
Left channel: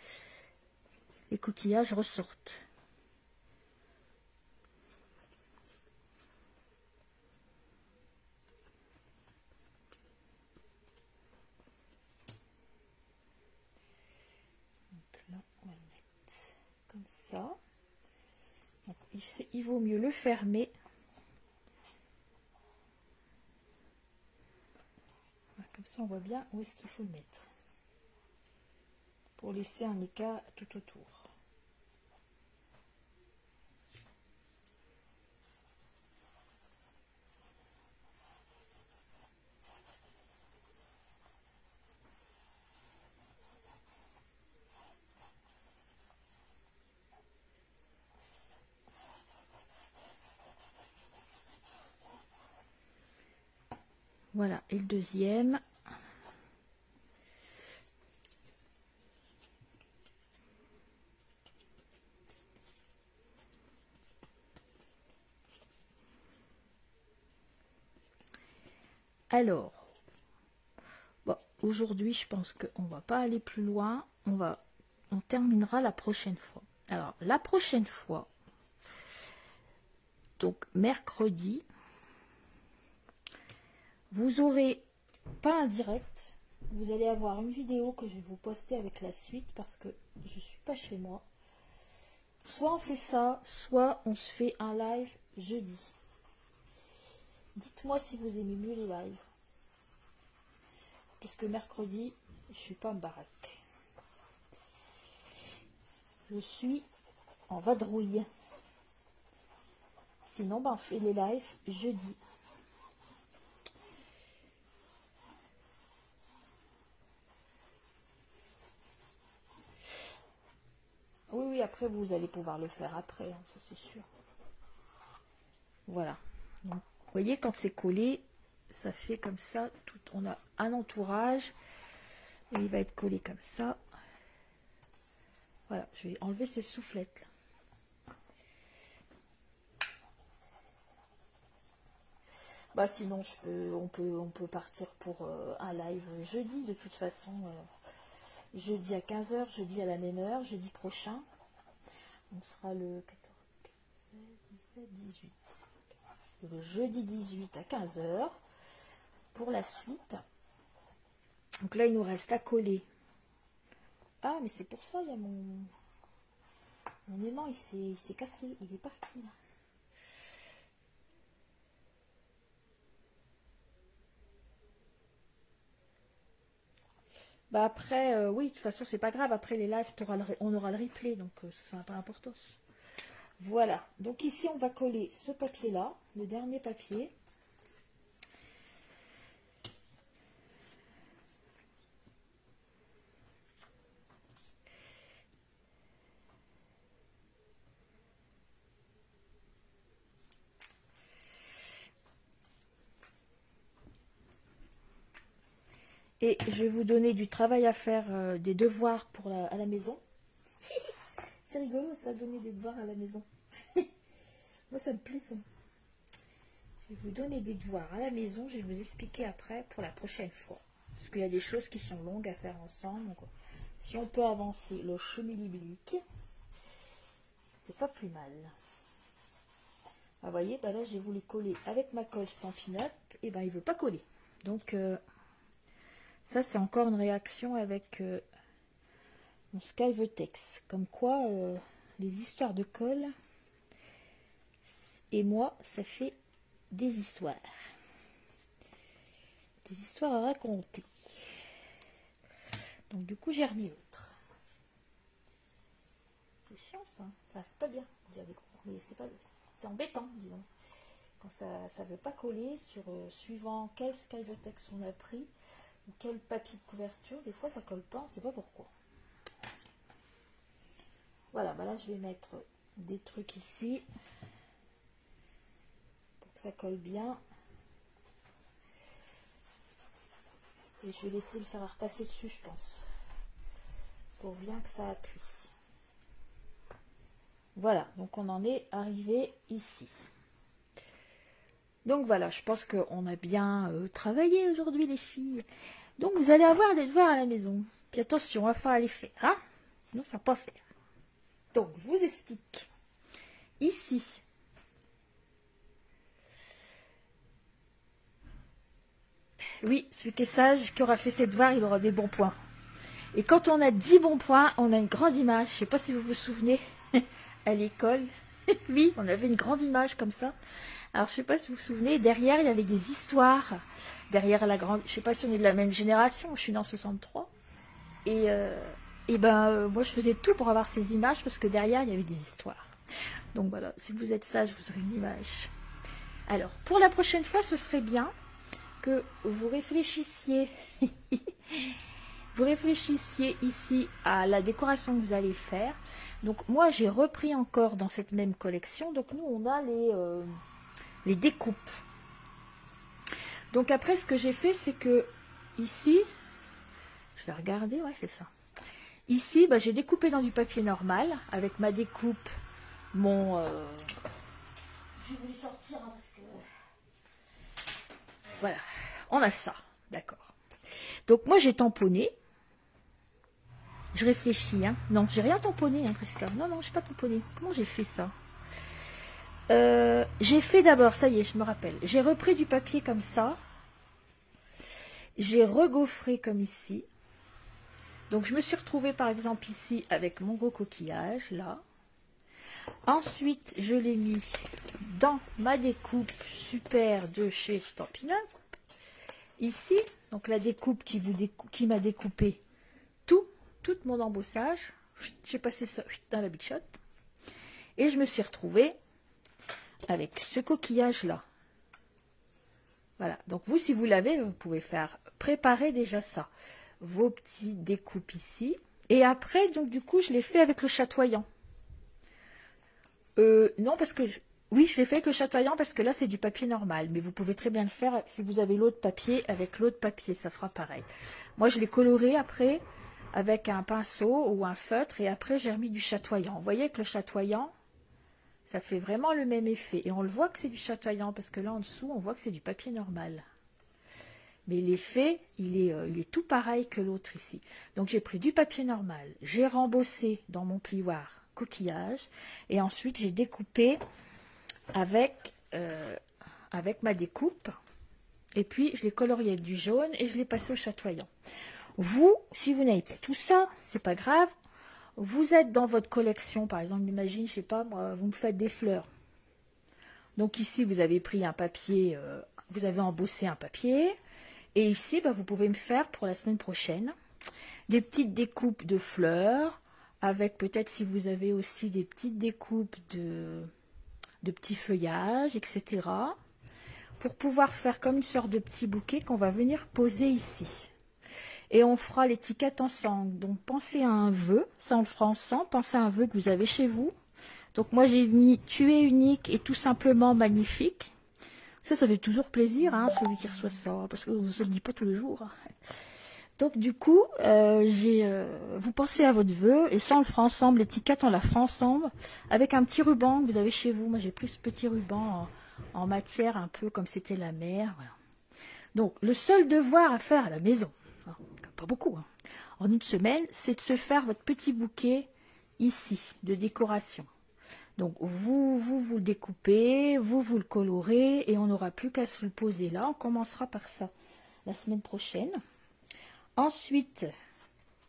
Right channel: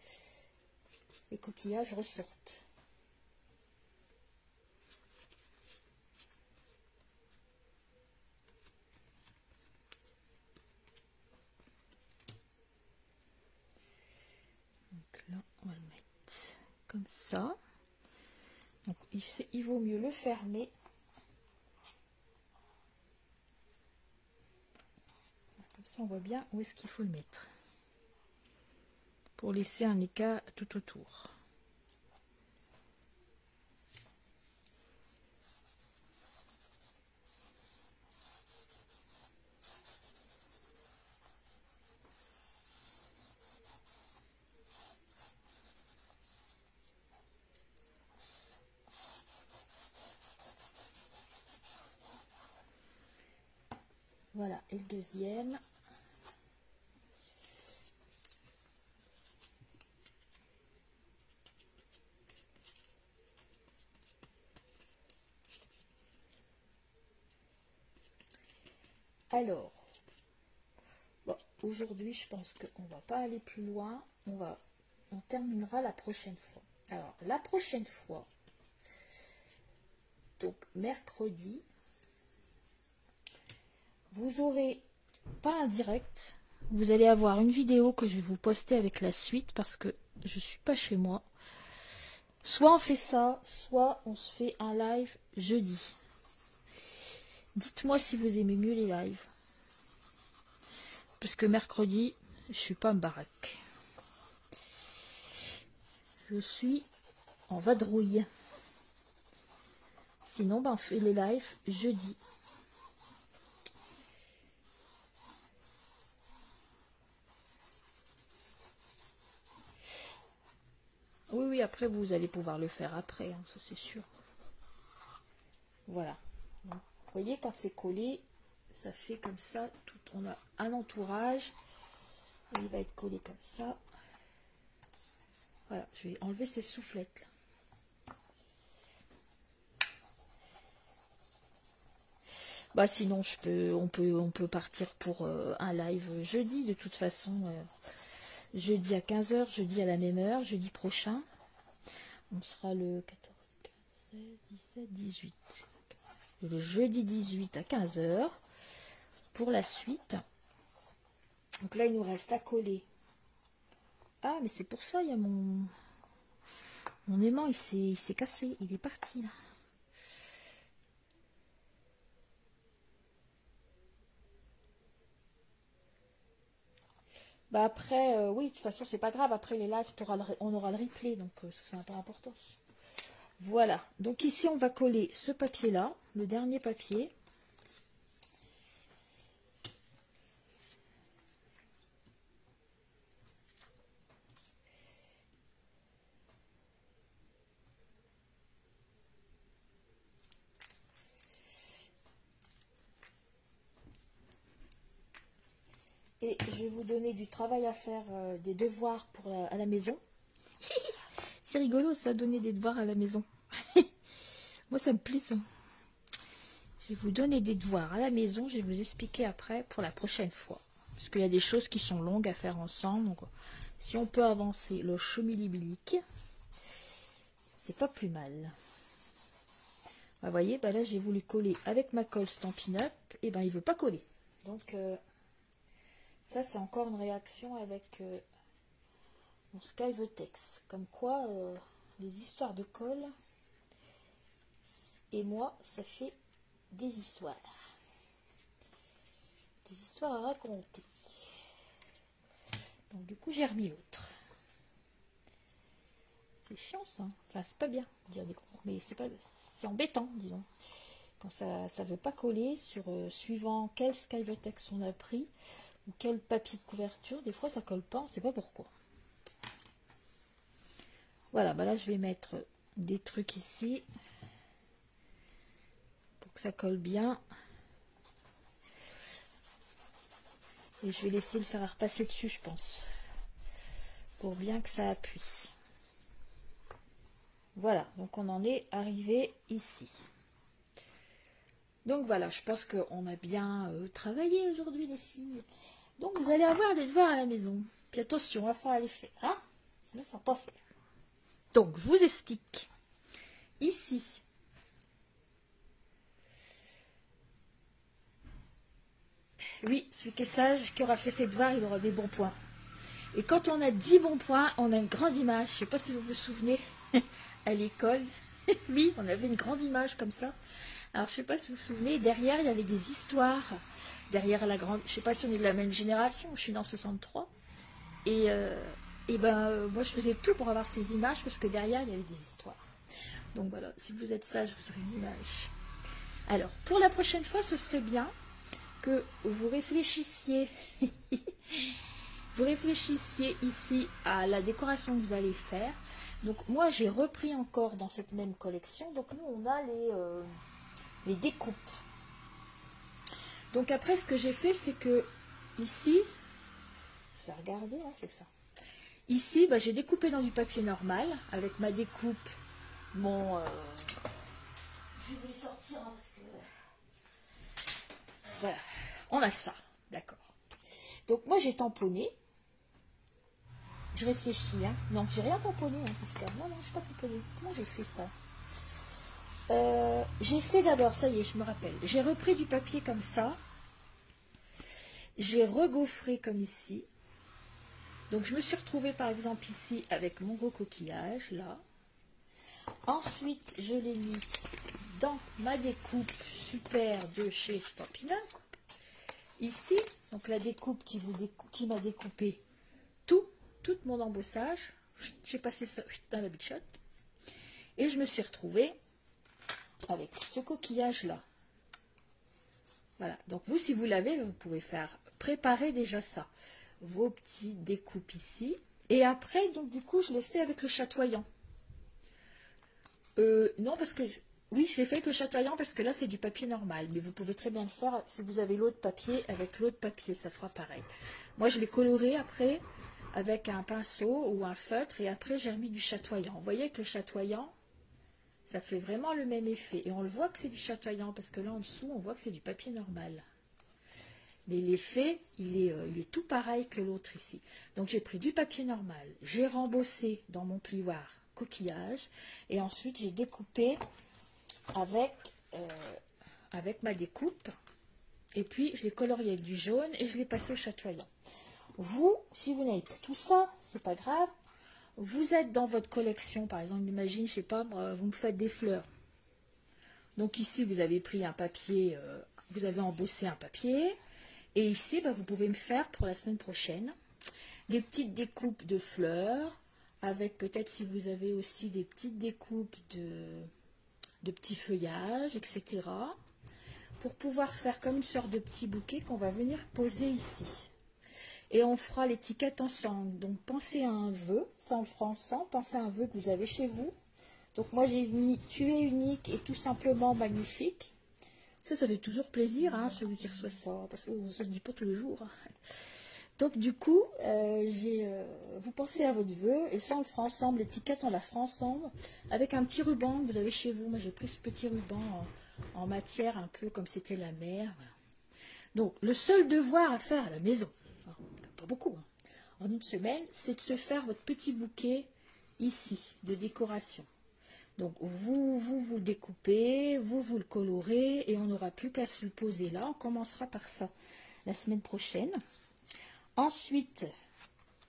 coquillages ressortent. Donc là, on va le mettre comme ça. Donc, il vaut mieux le fermer. Comme ça, on voit bien où est-ce qu'il faut le mettre. Pour laisser un écart tout autour. Voilà, et le deuxième. Alors, bon, aujourd'hui, je pense qu'on va pas aller plus loin. On terminera la prochaine fois. Alors, la prochaine fois, donc mercredi, vous aurez pas un direct. Vous allez avoir une vidéo que je vais vous poster avec la suite parce que je suis pas chez moi. Soit on fait ça, soit on se fait un live jeudi. Dites-moi si vous aimez mieux les lives. Parce que mercredi, je suis pas en baraque. Je suis en vadrouille. Sinon, ben, on fait le live jeudi. Oui, oui, après, vous allez pouvoir le faire après, hein, ça c'est sûr. Voilà. Donc, vous voyez, quand c'est collé, ça fait comme ça. Tout, on a un entourage. Et il va être collé comme ça. Voilà, je vais enlever ces soufflettes là. Bah sinon on peut partir pour un live jeudi de toute façon. Jeudi à 15 h, jeudi à la même heure, jeudi prochain. On sera le 14, 15, 16, 17, 18. le jeudi 18 à 15 h pour la suite. Donc là, il nous reste à coller. Ah, mais c'est pour ça, il y a mon aimant, il s'est cassé, il est parti là. Bah après, oui, de toute façon, c'est pas grave. Après les lives, on aura le replay, donc ça n'a pas d'importance. Voilà. Donc ici, on va coller ce papier-là, le dernier papier. Et je vais vous donner du travail à faire, des devoirs à la maison. C'est rigolo ça, donner des devoirs à la maison. Moi ça me plaît ça. Je vais vous donner des devoirs à la maison, je vais vous expliquer après pour la prochaine fois. Parce qu'il y a des choses qui sont longues à faire ensemble. Donc, si on peut avancer le chemilibilique, c'est pas plus mal. Vous voyez, bah là j'ai voulu coller avec ma colle Stampin' Up, et ben il veut pas coller. Donc ça c'est encore une réaction avec mon Skyvetex. Comme quoi les histoires de colle et moi ça fait des histoires. Des histoires à raconter. Donc du coup j'ai remis l'autre. C'est chiant ça. Enfin c'est pas bien de dire des gros, mais c'est embêtant disons. Quand ça veut pas coller sur suivant quel Skyvetex on a pris ou quel papier de couverture, des fois ça colle pas, on sait pas pourquoi. Voilà, bah là je vais mettre des trucs ici pour que ça colle bien. Et je vais laisser le fer à repasser dessus, je pense, pour bien que ça appuie. Voilà, donc on en est arrivé ici. Donc voilà, je pense qu'on a bien travaillé aujourd'hui les filles. Donc vous allez avoir des devoirs à la maison. Puis attention, il va falloir les faire, hein, sinon ça va pas faire. Donc je vous explique. Ici, oui, celui qui est sage, qui aura fait ses devoirs, il aura des bons points. Et quand on a 10 bons points, on a une grande image. Je ne sais pas si vous vous souvenez, à l'école. Oui, on avait une grande image comme ça. Alors, je ne sais pas si vous vous souvenez, derrière, il y avait des histoires. Derrière la grande... Je ne sais pas si on est de la même génération, je suis née en 63. Et moi, je faisais tout pour avoir ces images, parce que derrière, il y avait des histoires. Donc voilà, si vous êtes sage, vous aurez une image. Alors, pour la prochaine fois, ce serait bien que vous réfléchissiez... Vous réfléchissiez ici à la décoration que vous allez faire. Donc moi j'ai repris encore dans cette même collection. Donc nous on a les découpes. Donc après ce que j'ai fait c'est que ici, je vais regarder, ouais c'est ça. Ici bah, j'ai découpé dans du papier normal avec ma découpe. Je vais vous les sortir hein, parce que voilà, on a ça, d'accord. Donc moi j'ai tamponné. Je réfléchis, hein. Non, j'ai rien tamponné, hein, Prisca. Non, je n'ai pas tamponné. Comment j'ai fait ça? J'ai fait d'abord, ça y est, je me rappelle. J'ai repris du papier comme ça. J'ai regaufré comme ici. Donc, je me suis retrouvée, par exemple, ici, avec mon gros coquillage, là. Ensuite, je l'ai mis dans ma découpe super de chez Stampin' Up. Ici, donc la découpe qui m'a découpé tout mon embossage. J'ai passé ça dans la bichotte et je me suis retrouvée avec ce coquillage là. Voilà, donc vous si vous l'avez, vous pouvez préparer déjà ça, vos petits découpes ici, et après donc du coup je l'ai fait avec le chatoyant. Non parce que oui je l'ai fait avec le chatoyant parce que là c'est du papier normal, mais vous pouvez très bien le faire si vous avez l'autre papier, avec l'autre papier ça fera pareil. Moi je l'ai coloré après avec un pinceau ou un feutre, et après j'ai remis du chatoyant. Vous voyez que le chatoyant, ça fait vraiment le même effet. Et on le voit que c'est du chatoyant, parce que là en dessous, on voit que c'est du papier normal. Mais l'effet, il est tout pareil que l'autre ici. Donc j'ai pris du papier normal, j'ai rembossé dans mon plioir coquillage, et ensuite j'ai découpé avec avec ma découpe. Et puis, je l'ai colorié avec du jaune et je l'ai passé au chatoyant. Vous, si vous n'avez pas tout ça, c'est pas grave. Vous êtes dans votre collection, par exemple, imagine, je sais pas, moi, vous me faites des fleurs. Donc ici, vous avez pris un papier, vous avez embossé un papier. Et ici, bah, vous pouvez me faire pour la semaine prochaine des petites découpes de fleurs, avec peut-être si vous avez aussi des petites découpes de petits feuillages, etc. Pour pouvoir faire comme une sorte de petit bouquet qu'on va venir poser ici. Et on fera l'étiquette ensemble. Donc pensez à un vœu, ça on le fera ensemble. Pensez à un vœu que vous avez chez vous. Donc moi j'ai mis tu es unique et tout simplement magnifique. Ça fait toujours plaisir, hein, celui qui reçoit ça, parce que je ne le dis pas tous les jours. Donc du coup, vous pensez à votre vœu, et ça on le fera ensemble, l'étiquette on la fera ensemble, avec un petit ruban que vous avez chez vous. Moi j'ai plus ce petit ruban en matière, un peu comme c'était la mer. Voilà. Donc le seul devoir à faire à la maison, hein, pas beaucoup, hein, en une semaine, c'est de se faire votre petit bouquet ici, de décoration. Donc vous le découpez, vous le colorez, et on n'aura plus qu'à se le poser là. On commencera par ça la semaine prochaine. Ensuite,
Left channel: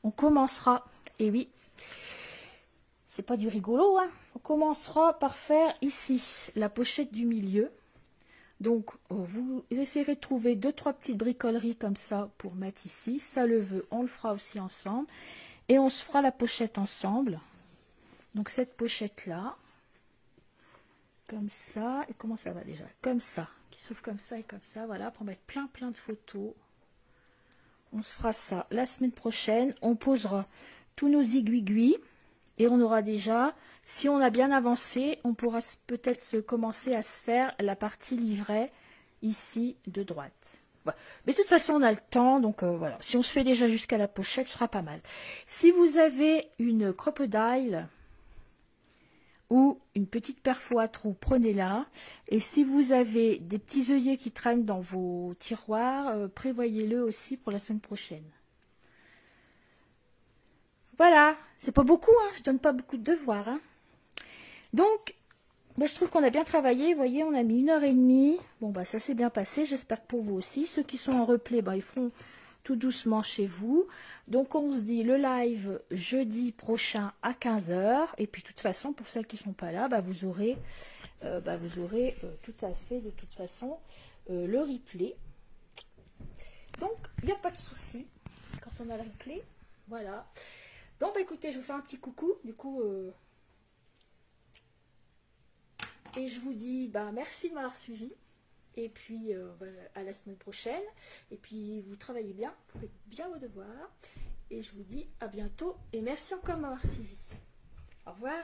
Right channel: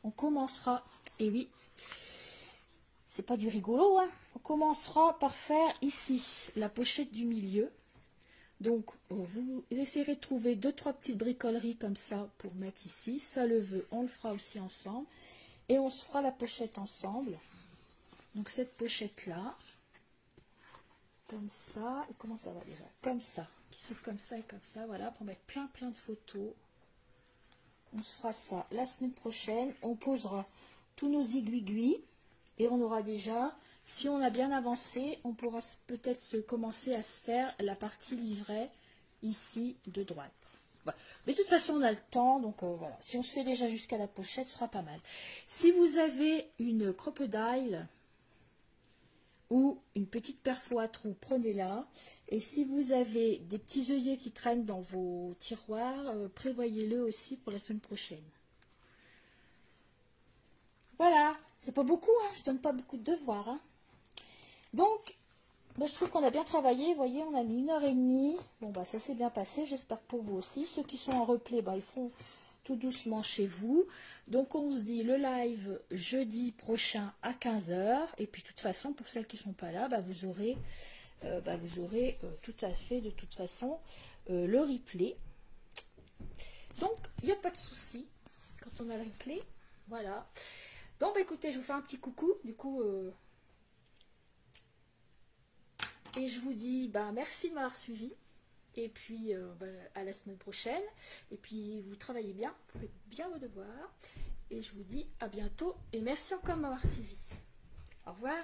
on commencera, et oui, c'est pas du rigolo, hein, on commencera par faire ici la pochette du milieu. Donc, vous essayerez de trouver 2-3 petites bricoleries comme ça pour mettre ici. Ça le veut, on le fera aussi ensemble. Et on se fera la pochette ensemble. Donc, cette pochette-là, comme ça, et comment ça va déjà? Comme ça, qui s'ouvre comme ça et comme ça, voilà, pour mettre plein de photos. On se fera ça la semaine prochaine. On posera tous nos aiguilles et on aura déjà, si on a bien avancé, on pourra peut-être commencer à se faire la partie livret ici de droite. Voilà. Mais de toute façon, on a le temps, donc voilà. Si on se fait déjà jusqu'à la pochette, ce sera pas mal. Si vous avez une crocodile ou une petite perfo à trous, prenez-la. Et si vous avez des petits œillets qui traînent dans vos tiroirs, prévoyez-le aussi pour la semaine prochaine. Voilà, c'est pas beaucoup, hein, je donne pas beaucoup de devoirs. Hein. Donc, bah, je trouve qu'on a bien travaillé. Vous voyez, on a mis 1h30. Bon, bah ça s'est bien passé, j'espère pour vous aussi. Ceux qui sont en replay, bah, ils feront tout doucement chez vous. Donc on se dit le live jeudi prochain à 15 h. Et puis de toute façon, pour celles qui ne sont pas là, bah, vous aurez tout à fait de toute façon le replay. Donc il n'y a pas de souci quand on a le replay. Voilà. Donc bah, écoutez, je vous fais un petit coucou. Du coup, et je vous dis bah, merci de m'avoir suivi. Et puis, à la semaine prochaine. Et puis, vous travaillez bien, vous faites bien vos devoirs. Et je vous dis à bientôt. Et merci encore de m'avoir suivi. Au revoir.